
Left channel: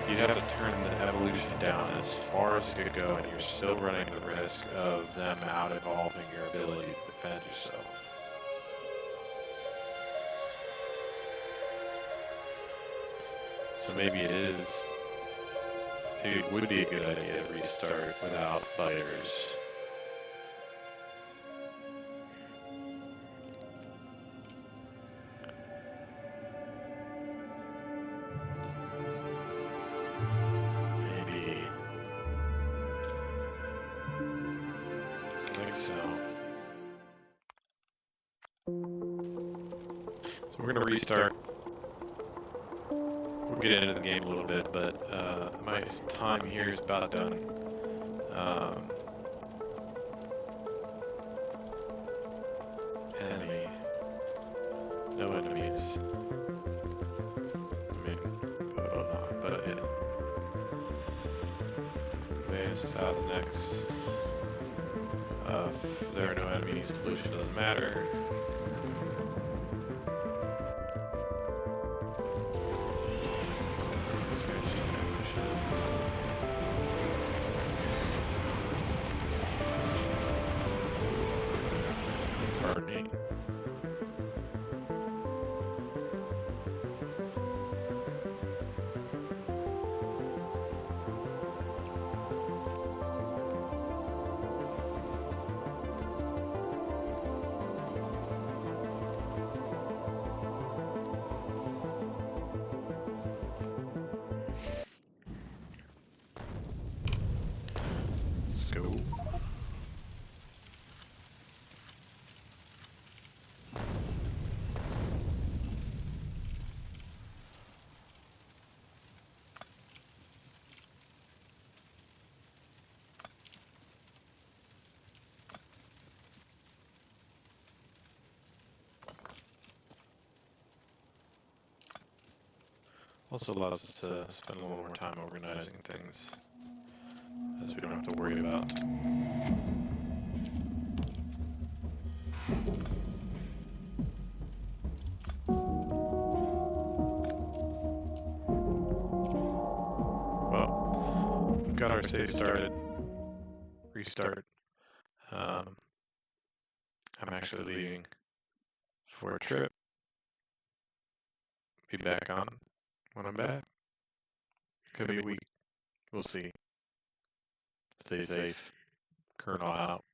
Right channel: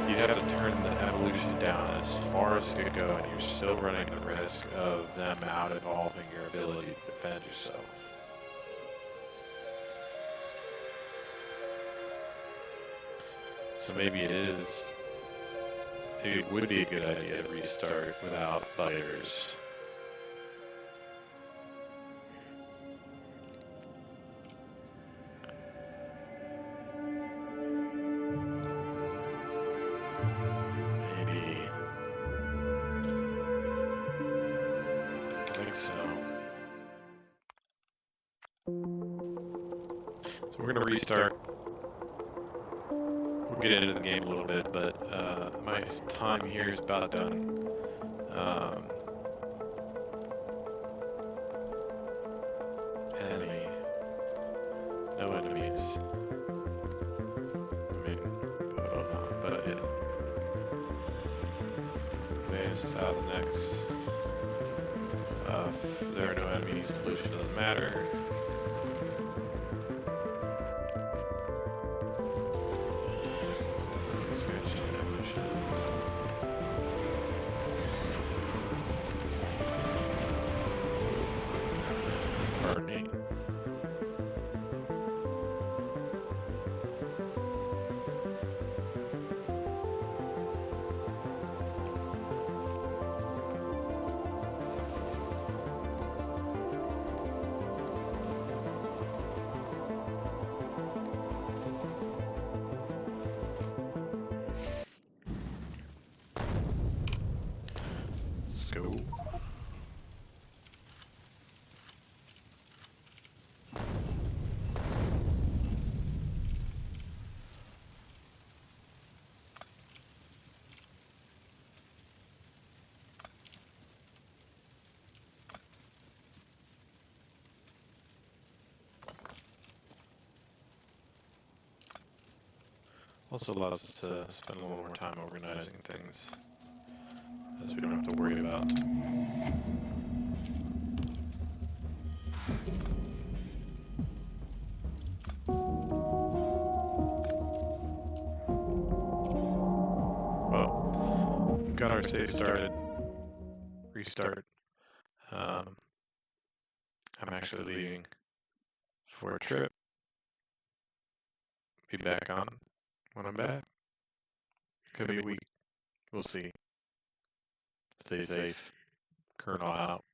you'd have to turn the evolution down as far as it could go, and you're still running the risk of them out-evolving your ability to defend yourself. So maybe it would be a good idea to restart without biters. Maybe. I think so. So we're gonna restart. We'll get into the game a little bit, but my time here is about done. Enemy. No enemies. I mean, but yeah. Base 1000X. If there are no enemies, pollution doesn't matter. Pardon me. Let's go. Also allows us to spend a little more time organizing things, as we don't have to worry about. Well, we've got our save started. Restart. I'm actually leaving for a trip. Be back on when I'm back. Could be a week. We'll see. Stay safe. Colonel out.